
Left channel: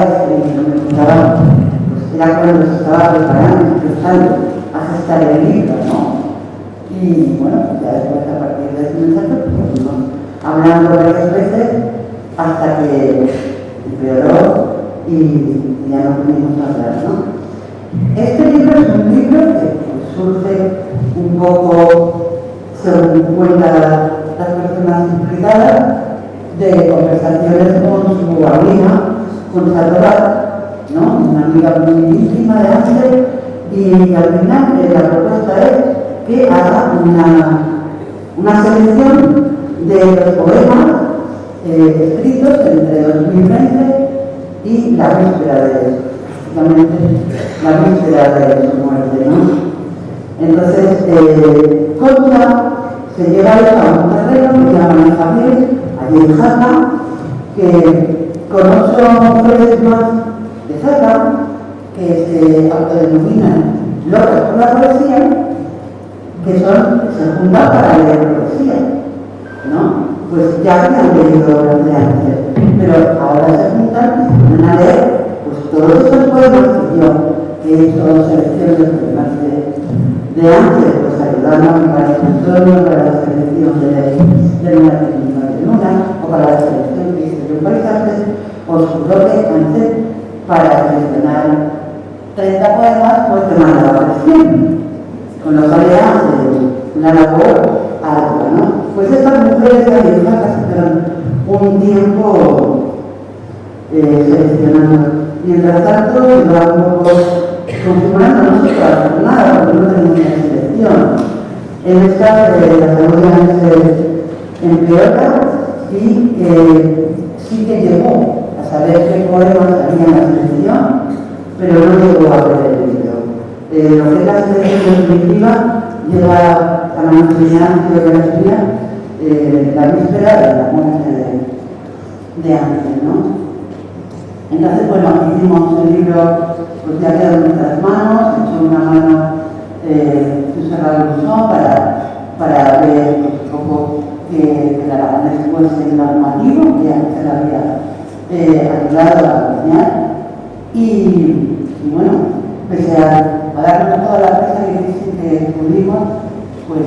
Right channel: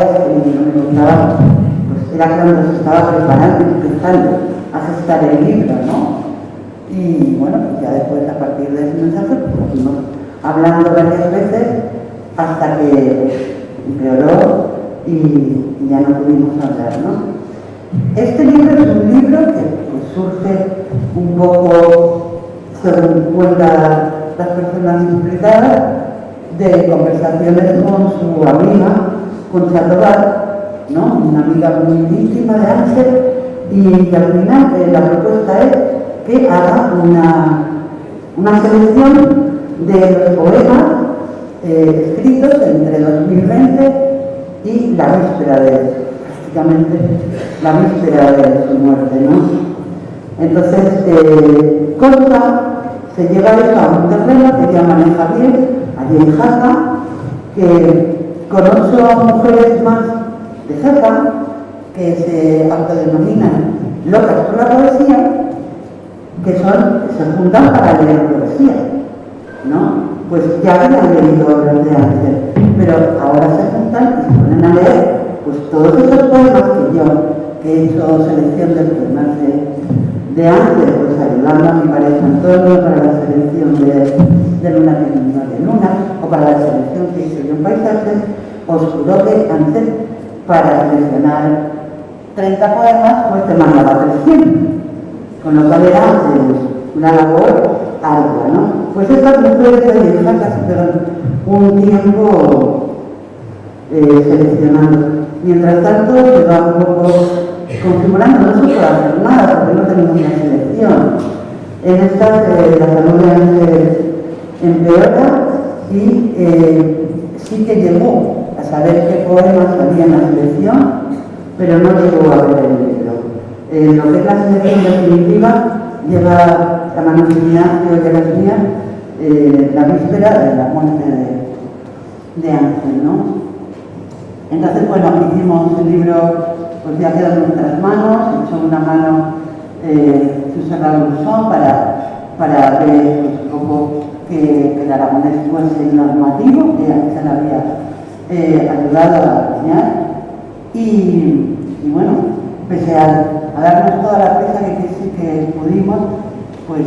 pues era cuando se estaba preparando, empezando a gestar el libro, ¿no? Y bueno, pues ya después a partir de ese mensaje, pues fuimos hablando varias veces hasta que empeoró y ya no pudimos hablar, ¿no? Este libro es un libro que pues, surge un poco, según cuentan las personas implicadas, de conversaciones con su amiga, con Sandoval, ¿no? Una amiga muy íntima de Ángel, y al final la propuesta es que haga una selección de los poemas escritos entre 2020 y la víspera prácticamente la víspera de su muerte, ¿no? Entonces, Concha se lleva a un terreno que llaman Javier, allí en Jaca, que con 8 mujeres más de Jaca, que se autodenominan locas por la poesía, que se juntan para leer poesía, ¿no? Pues ya habían leído obras de Ángel, pero ahora se de Ángel, pues ayudando a mi pareja Antonio para la selección de Luna de Luna, o para la selección que hice de un paisaje, os juro que Ángel, para seleccionar 30 poemas, pues te mandaba 300, con lo cual era una labor ardua, ¿no? Pues estas mujeres de casi un tiempo seleccionando. Mientras tanto, se va un poco configurando, no se puede hacer nada porque no tenemos una selección. En esta, la salud de Ángel empeora y sí que llegó a saber qué poemas salían en la selección, pero no llegó a ver el libro. Lo que es la selección definitiva llega a manos mías, creo que las mías, la víspera de la muerte de Ángel, ¿no? Entonces, bueno, hicimos el libro, pues ya quedó en nuestras manos, echó una mano Susana Luzón para ver pues, un poco que el aragonés fuese normativo, que Ángel había ayudado a diseñar. Y bueno, pese a darnos toda la presa que pudimos, pues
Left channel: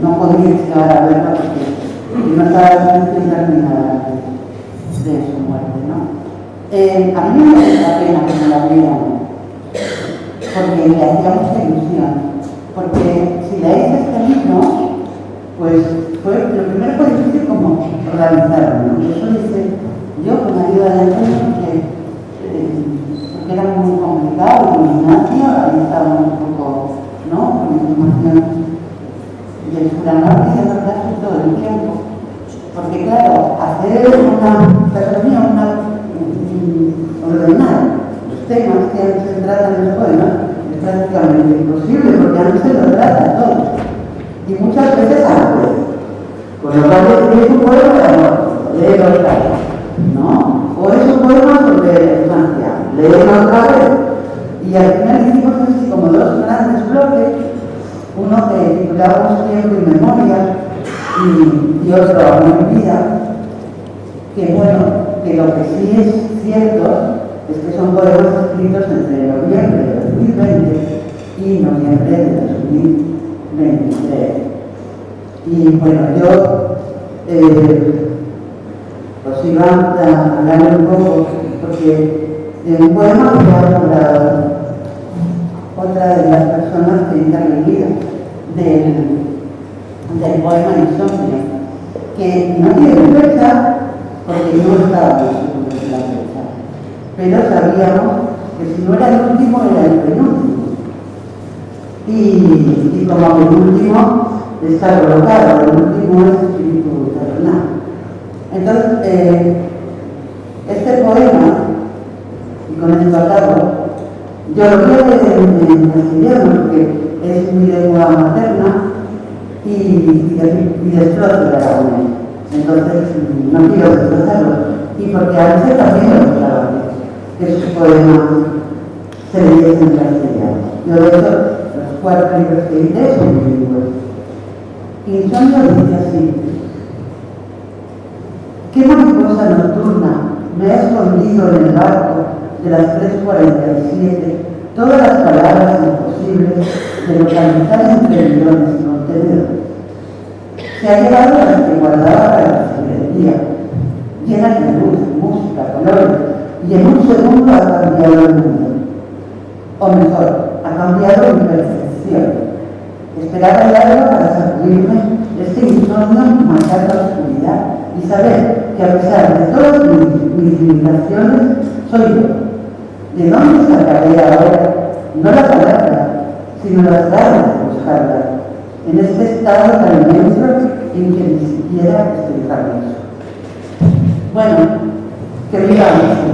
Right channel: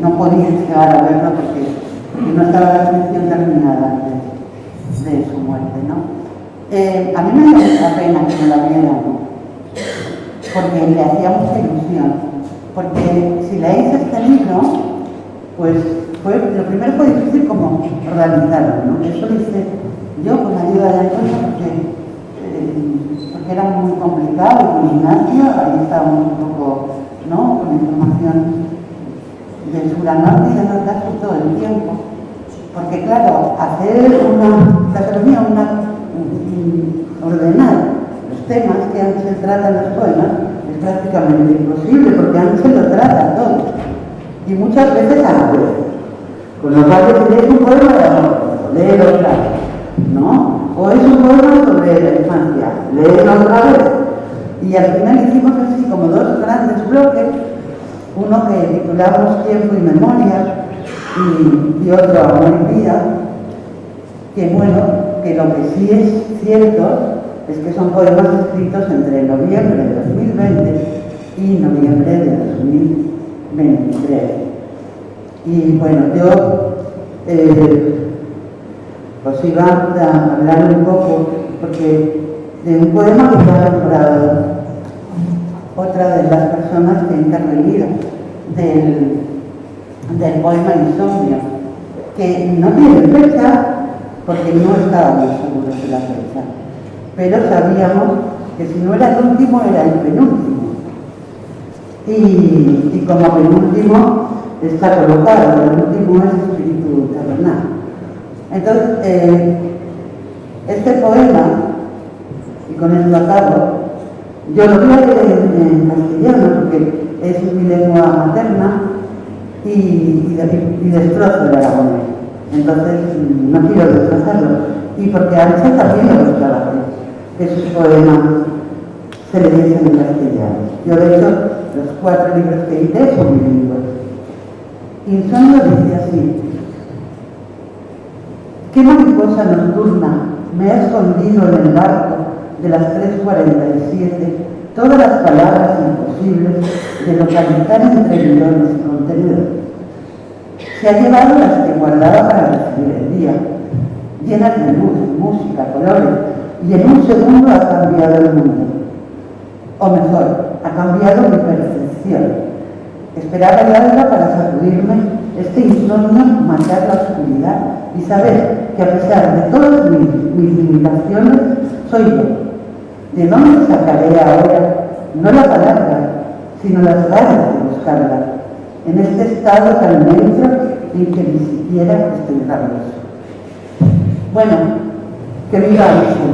no podía llegar a verlo porque no estaba la selección terminada de su muerte, ¿no? A mí me da mucha pena que no la vieran, porque me hacía mucha ilusión, porque si leéis este libro, pues lo primero fue difícil como organizarlo, ¿no? Eso lo hice yo con la ayuda de Antonio, porque era muy complicado, con Ignacio, ahí estábamos un poco, ¿no?, con información del sur a norte y de norte a sur todo el tiempo, porque claro, hacer una taxonomía, ordenar los temas que Ángel trata en los poemas es prácticamente imposible, porque Ángel lo trata todo, y muchas veces a la vez. Con lo cual es un poema de amor, léelo otra vez, ¿no? O es un poema sobre la infancia, léelo otra vez. Y al final hicimos así como dos grandes bloques, uno que titulamos Tiempo y Memoria y otro Amor y Vida, que bueno, que lo que sí es cierto es que son poemas escritos entre noviembre de 2020 y noviembre de 2023. Y bueno, yo os iba a hablar un poco, porque de un poema que ha elaborado otra de las personas que ha intervenido del poema Insomnio, que no tiene fecha, porque no estábamos seguros de la fecha, pero sabíamos que si no era el último, era el penúltimo. Y como penúltimo está colocado, el último es Espíritu Terrenal. Entonces, este poema, y con esto acabo, yo lo voy a leer en castellano porque es mi lengua materna y destrozo el aragonés. Entonces, no quiero destrozarlo. Y porque a veces también me gustaba que sus poemas se leyesen en castellano. Yo, de hecho, los 4 libros que edité son bilingües. Insomnio dice así: ¿qué mariposa nocturna me ha escondido en el barco de las 3:47 todas las palabras imposibles de localizar entre millones de contenedores? Se ha llevado las que guardaba para recibir el día, llenas de luz, música, colores, y en un segundo ha cambiado el mundo. O mejor, ha cambiado mi percepción. Esperaba el alba para sacudirme este insomnio, marcar la oscuridad y saber que a pesar de todas mis limitaciones, soy yo. ¿De dónde sacaré ahora, no la palabra, sino las ganas de buscarla, en este estado tan inmenso en que ni siquiera estoy rabioso? Bueno, que viva Ángel.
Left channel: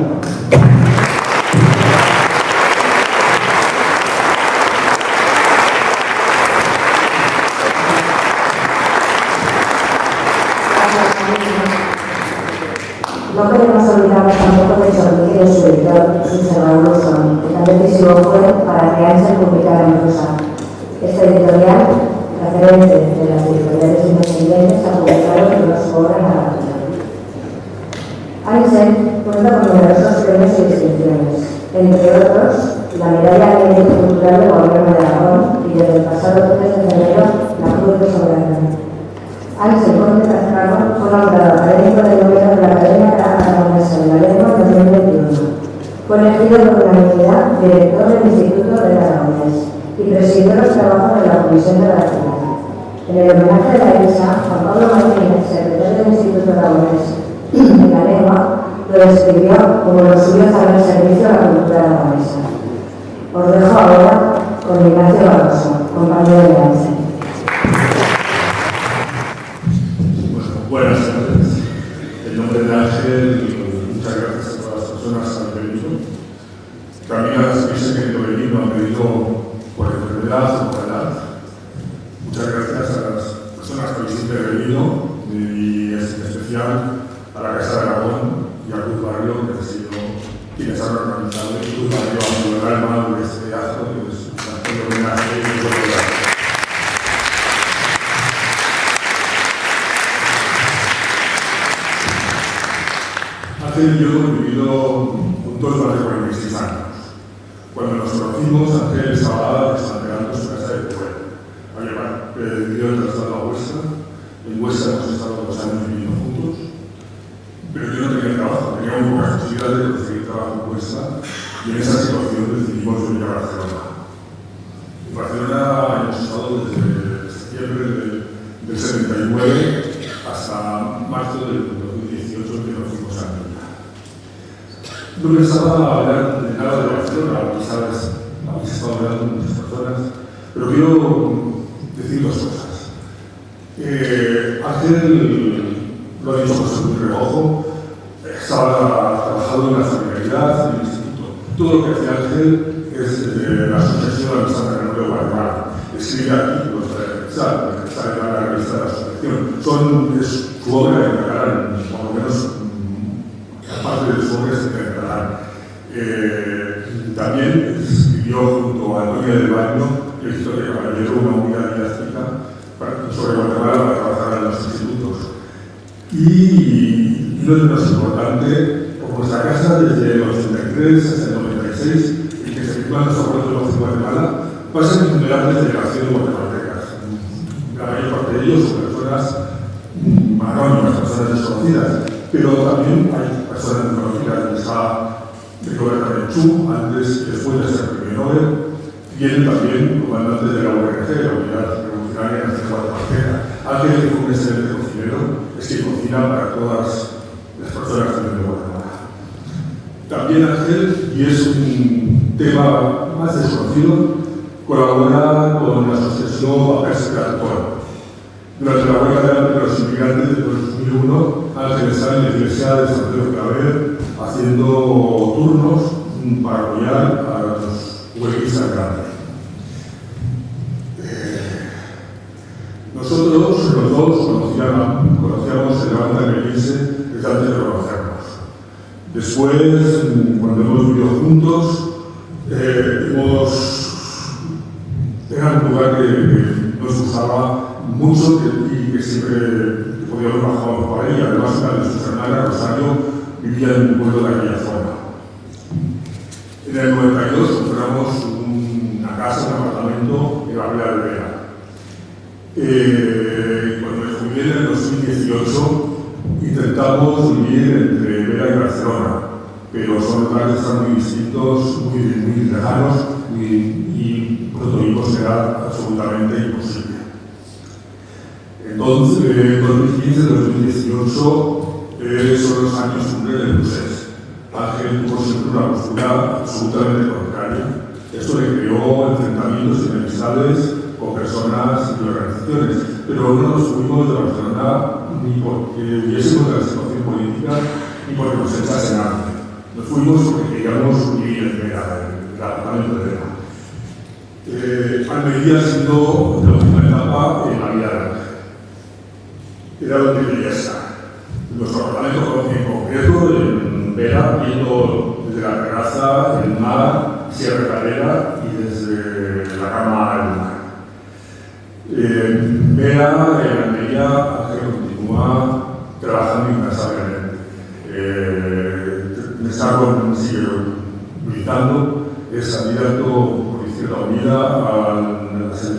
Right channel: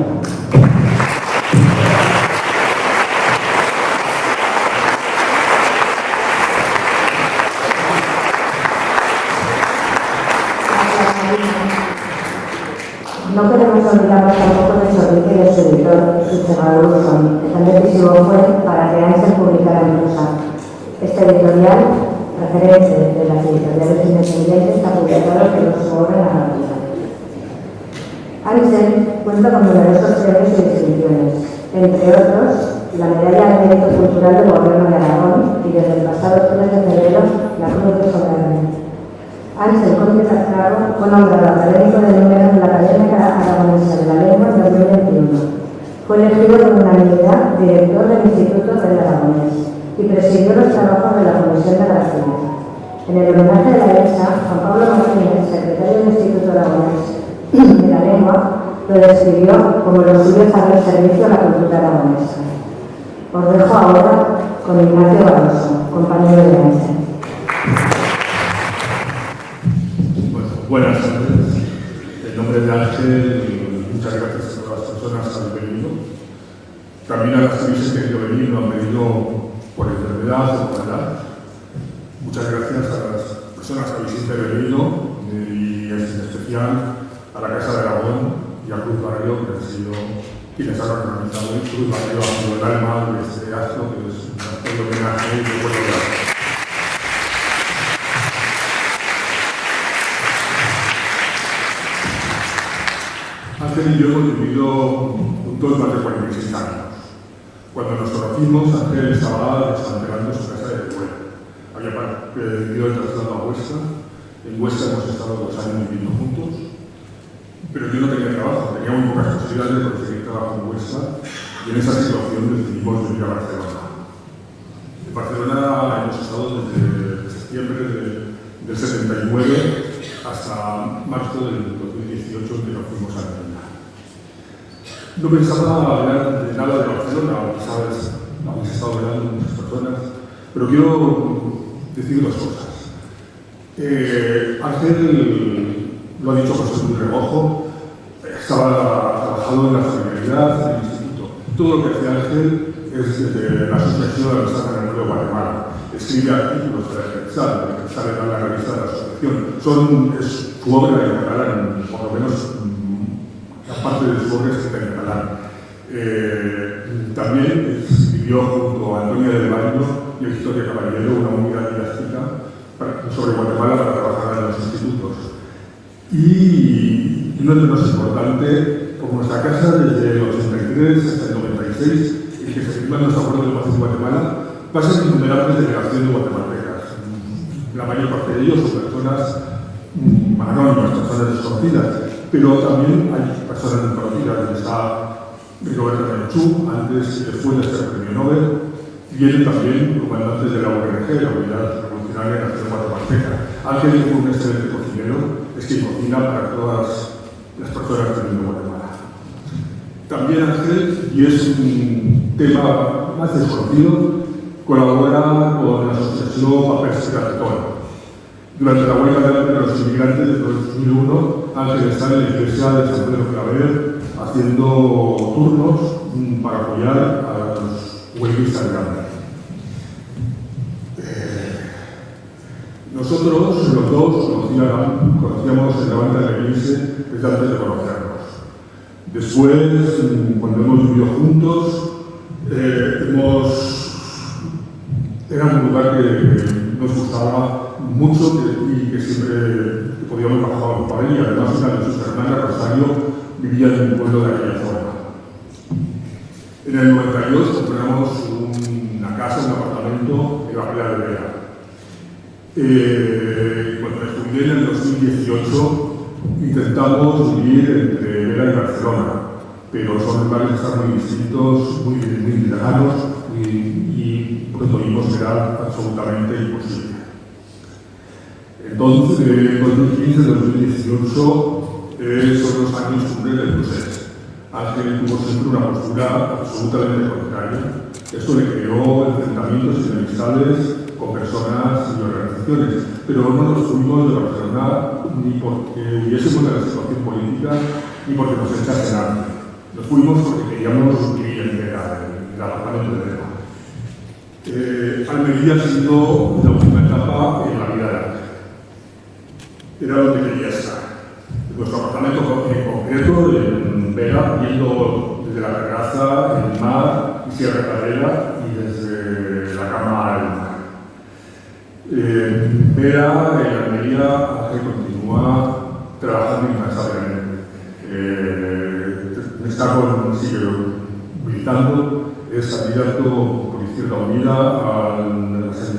No queremos olvidarnos tampoco de Chorrique y de su editor, Susana Luzón, que también quisimos fue para que Ángel publicara en prosa. Esta editorial, referente de las editoriales independientes, ha publicado los sobre narrativa. Ángel cuenta con numerosos premios y distinciones, entre otros y la medalla de mérito cultural del Gobierno de Aragón y desde el pasado 3 de febrero la Cruz de Soberanía. Ángel Conde Cascarro fue nombrado académico del número de la Academia Aragonesa de la Lengua en 2021. Fue elegido por unanimidad director del Instituto del Aragonés y presidió los trabajos de la Comisión de la Nacional. En el homenaje de la ESA, Juan Pablo Martínez, secretario del Instituto Aragonés de la Lengua, lo describió como lo suyo estar al servicio a la cultura aragonesa. Os dejo ahora con Ignacio Barroso, compañero de Ángel. Bueno, buenas tardes. En nombre de Ángel, muchas gracias a todas las personas que han venido. También a las que se han querido venir, no han venido por enfermedad o por edad. Muchas gracias a las personas que habéis siempre venido y en especial a la Casa de Aragón y a Cruz Barrio, que han sido quienes han organizado Cruz Barrio a mi alma de este acto, que es un acto de homenaje y de buena gracia. Ángel y yo hemos vivido juntos más de 46 años. Cuando nos conocimos, Ángel estaba desmantelando su casa de pueblo. Había pedido el traslado a Huesca. En Huesca hemos estado 2 años viviendo juntos. Pero yo no tenía trabajo, tenía muy pocas posibilidades de conseguir trabajo en Huesca y en esa situación decidimos venir a Barcelona. En Barcelona hemos estado desde septiembre del 79 hasta marzo del 2018 que nos fuimos a Argentina. No pensaba hablar de nada de Barcelona, quizás habéis estado hablando con muchas personas, pero quiero decir 2 cosas. Ángel lo ha dicho por ser un remojo, estaba trabajando en la solidaridad del instituto. Todo lo que hacía Ángel es desde la asociación de la Santa Memoria de Guatemala. Escribe artículos para que sale en la revista de la asociación. Es su obra en catalán, por lo menos aparte de su obra es en catalán. También escribió junto a Antonio del Baño y el Historia Caballero una unidad didáctica sobre Guatemala para trabajar en los institutos. Y no es menos importante, como nuestra casa desde el 83 hasta el 96, en que se firman los acuerdos de paz en Guatemala, pasan innumerables delegaciones guatemaltecas. La mayor parte de ellos son personas anónimas, personas desconocidas, pero también hay personas desconocidas. Está Rigoberta Menchú, antes y después de ser premio Nobel. Vienen también comandantes de la URG, la Unidad Revolucionaria de la Nación Guatemalteca. Ángel, que fue un excelente cocinero, es que cocina para todas las personas que viven en Guatemala. También Ángel, y es un tema más desconocido, colabora con la asociación Papers Cartón. Durante la huelga de los inmigrantes de 2001, Ángel está en la iglesia de San Pedro Claver haciendo turnos para apoyar a los huelguistas grandes. Nosotros, los dos, conocíamos el Levante almeriense desde antes de conocernos. Después, cuando hemos vivido juntos, era un lugar que nos gustaba mucho y que siempre podíamos bajar por ahí. Además, una de sus hermanas, Rosario, vivía en un pueblo de aquella zona. En el 92 compramos una casa, un apartamento en la Villa de Vera. Cuando me jubilé en el 2018, intentamos vivir entre Vera y Barcelona, pero son lugares que están muy distintos, muy lejanos y pronto vimos que era absolutamente imposible. Entonces, en 2015-2018 son los años cumbre del Procés. Ángel tuvo siempre una postura absolutamente contraria. Esto le creó enfrentamientos y enemistades con personas y organizaciones, pero no nos fuimos de Barcelona ni porque hubiésemos de la situación política ni porque nos echasen hambre. Nos fuimos porque queríamos vivir en Vera, en el apartamento de Vera. Almería ha sido la última etapa en la vida de Ángel. Era donde quería estar. Nuestro apartamento en concreto, en Vera, viendo desde la terraza, el mar, Sierra Calera y desde la cama al mar. Vera, en Almería, Ángel continúa trabajando incansablemente. Sigue militando, es candidato por Izquierda Unida a las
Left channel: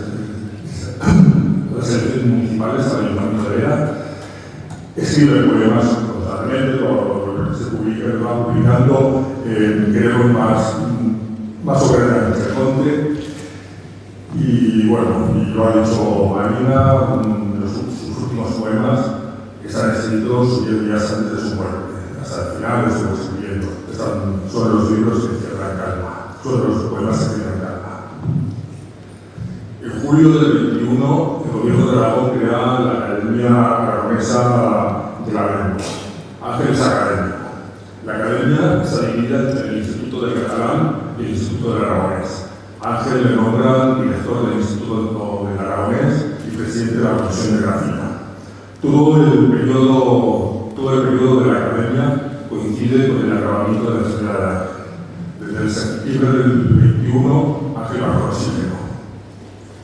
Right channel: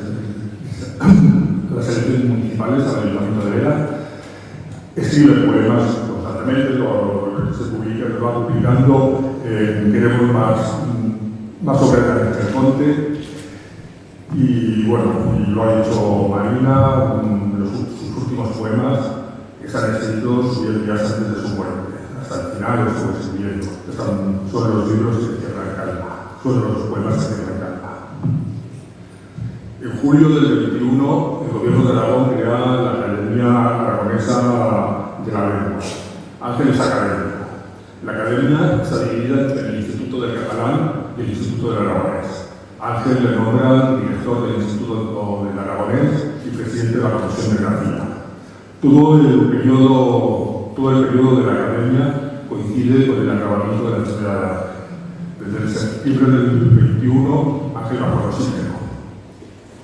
elecciones municipales al Ayuntamiento de Vera. Escribe poemas constantemente, se va publicando, queremos más obras en el monte. Y bueno, y lo ha dicho Marina, sus últimos poemas que se han escrito días antes de su muerte. Hasta el final lo estuvo escribiendo. Son los libros que cierran calma, son los poemas que cierran calma. En julio del 21, el gobierno de Aragón crea la Academia Aragonesa de la Lengua, Ángeles Académico. La academia está dividida entre el Instituto del Catalán y el Instituto del Aragonés. Ángel le nombra director del Instituto del Aragonés y presidente de la Comisión de Grafía. Todo el periodo de la academia coincide con el acabamiento de la tercera edad. Desde el septiembre del 21, Ángel bajo oxígeno.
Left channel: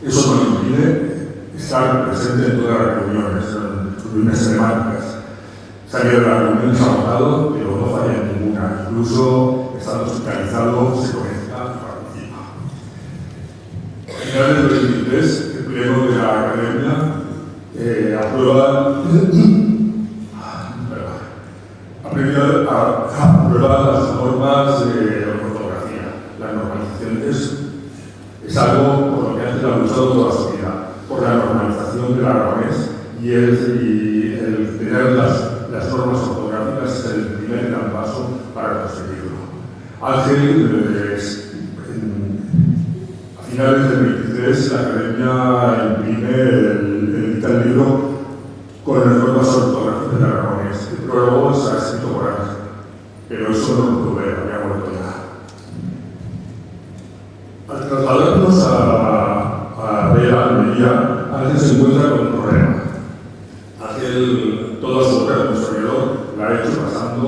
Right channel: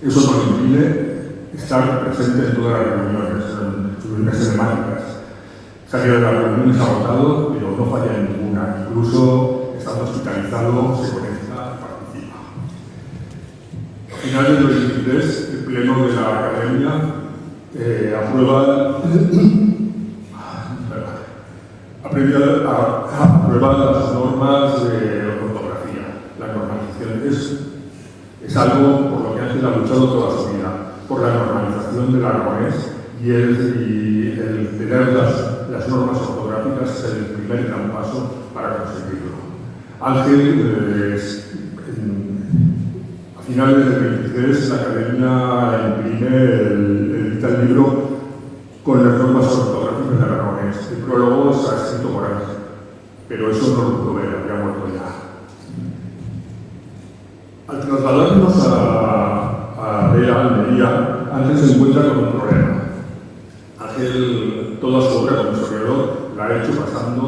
Eso no le impide estar presente en todas las reuniones, en sus reuniones telemáticas. Salió de las reuniones agotado, pero no falla en ninguna. Incluso estando hospitalizado, se conecta y participa. A finales del 2023, el pleno de la academia aprueba las normas de ortografía. La normalización es algo por lo que Ángel ha luchado toda su vida, por la normalización del aragonés y el tener las normas ortográficas es el primer gran paso para conseguirlo. Ángel, a finales del 23, la academia edita el libro con las normas ortográficas del aragonés. El prólogo está escrito por Ángel, pero eso no lo pudo ver, había muerto ya. Al trasladarnos a Vera, Almería, Ángel se encuentra con un problema. Ángel, toda su obra como historiador, la ha hecho pasando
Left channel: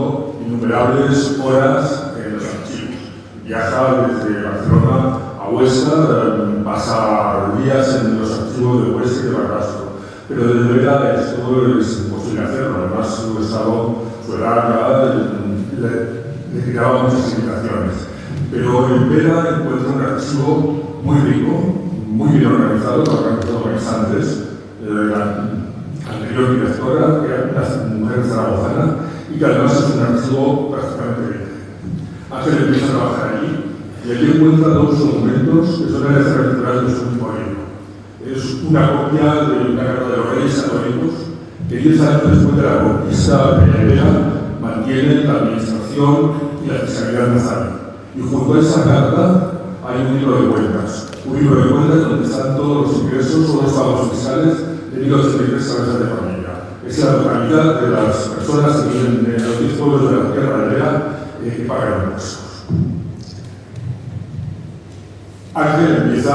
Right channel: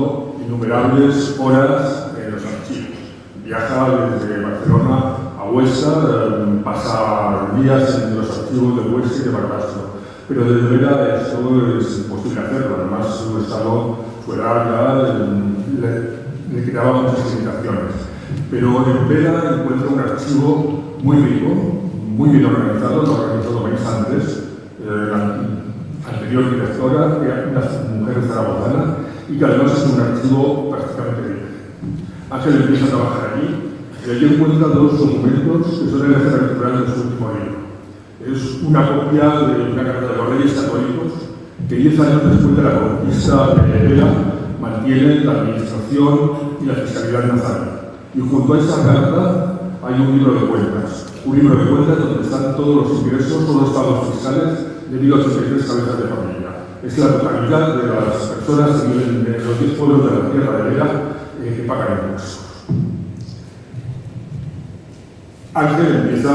innumerables horas en los archivos. Viaja desde Barcelona a Huesca, pasa días en los archivos de Huesca y de Barbastro. Pero desde Vera esto es imposible hacerlo. Además, su edad ya le creaba muchas limitaciones. Pero en Vera encuentra un archivo muy rico, muy bien organizado, lo organizó meses antes. La anterior directora, que era una mujer zaragozana, y que además es un archivo prácticamente libre. Ángel empieza a trabajar allí y aquí encuentra dos documentos que son el referencial de su último libro. Es una copia de una carta de los Reyes Católicos que 10 años después de la conquista de Vera mantienen la administración y la fiscalidad nazarí. Y junto a esa carta hay un libro de cuentas. Un libro de cuentas donde están todos los ingresos, todos los pagos fiscales de 1.083 cabezas de familia. Es la totalidad de las personas que viven en los 10 pueblos de la tierra de Vera que pagan impuestos. Ángel empieza,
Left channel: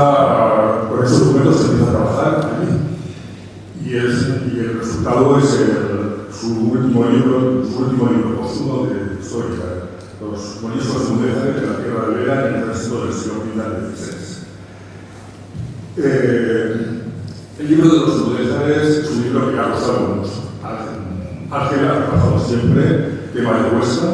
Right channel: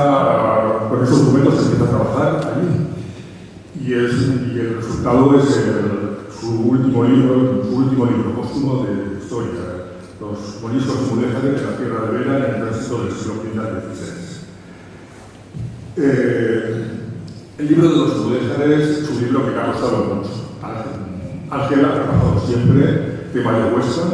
con esos documentos empieza a trabajar allí. Y el resultado es su último libro póstumo de historia, Los moriscos de Mudéjar de la tierra de Vera en el tránsito del siglo XVI. El libro de los Mudéjares es un libro que ha costado mucho. Ángel ha trabajado siempre tema de Huesca,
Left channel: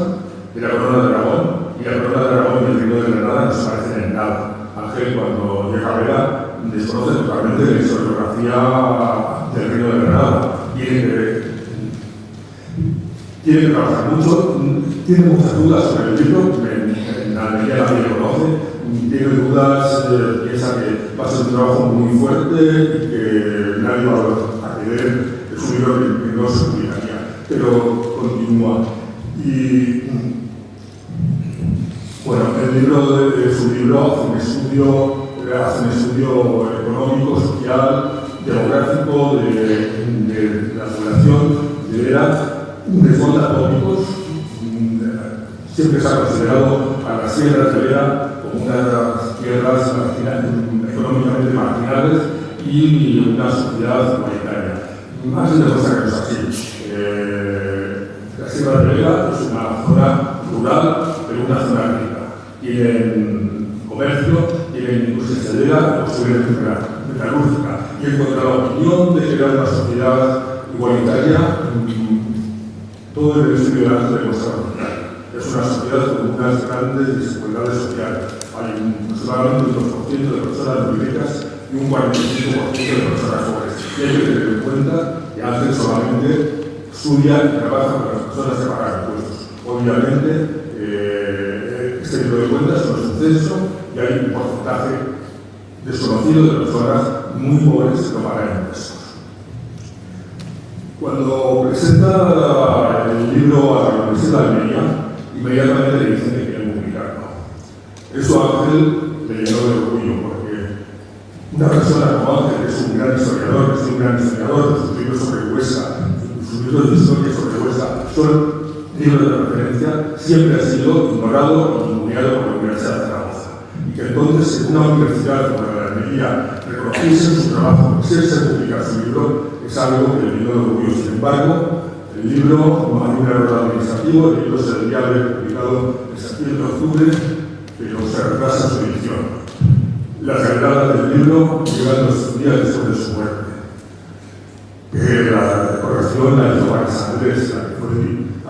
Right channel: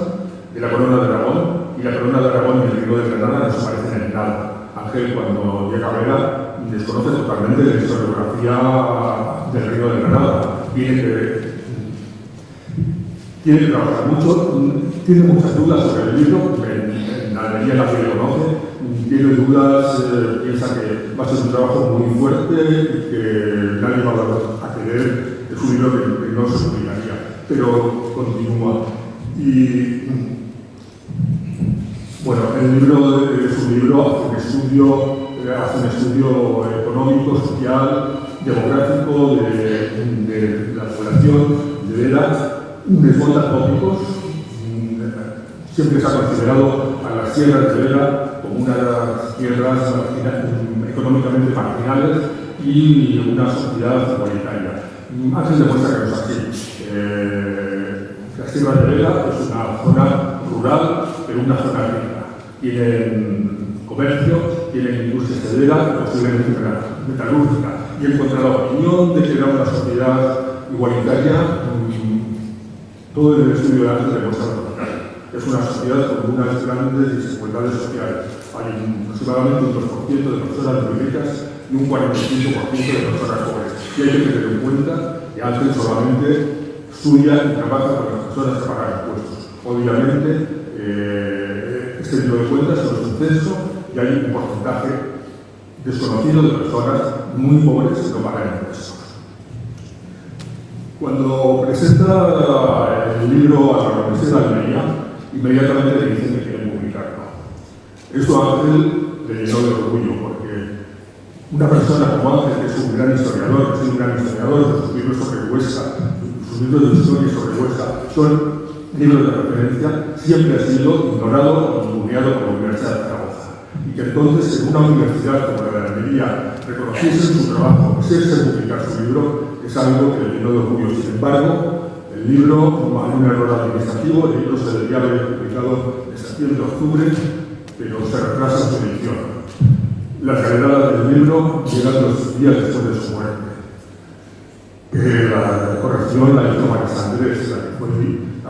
de la corona de Aragón, y la corona de Aragón y el reino de Granada no se parecen en nada. Ángel, cuando llega a Vera, desconoce totalmente la historiografía del reino de Granada. Tiene que trabajar mucho, tiene muchas dudas sobre el libro, en Almería nadie lo conoce, tiene dudas, piensa que va a ser un trabajo muy fuerte y que nadie va a querer, es un libro que no se publicaría, pero continúa. Y bueno, su libro hace un estudio económico, social, demográfico de la población de Vera, desmonta tópicos. Siempre se ha considerado a las tierras de Vera como unas tierras económicamente marginales y una sociedad igualitaria. Ángel demuestra que no es así. La Sierra de Vera es una zona rural, pero una zona rica. Tienen comercio, tienen industria cerealera, posiblemente metalúrgica. Y en contra la opinión de que era una sociedad igualitaria, todo el estudio de Ángel demuestra lo contrario. es una sociedad con unas grandes desigualdades sociales. Hay aproximadamente un 2% de personas muy ricas y un 45% de personas pobres. Y hay que tener en cuenta que Ángel solamente estudia y trabaja con las personas que pagan impuestos. Obviamente, este tipo de cuentas no es un censo y hay un porcentaje desconocido de personas muy pobres que no pagan impuestos. Cuando presenta el libro a la Universidad de Almería, inmediatamente le dicen que quieren publicarlo. Eso a Ángel le llenó de orgullo, porque una persona como Ángel, que es un gran historiador, sus libros sobre Huesca, sus libros de historia sobre Huesca, son libros de referencia, siempre ha sido ignorado o ninguneado por la Universidad de Zaragoza. Y que entonces, en una universidad como la de Almería, reconociesen su trabajo, quisiese publicar su libro, es algo que le llenó de orgullo. Sin embargo, el libro, como hay un error administrativo, el libro se debería haber publicado en septiembre-octubre, pero se retrasa su edición. Las galenadas del libro llegan 2 días después de su muerte. La corrección la hizo María Andrés, la que fue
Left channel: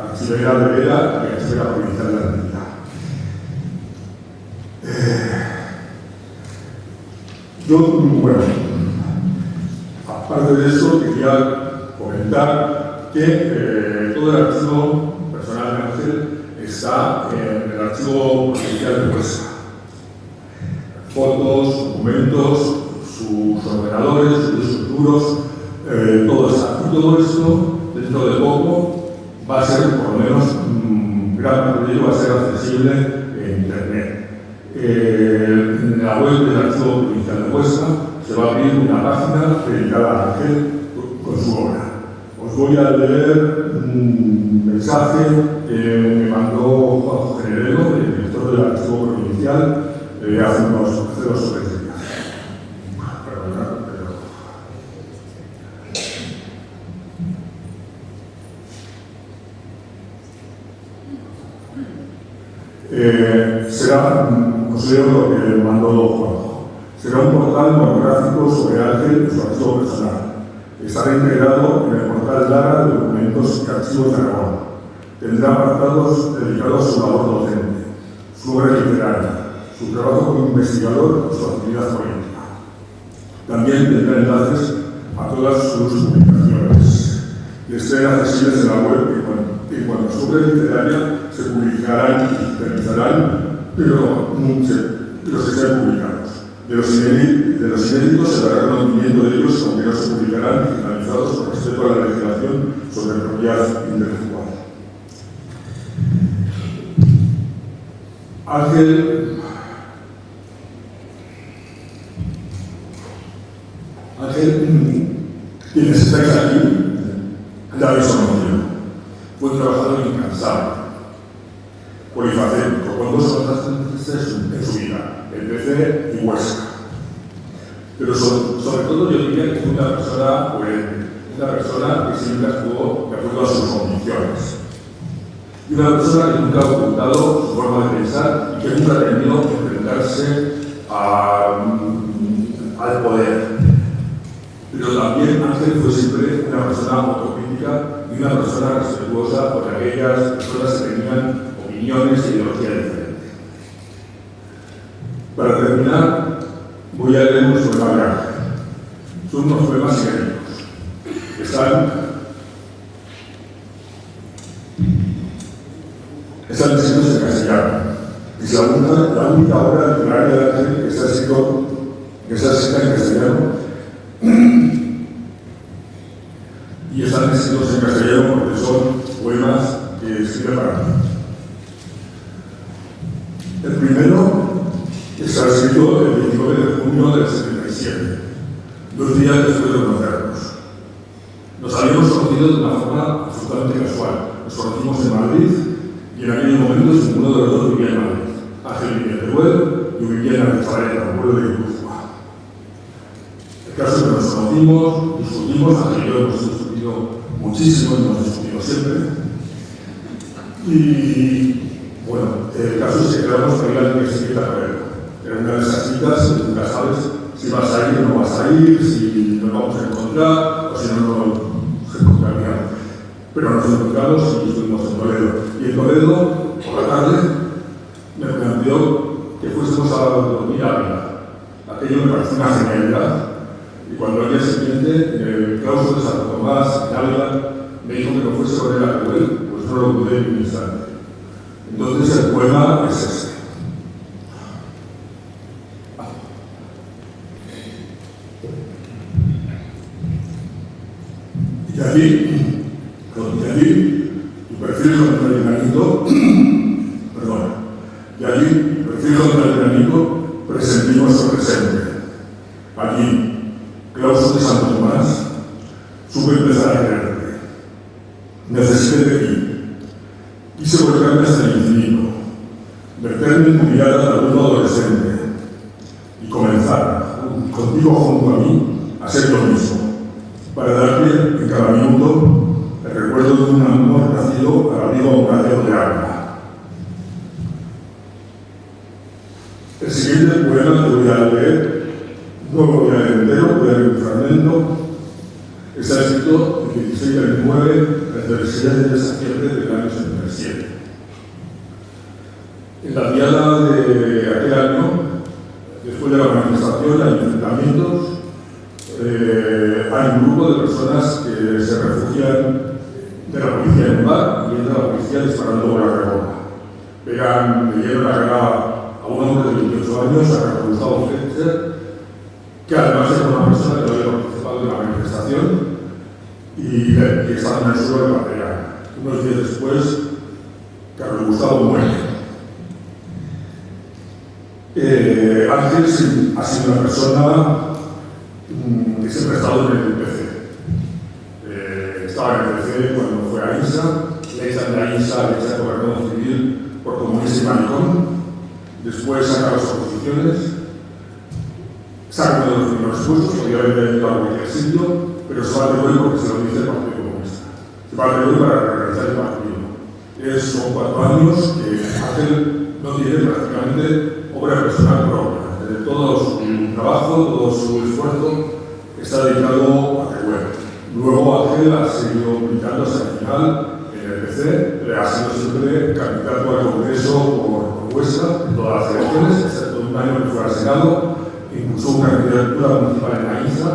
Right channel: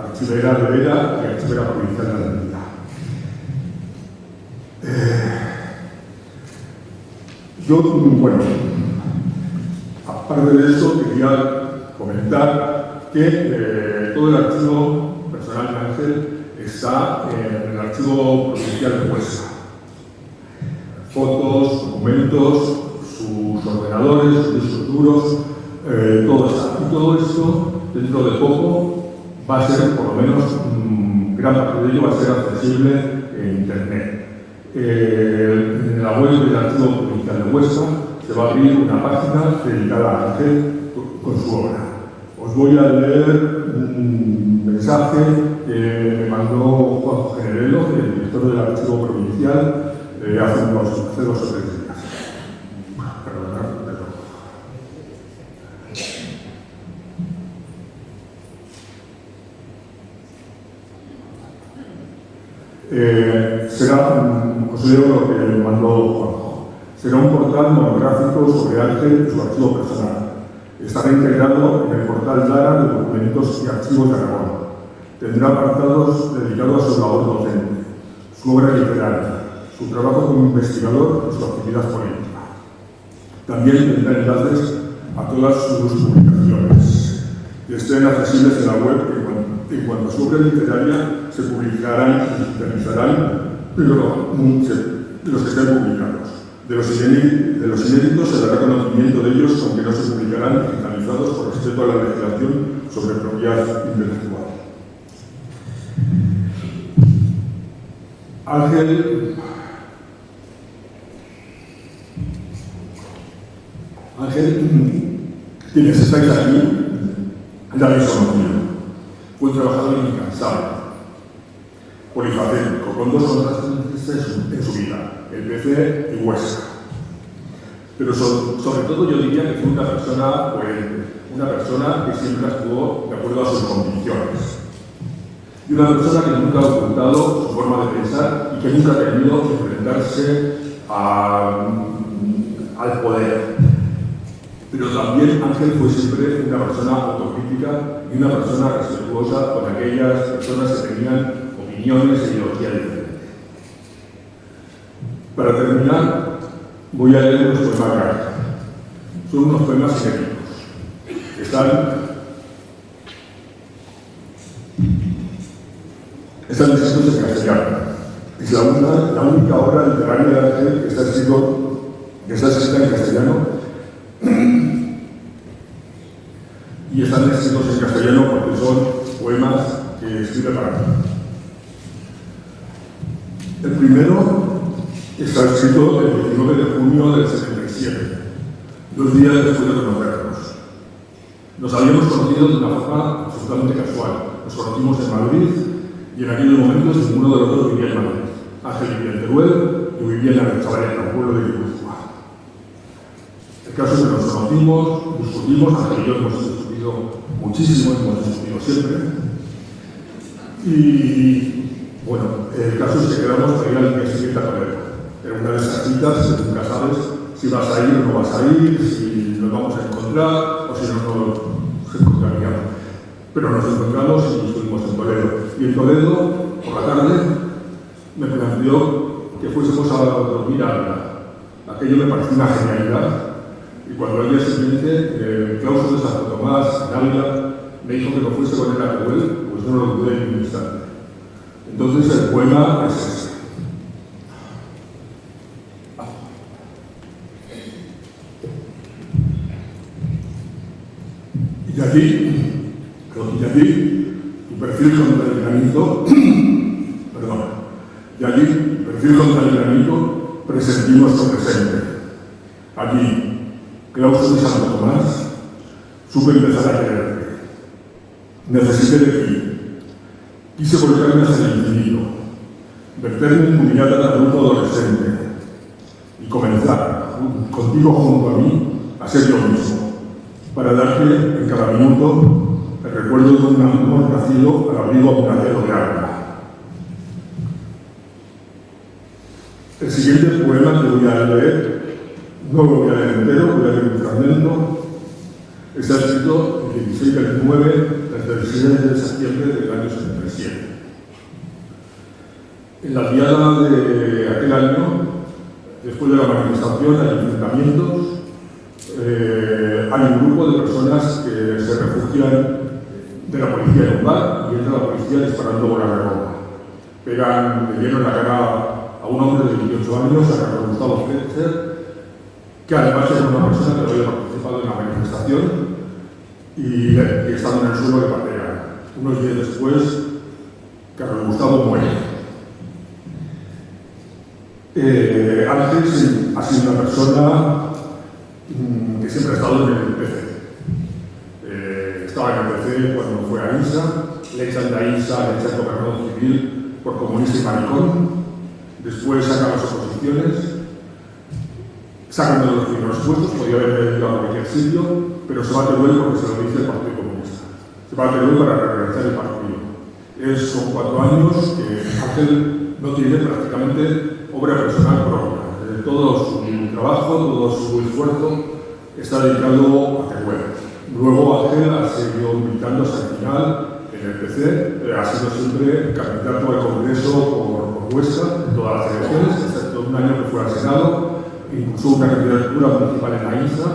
archivera de Vera y archivera provincial de Almería. Bueno, aparte de eso, quería comentar que todo el archivo personal de Ángel está en el archivo provincial de Huesca. Fotos, documentos, sus ordenadores, sus discos duros, todo está. Y todo esto, dentro de poco, va a ser, por lo menos, gran parte de ello va a ser accesible en Internet. En la web del Archivo Provincial de Huesca se va a abrir una página dedicada a Ángel con su obra. Os voy a leer un mensaje que me mandó Juan Generelo, el director del Archivo Provincial, hace 2 o 3 días. Os leo lo que le mandó Juanjo. Será un portal monográfico sobre Ángel y su archivo personal. Estará integrado en el portal Lara de documentos y archivos de Aragón. Tendrá apartados dedicados a su labor docente, su obra literaria, su trabajo como investigador y su actividad política. También tendrá enlaces a todas sus publicaciones, que estén accesibles en la web y en cuanto a su obra literaria se publicarán y digitalizarán, pero los que estén publicados. De los inéditos se dará conocimiento de ellos, aunque no se publicarán digitalizados por respeto a la legislación sobre propiedad intelectual. Ángel quienes estáis aquí, la habéis conocido. Fue un trabajador incansable, polifacético, con 2 contrastes en su vida, el PC y Huesca. Pero sobre todo yo diría que fue una persona coherente, una persona que siempre actuó de acuerdo a sus convicciones. Y una persona que nunca ha ocultado su forma de pensar y que nunca ha tenido que enfrentarse al poder. Pero también Ángel fue siempre una persona autocrítica y una persona respetuosa con aquellas personas que tenían opiniones e ideología diferentes. Para terminar, voy a leer unos poemas de Ángel. Son unos poemas inéditos. Están escritos en castellano. Es la única obra literaria de Ángel que está escrita en castellano. Y están escritos en castellano porque son poemas que escribe para mí. El primero está escrito el 29 de junio del 77, 2 días después de conocernos. Nos habíamos conocido de una forma absolutamente casual. Nos conocimos en Madrid y en aquellos momentos ninguno de los dos vivía en Madrid. Ángel vivía en Teruel, yo vivía en Arechavaleta, un pueblo de Guipúzcoa. El caso es que nos conocimos, discutimos, Ángel y yo hemos discutido muchísimo, hemos discutido siempre. Y bueno, el caso es que quedamos para ir al día siguiente a Toledo. Era una de esas citas que nunca sabes si vas a ir o no vas a ir, si nos vamos a encontrar o si no nos encontraríamos. Pero nos encontramos y estuvimos en Toledo. Y en Toledo por la tarde, me planteó que fuésemos a dormir a Ávila. Aquello me pareció una genialidad. Y cuando al día siguiente, en el claustro de Santo Tomás, en Ávila, me dijo que no fuese con él a Teruel, pues no lo dudé ni un instante. Entonces el poema es este. Y allí, tu perfil contra el enemigo, perdón, y allí, tu perfil contra el enemigo, presentí nuestro presente. Allí, claustro de Santo Tomás, supe empezar a quererte. Necesité de ti. Quise volcarme hacia el infinito, verterme en tu mirada de adulto adolescente y comenzar, contigo junto a mí, a ser yo mismo, para darte en cada minuto el recuerdo de un amor nacido al abrigo abundante de agua. El siguiente poema que voy a leer, no lo voy a leer entero, voy a leer un fragmento. Está escrito el 16 del 9 desde el 7 de septiembre del año 77. En la diada de aquel año, después de la manifestación, hay enfrentamientos, hay un grupo de personas que se refugian de la policía en un bar y entra la policía disparando bolas de goma. Le dieron la cara a un hombre de 28 años, a Carlos Gustavo Fletcher, que además era una persona que había participado en la manifestación y estaba en el suelo de patear. Unos días después, Carlos Gustavo muere. Ángel ha sido una persona que siempre ha estado en el PC. Estaba en el PC cuando fue a INSA, le echan de INSA, le echan gobernador civil por comunista y maricón. Después saca las oposiciones, sacan de los primeros puestos, podría haber ido a cualquier sitio, pero se va a Teruel porque se lo dice el Partido Comunista. Se va a Teruel para reorganizar el partido. Son 4 años que Ángel no tiene prácticamente obra personal propia. Todo su trabajo, todo su esfuerzo está dedicado a Teruel. Luego Ángel ha seguido militando hasta el final en el PC, ha sido siempre candidato al Congreso por Huesca en todas las elecciones, excepto un año que fue al Senado, impulsó una candidatura municipal en la INSA,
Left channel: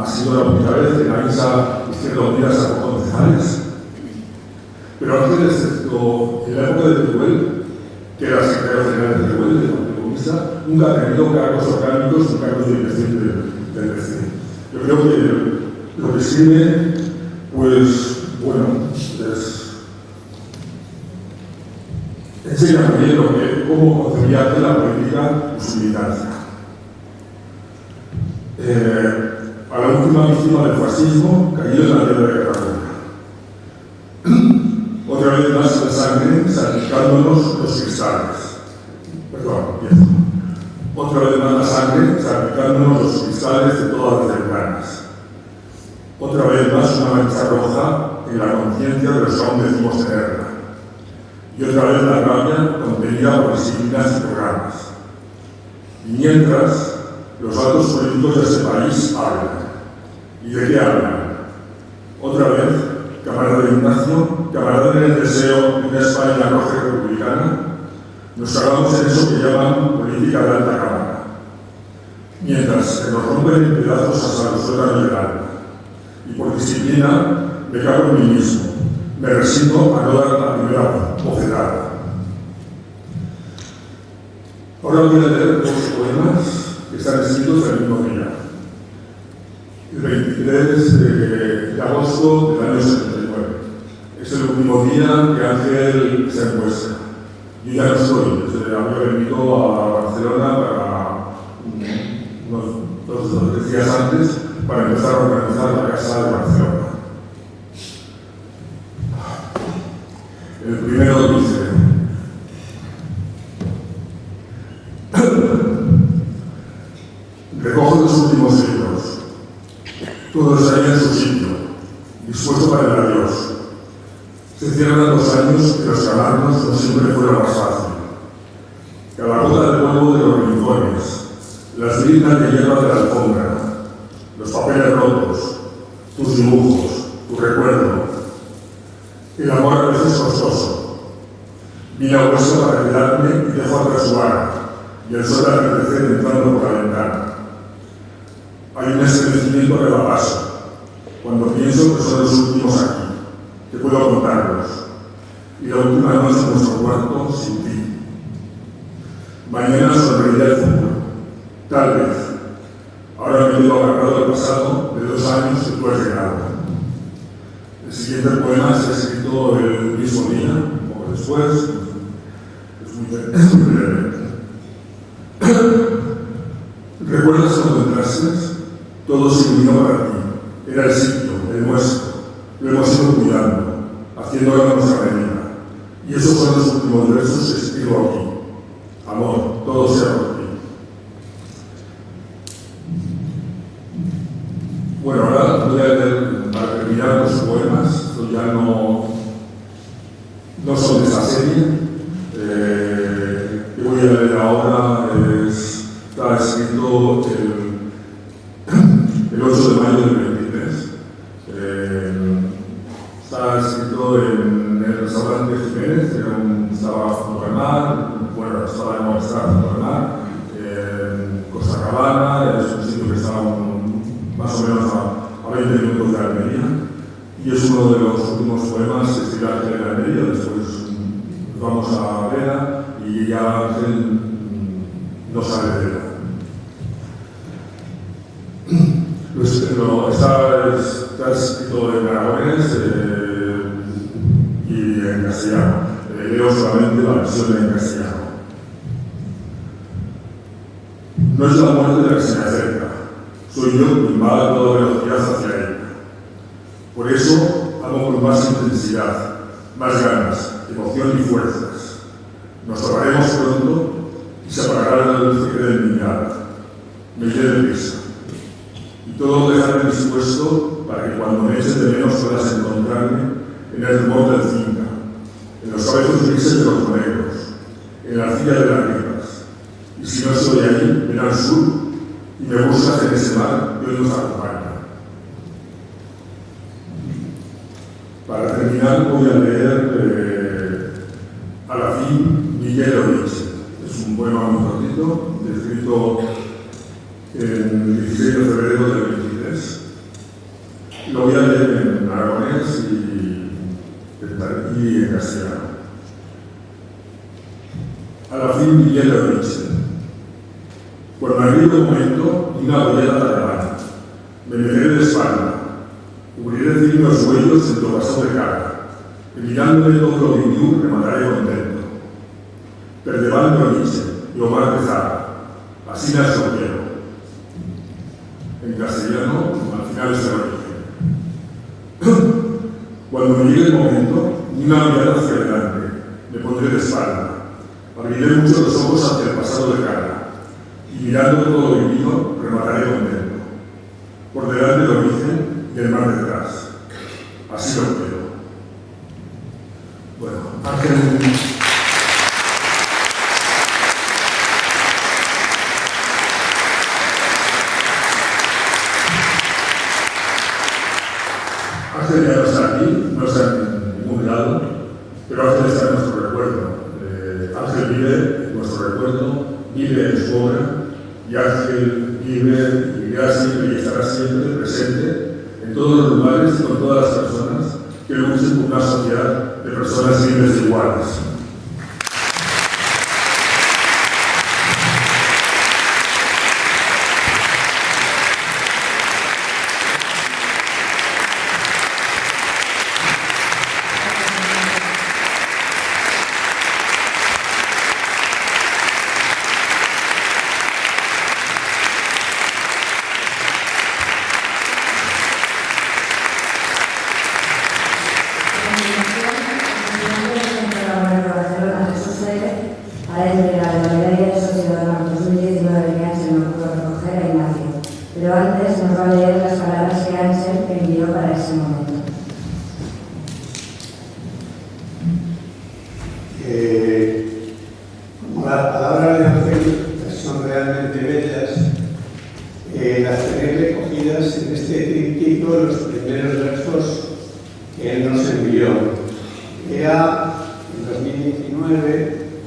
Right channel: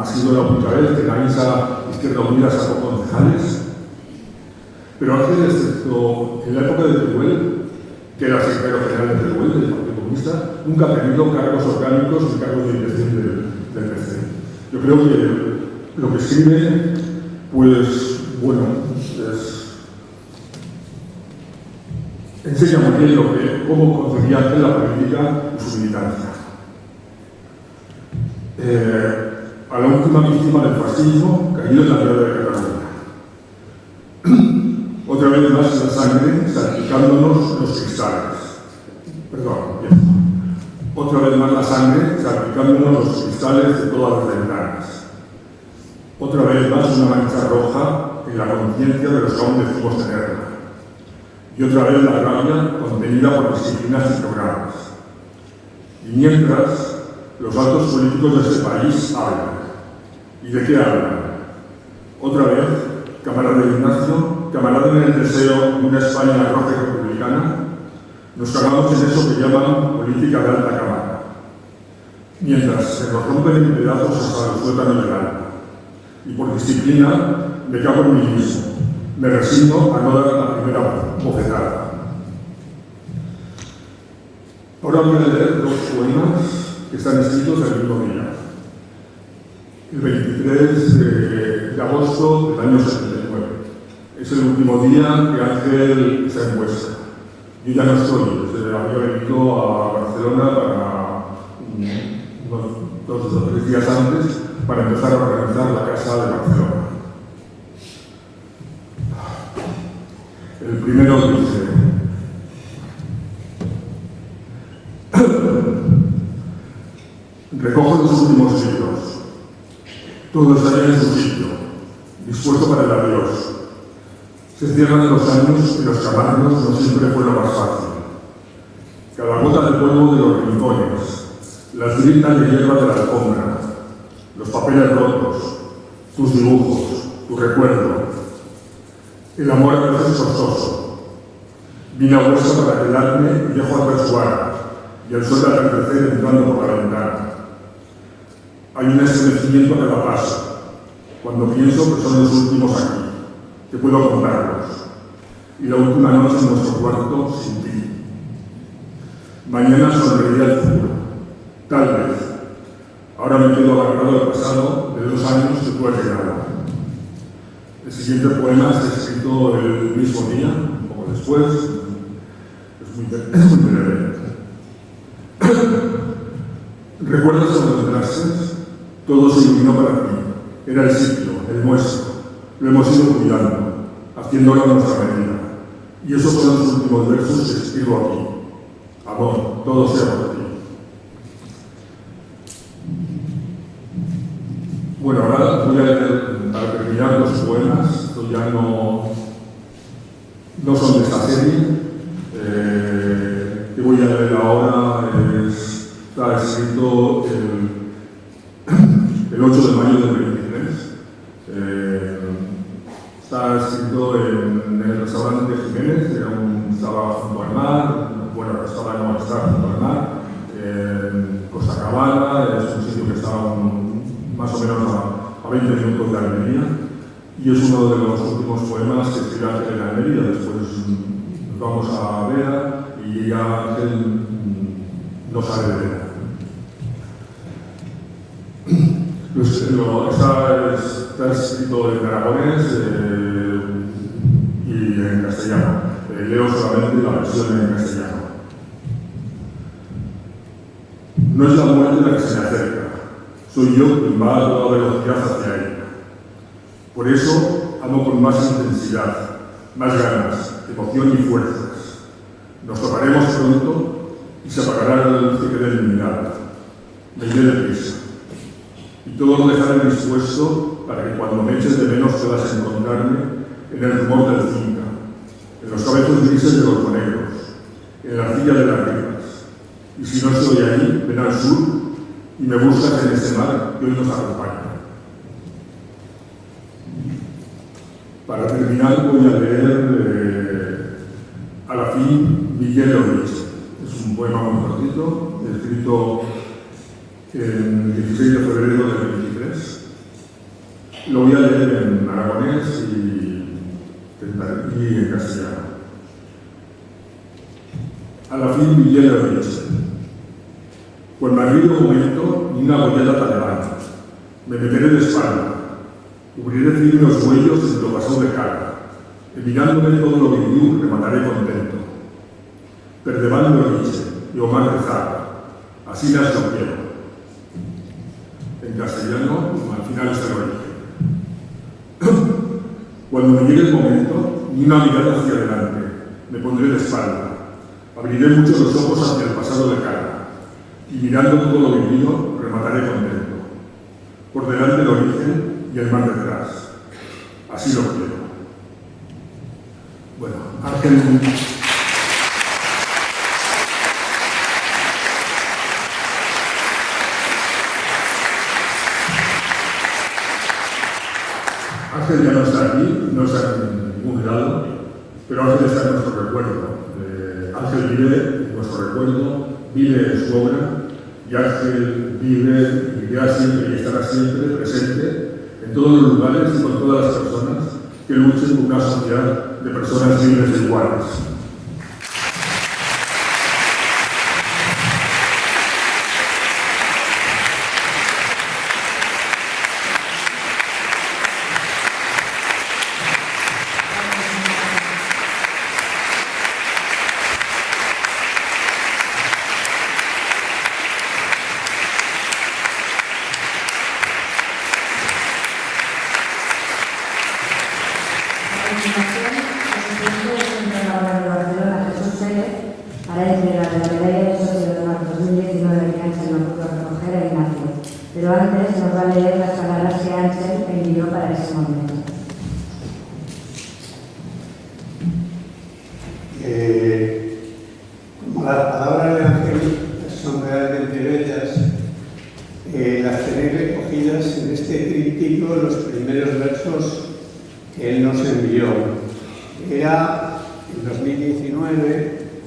ha sido la única vez que en la INSA Izquierda Unida sacó concejales. Pero Ángel, excepto en la época de Teruel, que era secretario general de Teruel, del Partido Comunista, nunca ha tenido cargos orgánicos ni cargos de dirección del PC. Yo creo que lo que escribe, pues, bueno, enseña muy bien cómo concebía Ángel la política y su militancia. A la última víctima del fascismo cayó en la guerra de Cataluña. Otra vez más la sangre salpicándonos los cristales. Perdón, empiezo. Otra vez más la sangre salpicándonos los cristales de todas las ventanas. Otra vez más una mancha roja en la conciencia de los que aún decimos tenerla. Y otra vez la rabia contenida por disciplinas y programas. Y mientras, los altos políticos de este país hablan. ¿Y de qué hablan? Otra vez, camarada Ignacio, camarada en el deseo de una España roja y republicana, nos cagamos en eso que llaman política de alta cámara. Mientras se nos rompen en pedazos hasta el sótano del alma. Y por disciplina, me cago en mí mismo. Me resigno a no dar la primera bofetada. Ahora voy a leer 2 poemas que están escritos el mismo día. El 23 de agosto del año 79. Es el último día que Ángel se encuesta. Yo ya no estoy, había venido a Barcelona para unos 2 o 3 días antes para empezar a organizar la Casa de Barcelona. El primero dice: recojo los últimos libros. Todo estaría en su sitio, dispuesto para el adiós. Se cierran los años y los calarnos no siempre fue lo más fácil. Cada gota del polvo de los rincones, las gritas de hierba de la alfombra, los papeles rotos, tus dibujos, tu recuerdo. El amor a veces costoso. Vine a Huesca para quedarme y dejo atrás su vara y el sol de atardecer entrando por la ventana. Hay un estremecimiento que da paso, cuando pienso que son los últimos aquí, que puedo contarlos, y la última noche en nuestro cuarto sin ti. Mañana sonreirá el futuro, tal vez. Ahora me quedo agarrado al pasado de 2 años que tú has llegado. El siguiente poema está escrito el mismo día, un poco después. Es muy breve. ¿Recuerdas cuando entraste? Todo se iluminó para ti. Era el sitio, el nuestro. Lo hemos ido cuidando, haciéndolo a nuestra medida. Y esos son los últimos versos que escribo aquí. Amor, todo sea por ti. Bueno, ahora voy a leer, para terminar, los poemas. Estos ya no son de esta serie. Que voy a leer ahora está escrito el 8 de mayo del 23. Está escrito en el restaurante Jiménez, que estaba junto al mar, bueno, estaba junto al mar, en Costa Cabana, es un sitio que estaba más o menos a 20 minutos de Almería, y es uno de los últimos poemas que escribe Ángel en Almería. Después nos vamos a Vera y ya Ángel no sale de Vera. Está escrito en aragonés y en castellano. Leo solamente la versión en castellano. No es la muerte la que se me acerca, soy yo quien va a toda velocidad hacia ella. Por eso amo con más intensidad, más ganas, emoción y fuerzas. Nos tocaremos pronto y se apagará la luz que quede en mi mirada. Me iré deprisa. Y todo lo dejaré dispuesto para que cuando me eches de menos puedas encontrarme en el rumor del finca, en los cabezos grises de los monegros, en la arcilla de las ribas. Y si no estoy ahí, ven al sur y me buscas en ese mar que hoy nos acompaña. Para terminar voy a leer a la fin Miguel Oriche. Es un poema muy cortito, escrito el 16 de febrero del 23. Lo voy a leer en aragonés y en castellano. A la fin Miguel Oriche. Por marrillo momento y una bollera talibana. Me meteré de espalda. Cubriré firme los huellos en tu pasado de cara. Y mirándome todo lo que viu, remataré contento. Perdeván Oriche y Omar Pezara. Así las lo quiero. En castellano, al final se lo dije. Cuando me llegue el momento, ni una mirada hacia adelante, me pondré de espalda. Abriré mucho los ojos hacia el pasado de cara. Y mirando todo lo vivido, remataré contento. Por delante el origen y el mar detrás. Así lo quiero. Bueno, Ángel ya no está aquí, no está en ningún lado, pero Ángel está en nuestro recuerdo. Ángel vive en nuestro recuerdo, vive en su obra, y Ángel vive y vivirá siempre y estará siempre presente en todos los lugares y con todas las personas que luchen por una sociedad de personas libres e iguales.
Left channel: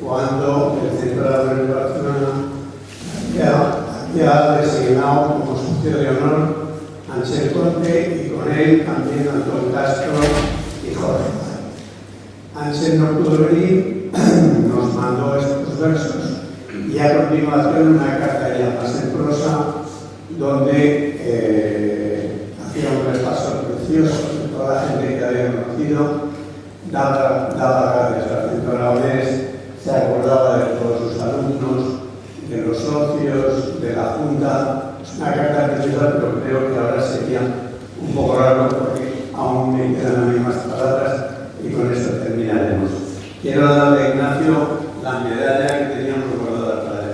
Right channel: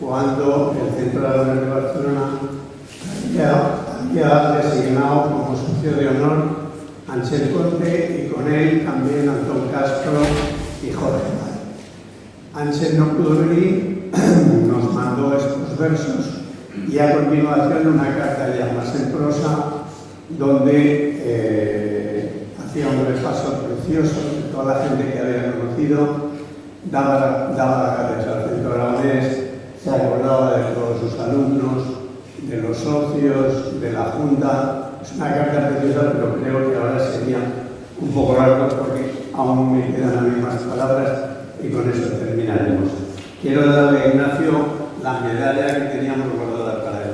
cuando el Centro Aragonés de Barcelona había designado como socio de honor a Ángel Conte y con él también Antón Castro y Jorge Mar. Ángel no pudo venir, nos mandó estos versos y a continuación una carta ya más en prosa donde hacía un repaso precioso de toda la gente que había conocido, daba gracias al Centro Aragonés, se acordaba de todos sus alumnos, de los socios, de la Junta. Es una carta preciosa, pero creo que ahora sería un poco largo porque aún me quedan las mismas palabras y con eso terminaremos. Quiero darle a Ignacio la medalla que teníamos guardada para él.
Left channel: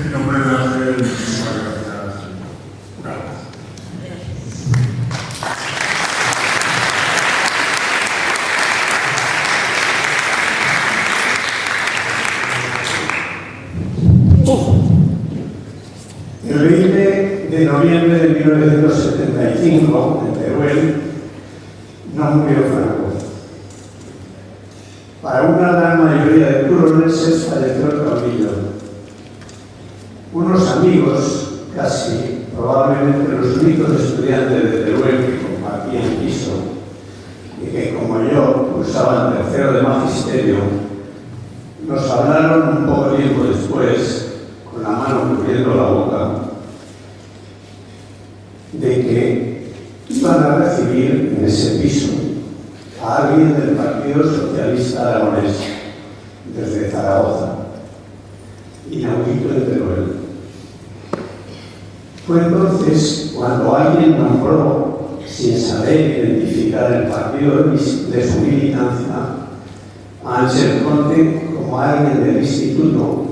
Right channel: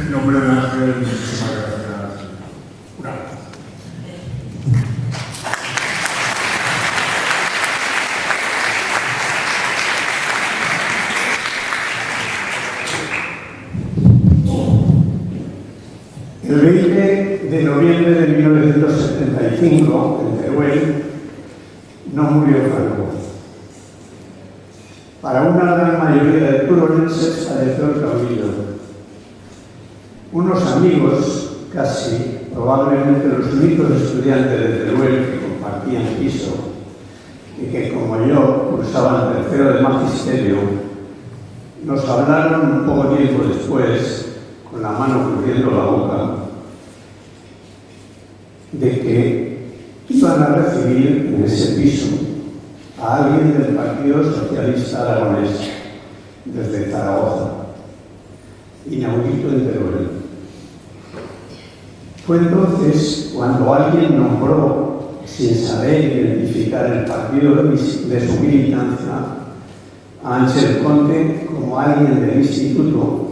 En nombre de Ángel, muchísimas gracias. Una vez. El 20 de noviembre de 1975, en Teruel, no murió Franco. Para una gran mayoría de turolenses falleció el caudillo. Unos amigos, casi probablemente los únicos estudiantes de Teruel que compartían piso y que, como yo, cursaban tercero de magisterio, nos hablaron un poco tiempo después, con la mano cubriendo la boca, de que iban a recibir en ese piso a alguien del Partido Socialista Aragonés, desde Zaragoza, inaudito en Teruel. Fue entonces cuando alguien nombró, sin saber identificar el partido de su militancia, a Ángel Conte como alguien del instituto,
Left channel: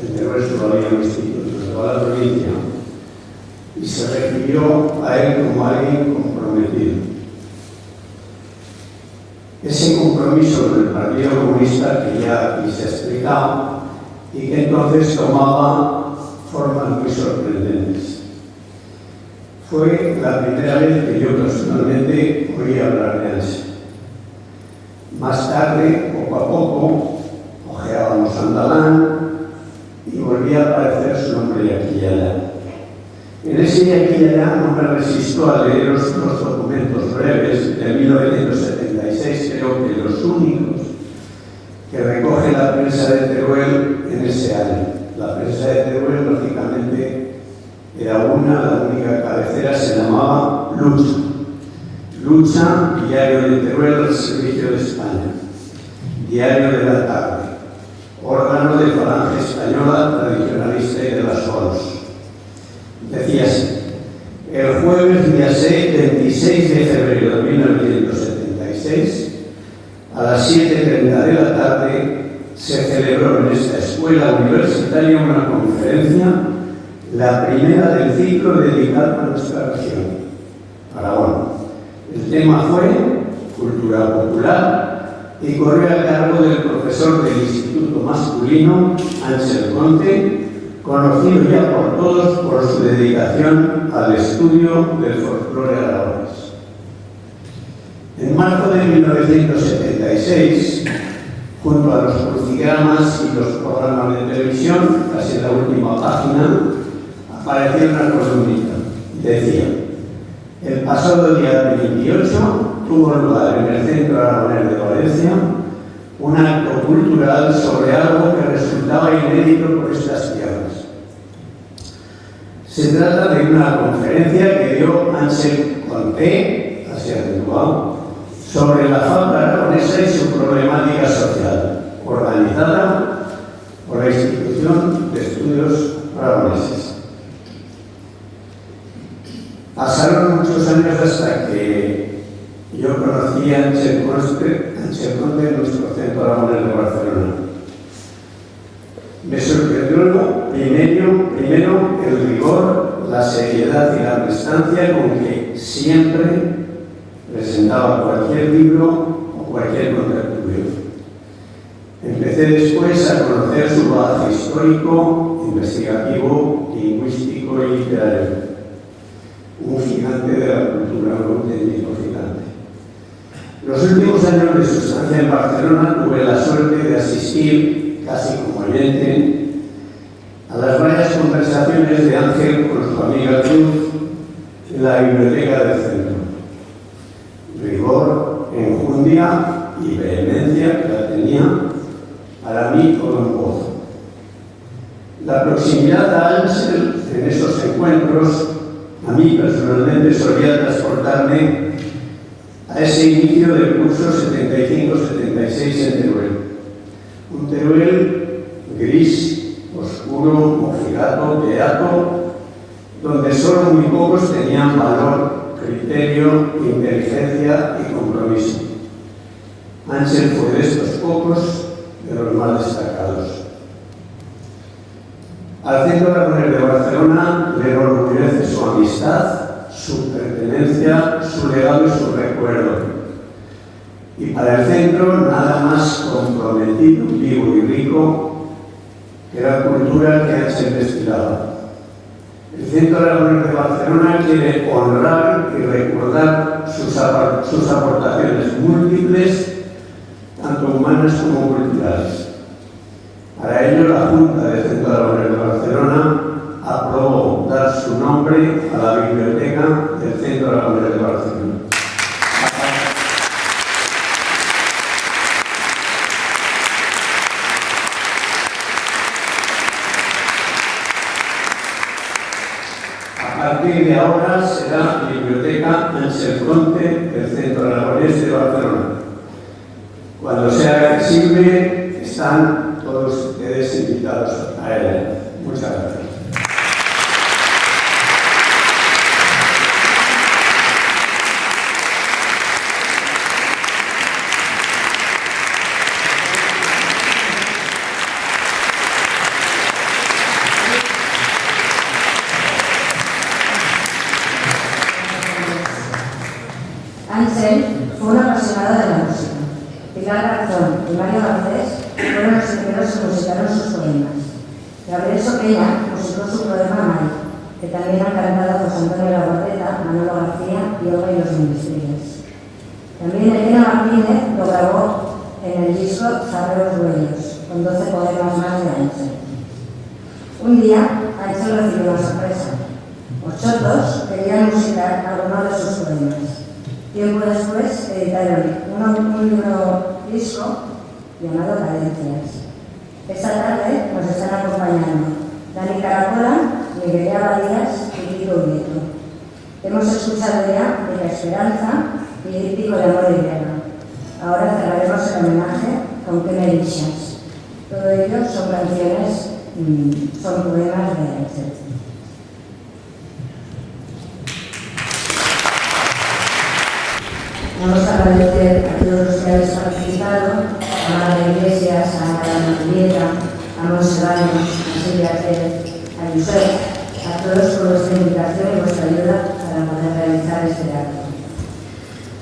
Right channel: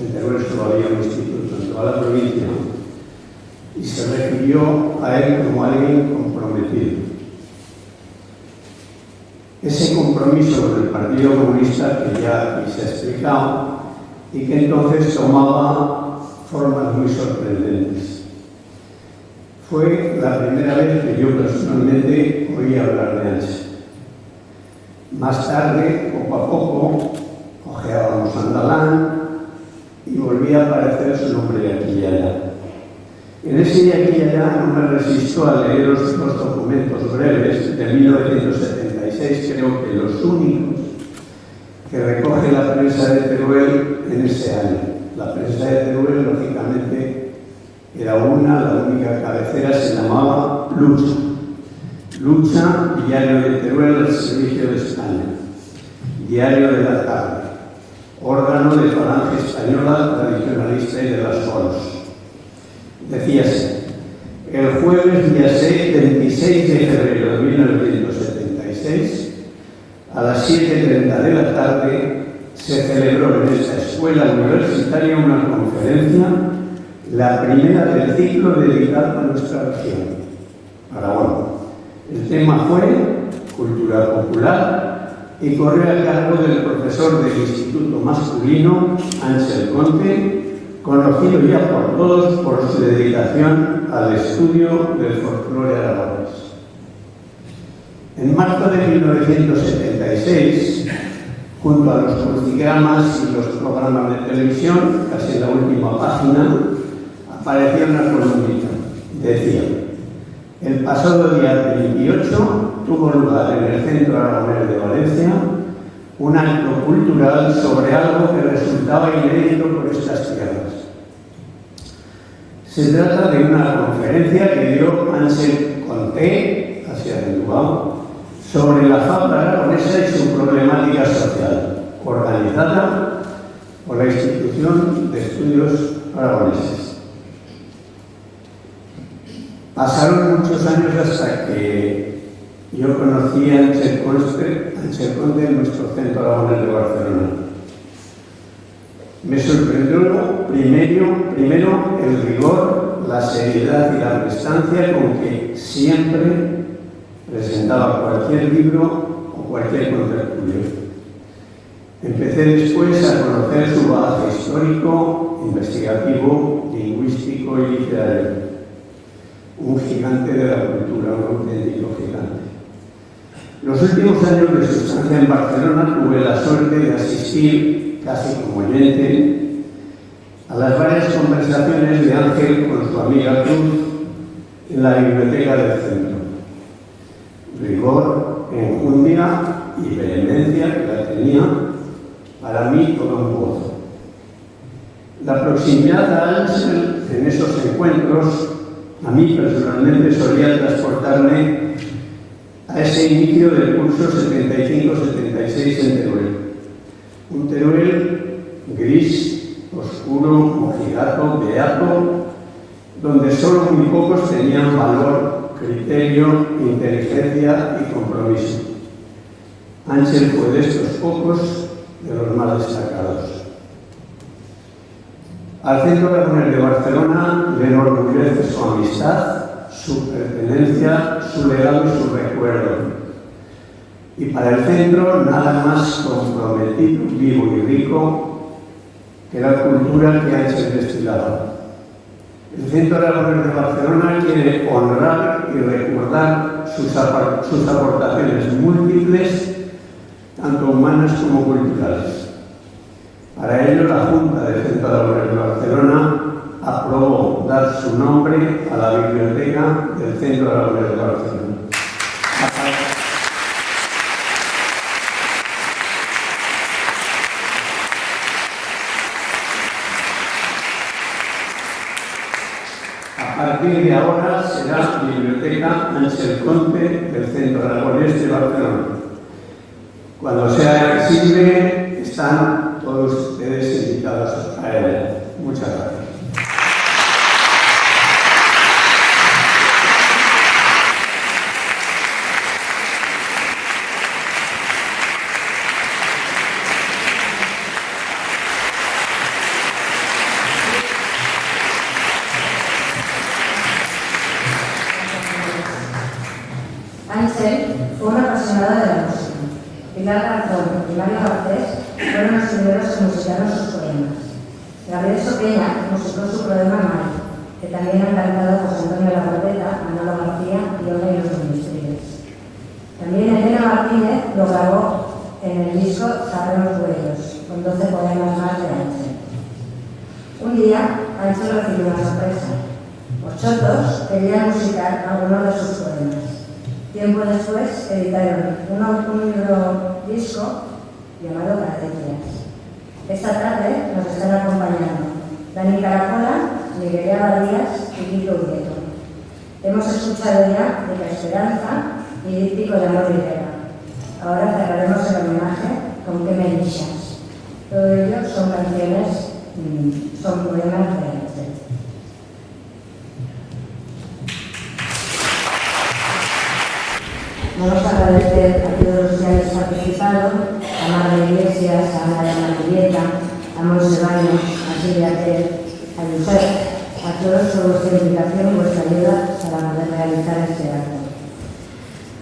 en Teruel solo había un instituto en toda la provincia, y se refirió a él como alguien comprometido. Ese compromiso con el Partido Comunista que ya aquí se ha explicado y que entonces tomaba formas muy sorprendentes. Fue la primera vez que yo personalmente oí hablar de Ángel. Más tarde, poco a poco, ojeábamos Andalán y volvía a aparecer su nombre de aquí y allá. En ese de aquí y allá no me resisto a leer los documentos breves de 1976, creo que los únicos que recoge la prensa de Teruel en ese año. La prensa de Teruel, lógicamente, era la única cabecera se llamaba Lucha. Lucha, Diario de Teruel del Servicio de España. Diario de la Tarde. Órgano de Falange Española Tradicionalista y de las Solos. Decíase, el jueves día 26 de febrero de 1976, a las 7:30 de la tarde, se celebró en esta escuela universitaria una conferencia, la primera del ciclo dedicado a nuestra región, Aragón. El tema fue Cultura Popular y corrió a cargo del profesor del Instituto Masculino, Ángel Conte, conocido ya por todos por su dedicación al estudio del folclore aragonés. En marzo de 1976, junto a los crucigramas y los programas de televisión, casi en la última página, apareció una columnita. Decía, el pasado día 28 tuvo lugar en el Centro Aragonés de Valencia un acto cultural sobre algo que resultaba inédito por estas tierras. Se trata de una conferencia que dio Ángel Conte, hacia el Bilbao, sobre la falta aragonesa y su problemática social, organizada por la Institución de Estudios Aragoneses. Pasaron muchos años hasta que yo conocí a Ángel Conde, en nuestro Centro Aragonés de Barcelona. Me sorprendió primero el rigor, la seriedad y la prestancia con que siempre presentaba cualquier libro o cualquier contertulio. Empecé después a conocer su bagaje histórico, investigativo, lingüístico y literario. Un gigante de la cultura, un auténtico gigante. Los últimos años de su estancia en Barcelona tuve la suerte de asistir, casi como oyente, a las varias conversaciones de Ángel con su amiga Cruz en la biblioteca del centro. Rigor, enjundia y vehemencia que la tenía para mí todo un gozo. La proximidad a Ángel en esos encuentros a mí personalmente solía transportarme a ese inicio del curso 75-76 en Teruel. Un Teruel gris, oscuro, mojigato, beato, donde solo muy pocos tenían valor, criterio, inteligencia y compromiso. Ángel fue de estos pocos, de los más destacados. Al Centro Aragonés de Barcelona le enorgullece su amistad, su pertenencia, su legado y su recuerdo. Y para el centro nada más comprometido, vivo y rico que la cultura que Ángel destilaba. El Centro Aragonés de Barcelona quiere honrar y recordar sus aportaciones múltiples, tanto humanas como culturales. Para ello, la Junta del Centro Aragonés de Barcelona aprobó dar su nombre a la biblioteca del Centro Aragonés de Barcelona. A partir de ahora será Biblioteca Ángel Conde del Centro Aragonés de Barcelona. Cuando sea accesible, están todos ustedes invitados a él. Muchas gracias. Ángel fue una apasionada de la música. Pilar Garzón y Mario Garcés fueron los primeros que musicaron sus poemas. Gabriel Soqueña musicó su poema Mar, que también han cantado José Antonio Labordeta, Manolo García y Olga y los Ministriles. También Elena Martínez lo grabó en el disco Zarreros Dueños, con 12 poemas más de Ángel. Un día, Ángel recibió una sorpresa. Los chotos querían musicar algunos de sus poemas. Tiempo después editaron un libro disco llamado Cadencias. Esta tarde nos están acompañando Dani Caracola, Miguel Abadías y Kiko Nieto. Hemos escuchado ya de La Esperanza y Díptico de Amor y Guerra. Ahora cerraremos el homenaje con Que me dixas. Todo ello son canciones, son poemas de Ángel. Vamos a agradecer a todos los que habéis participado, a María Iglesias, a Ana Julieta, a Monse Baños, a Silvia Ter, a Josep, a todos por vuestra invitación y vuestra ayuda para poder realizar este acto.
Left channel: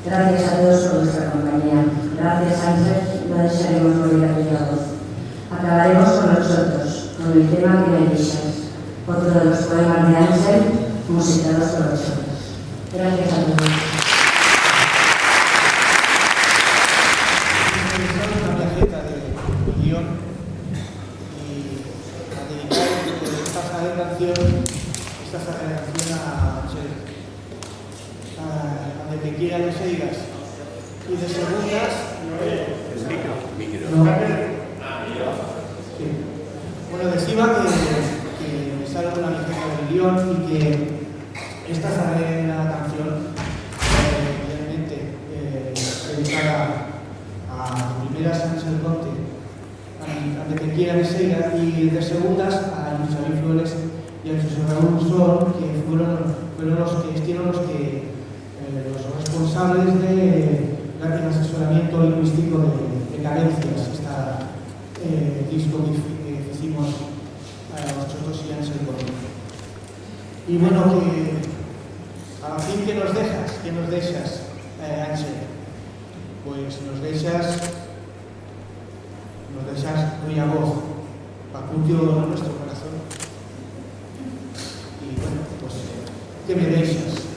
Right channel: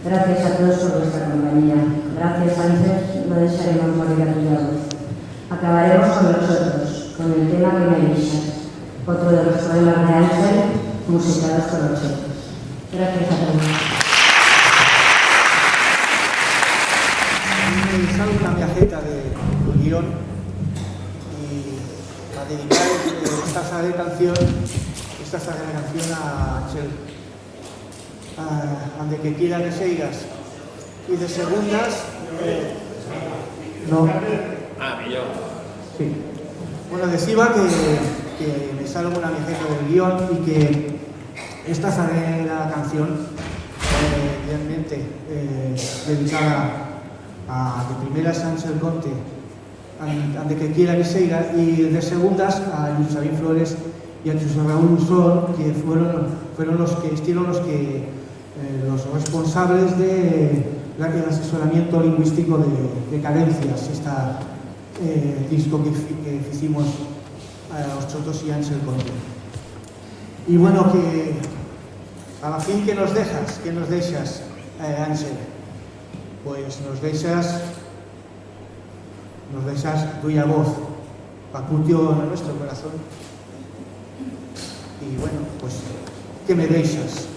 Gracias a todos por vuestra compañía. Gracias, Ángel, no desearemos morir a tu lado. Acabaremos con los chotos, con el tema Que me dixas, otro de los poemas de Ángel musicados por los chotos. Gracias a todos. Una viajeta de guión y a dedicar esta saga de canción a Ángel, donde que quiera que seigas. Y de segundas, no. Sí. Bueno, decía que me sale una viajeta del guión y que esta saga de la canción, realmente dedicada de primeras a Ángel Conde, ante que quiera que seiga, y de segundas a Luis Xavier Flores y a José Raúl Usón, que fueron los que estuvieron los responsables de gracias al asesoramiento lingüístico de Cadencias, disco que hicimos nosotros y Ángel conmigo. Y bueno, que a la fin que nos dejas, Ángel, pues nos dejas tuya voz, Pacutio en nuestro corazón. Y bueno, pues, ¿qué me dejas?